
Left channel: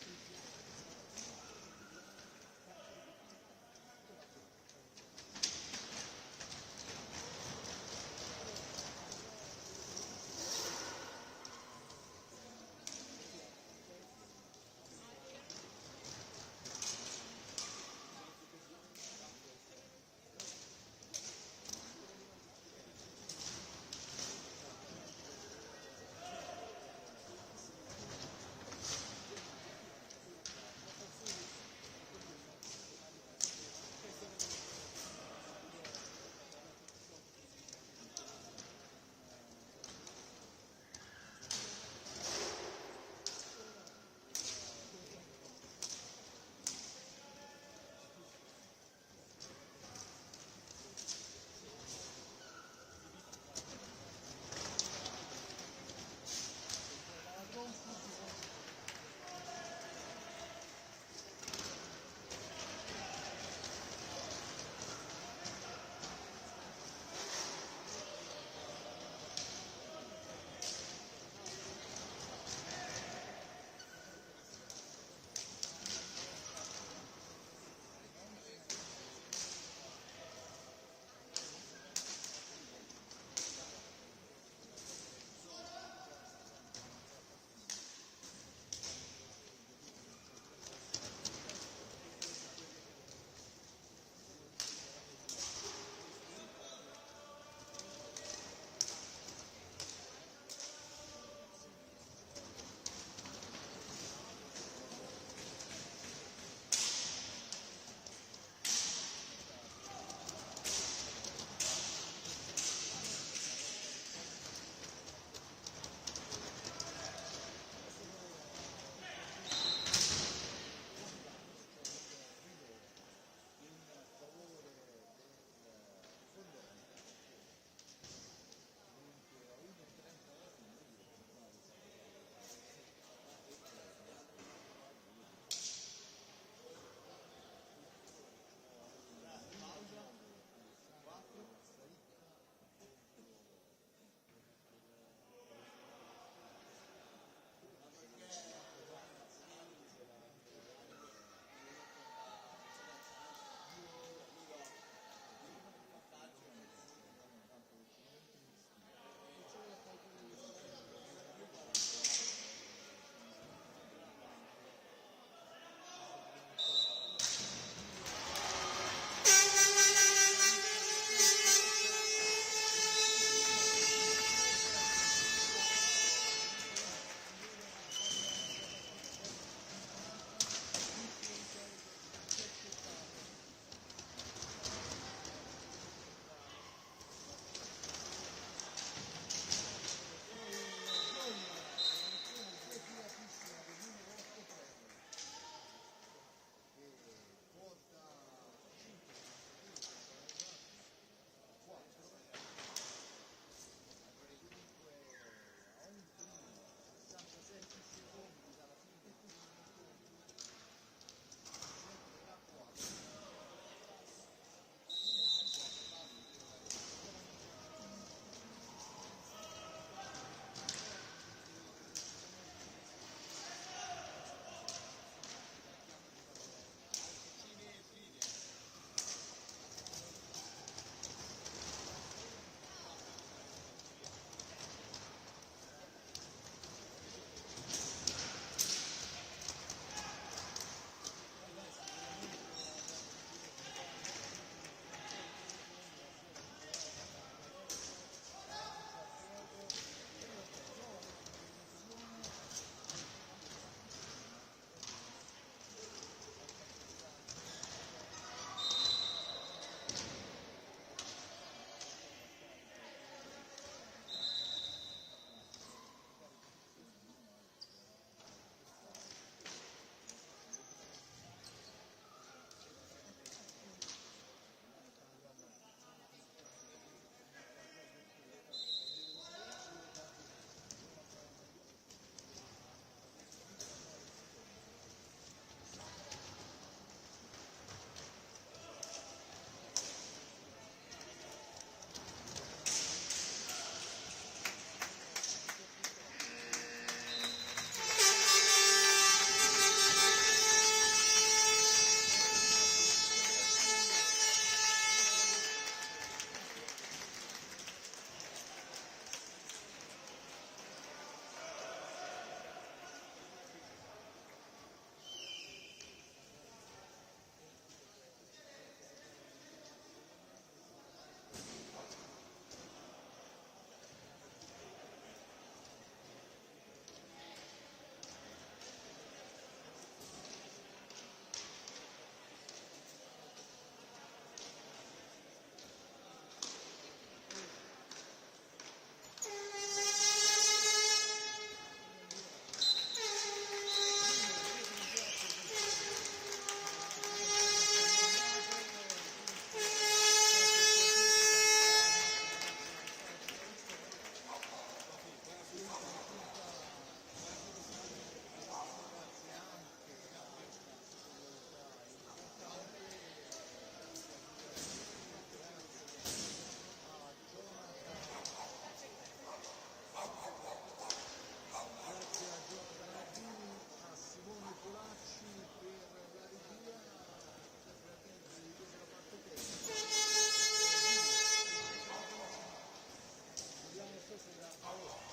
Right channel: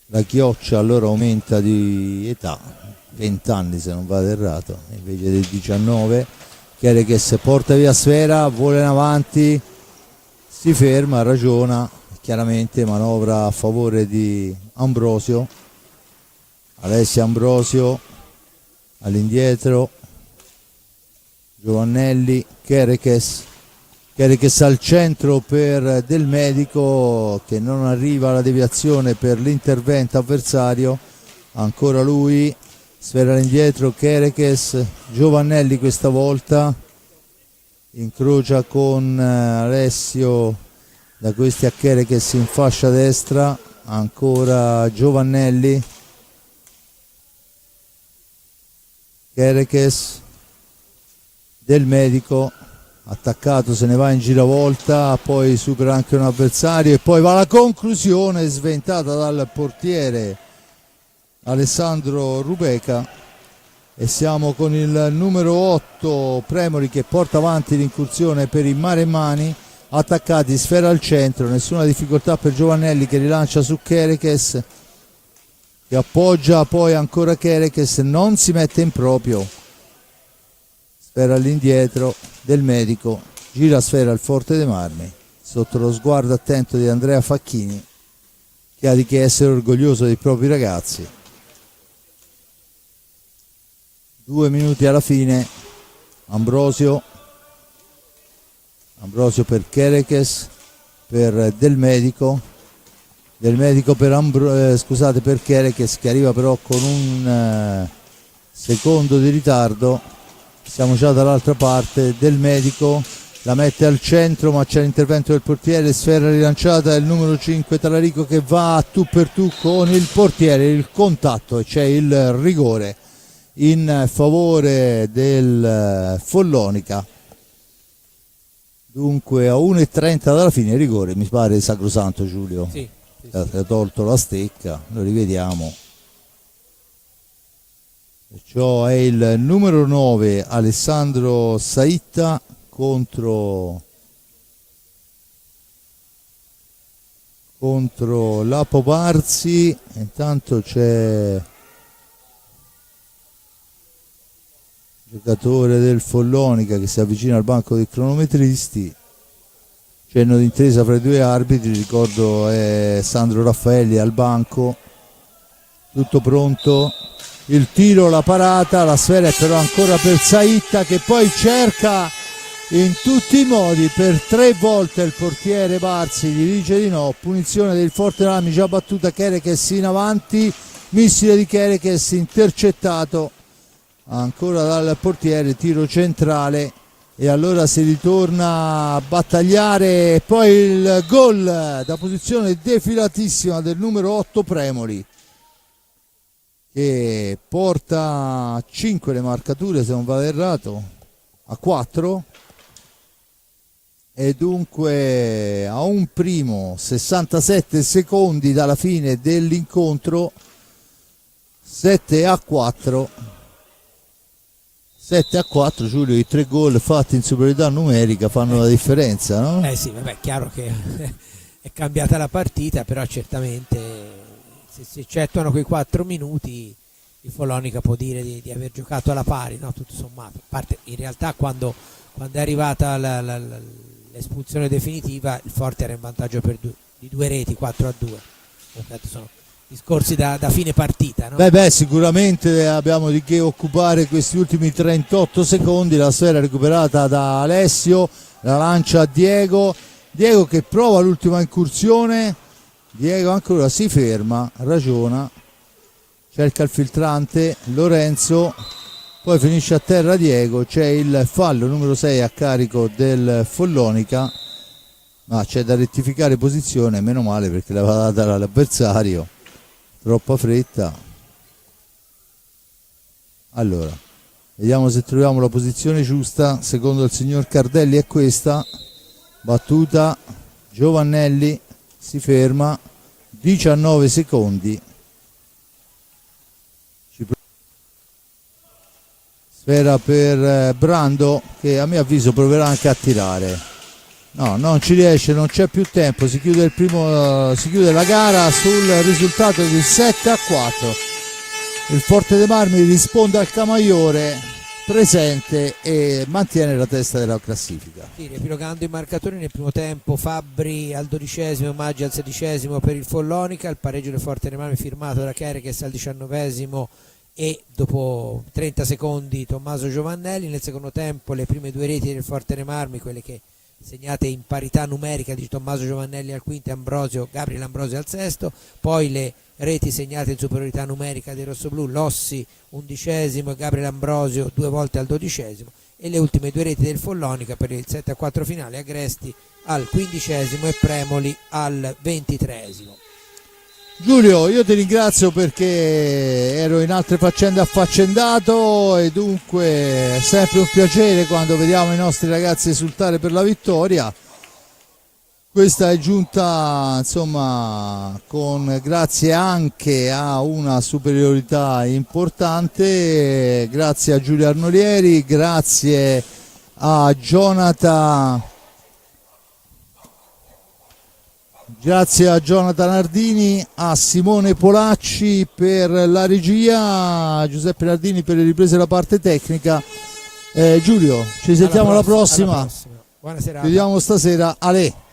la chioccia allora aumenta di età, 20 anni se non vado errato, invece del 19. Kerekes porta via sfera, vola in avanti, si ferma, ragiona, chiaramente manovra a favore di Ambrosio. Alessia Ambrosio all'indietro, Giovannelli, Kerekes al centro per Del Medico che non arriva alla deviazione per l'intervento avversario, ancora lui, sfera all'indietro, Kerekes, Giovannelli questa volta, incrocia con Alessio, da questi a Kerekes in fascia destra, ancora Giovannelli, Kerekes, Del Medico, attaccato, se ne va in giravolta, poi supera anche un avversario e poi va alla conclusione sventata dal portiere Alessandro Rubeca e siamo con il numero 8 Premoli che porta avanti l'incursione per i Maremmani, attaccati, sfera al centro, nessuna difficoltà per Giovannelli che rilancia su Kerekes che appoggia, poi ancora Kerekes, non si mette in proprio, sfera all'indietro, Del Medico, gira sfera al Forte dei Marmi, sotto lo sguardo attento di Andrea Facchini, che ha di che essere orgoglioso dei propri ragazzi. 2 minuti alla fine, Ambrosio per Kerekes, per Del Medico per Kerekes che arriva però con un secondo di ritardo. Siamo già dall'altra parte, Del Medico la mette al centro ma c'è l'intervento del portiere, sfera rilanciata, il numero 5 Talarico che va a tu per tu con il portiere, il contatto e c'è il rigore in favore del Follonica. Dunque a 1:30 dalla fine rigore, mi pare sacrosanto, Giulio. Sì. Ha tolto la stecca, lo rivediamo. Perciò è il numero 9 Alessandro Saitta contro Lapo Barzi. Intanto c'è il giocatore del Follonica che si avvicina al banco dei cronometristi. Cenno d'intesa fra i due arbitri, ricordo è Sandro Raffaelli al banco. Tutto pronto, il tiro, la parata, la sfera è però ancora per Saitta che poi cerca in tutti i modi per 3 volte il portiere Barzi, gli dice di no, punizione del Forte dei Marmi già battuta, Kerekes in avanti, missile di Kerekes intercettato ancora dal portiere, tiro centrale e allora si ritorna a battagliare, poi il gol da posizione defilatissima del numero 8 Premoli che porta a 5 le marcature se non vado errato, a 4 e dunque a un primo 67 secondi dalla fine dell'incontro, 7-4, Giulio, i 3 gol fatti in superiorità numerica fanno la differenza, no? Sì, vabbè, chiaro che è cambiata la partita, però certamente se si eccettuano quei 4 minuti il Follonica può dire di aver giocato alla pari, no? Tutto sommato. A parte in realtà quando è arrivata l'espulsione definitiva il Forte era in vantaggio di 2 reti, 4-2. Infatti sono discorsi da fine partita, no? Beh, sicuramente abbiamo di che occupare questi ultimi 38 secondi. La sfera recuperata da Alessio, la lancia a Diego che prova l'ultima incursione, Diego ancora si ferma, ragiona, cerca il filtrante, Lorenzo, poi finisce a terra Diego, c'è il fallo numero 6 a carico del Follonica, ma c'è da rettificare posizione, meno male perché l'aveva data l'avversario, troppa fretta. Allora Vediamo se troviamo la posizione giusta. Secondo il signor Cardelli è questa. Battuta, Giovannelli si ferma, 19 secondi. Sfera per Brando, che a mio avviso proverà anche a tirare. No, non ci riesce, non c'è più tempo, si chiude la gara sul risultato di 7-4. Il Forte dei Marmi risponde al Camaiore, presente, e mantiene la testa della classifica. Sì, riepilogando i marcatori nel primo tempo, Fabbri al 12esimo, Maggi al 16esimo per il Follonica, il pareggio del Forte dei Marmi firmato da Kerekes al 19esimo e dopo 30 secondi Tommaso Giovannelli. Nel secondo tempo le prime due reti del Forte dei Marmi, quelle che segnate in parità numerica di Tommaso Giovannelli al quinto e Gabriele Ambrosio al sesto, poi le reti segnate in superiorità numerica dei rossoblù, Lossi 11esimo e Gabriele Ambrosio due volte al 12esimo, e le ultime due reti del Follonica per il 7-4 finale, Agresti al 15esimo e Premoli al 23esimo. Giulio, io ti ringrazio perché ero in altre faccende affaccendato, e dunque è sempre un piacere quando vediamo i nostri ragazzi esultare per la vittoria. Questa è giunta, insomma, grazie anche a una superiorità importante, grazie a Giulio Arnolieri, grazie a Jonathan Nardini, a Simone Polacci per la regia, a Giuseppe Nardini per le riprese della parte tecnica. Giulio, ci sentiamo alla prossima. Buona serata. Ci vediamo stasera. Ale.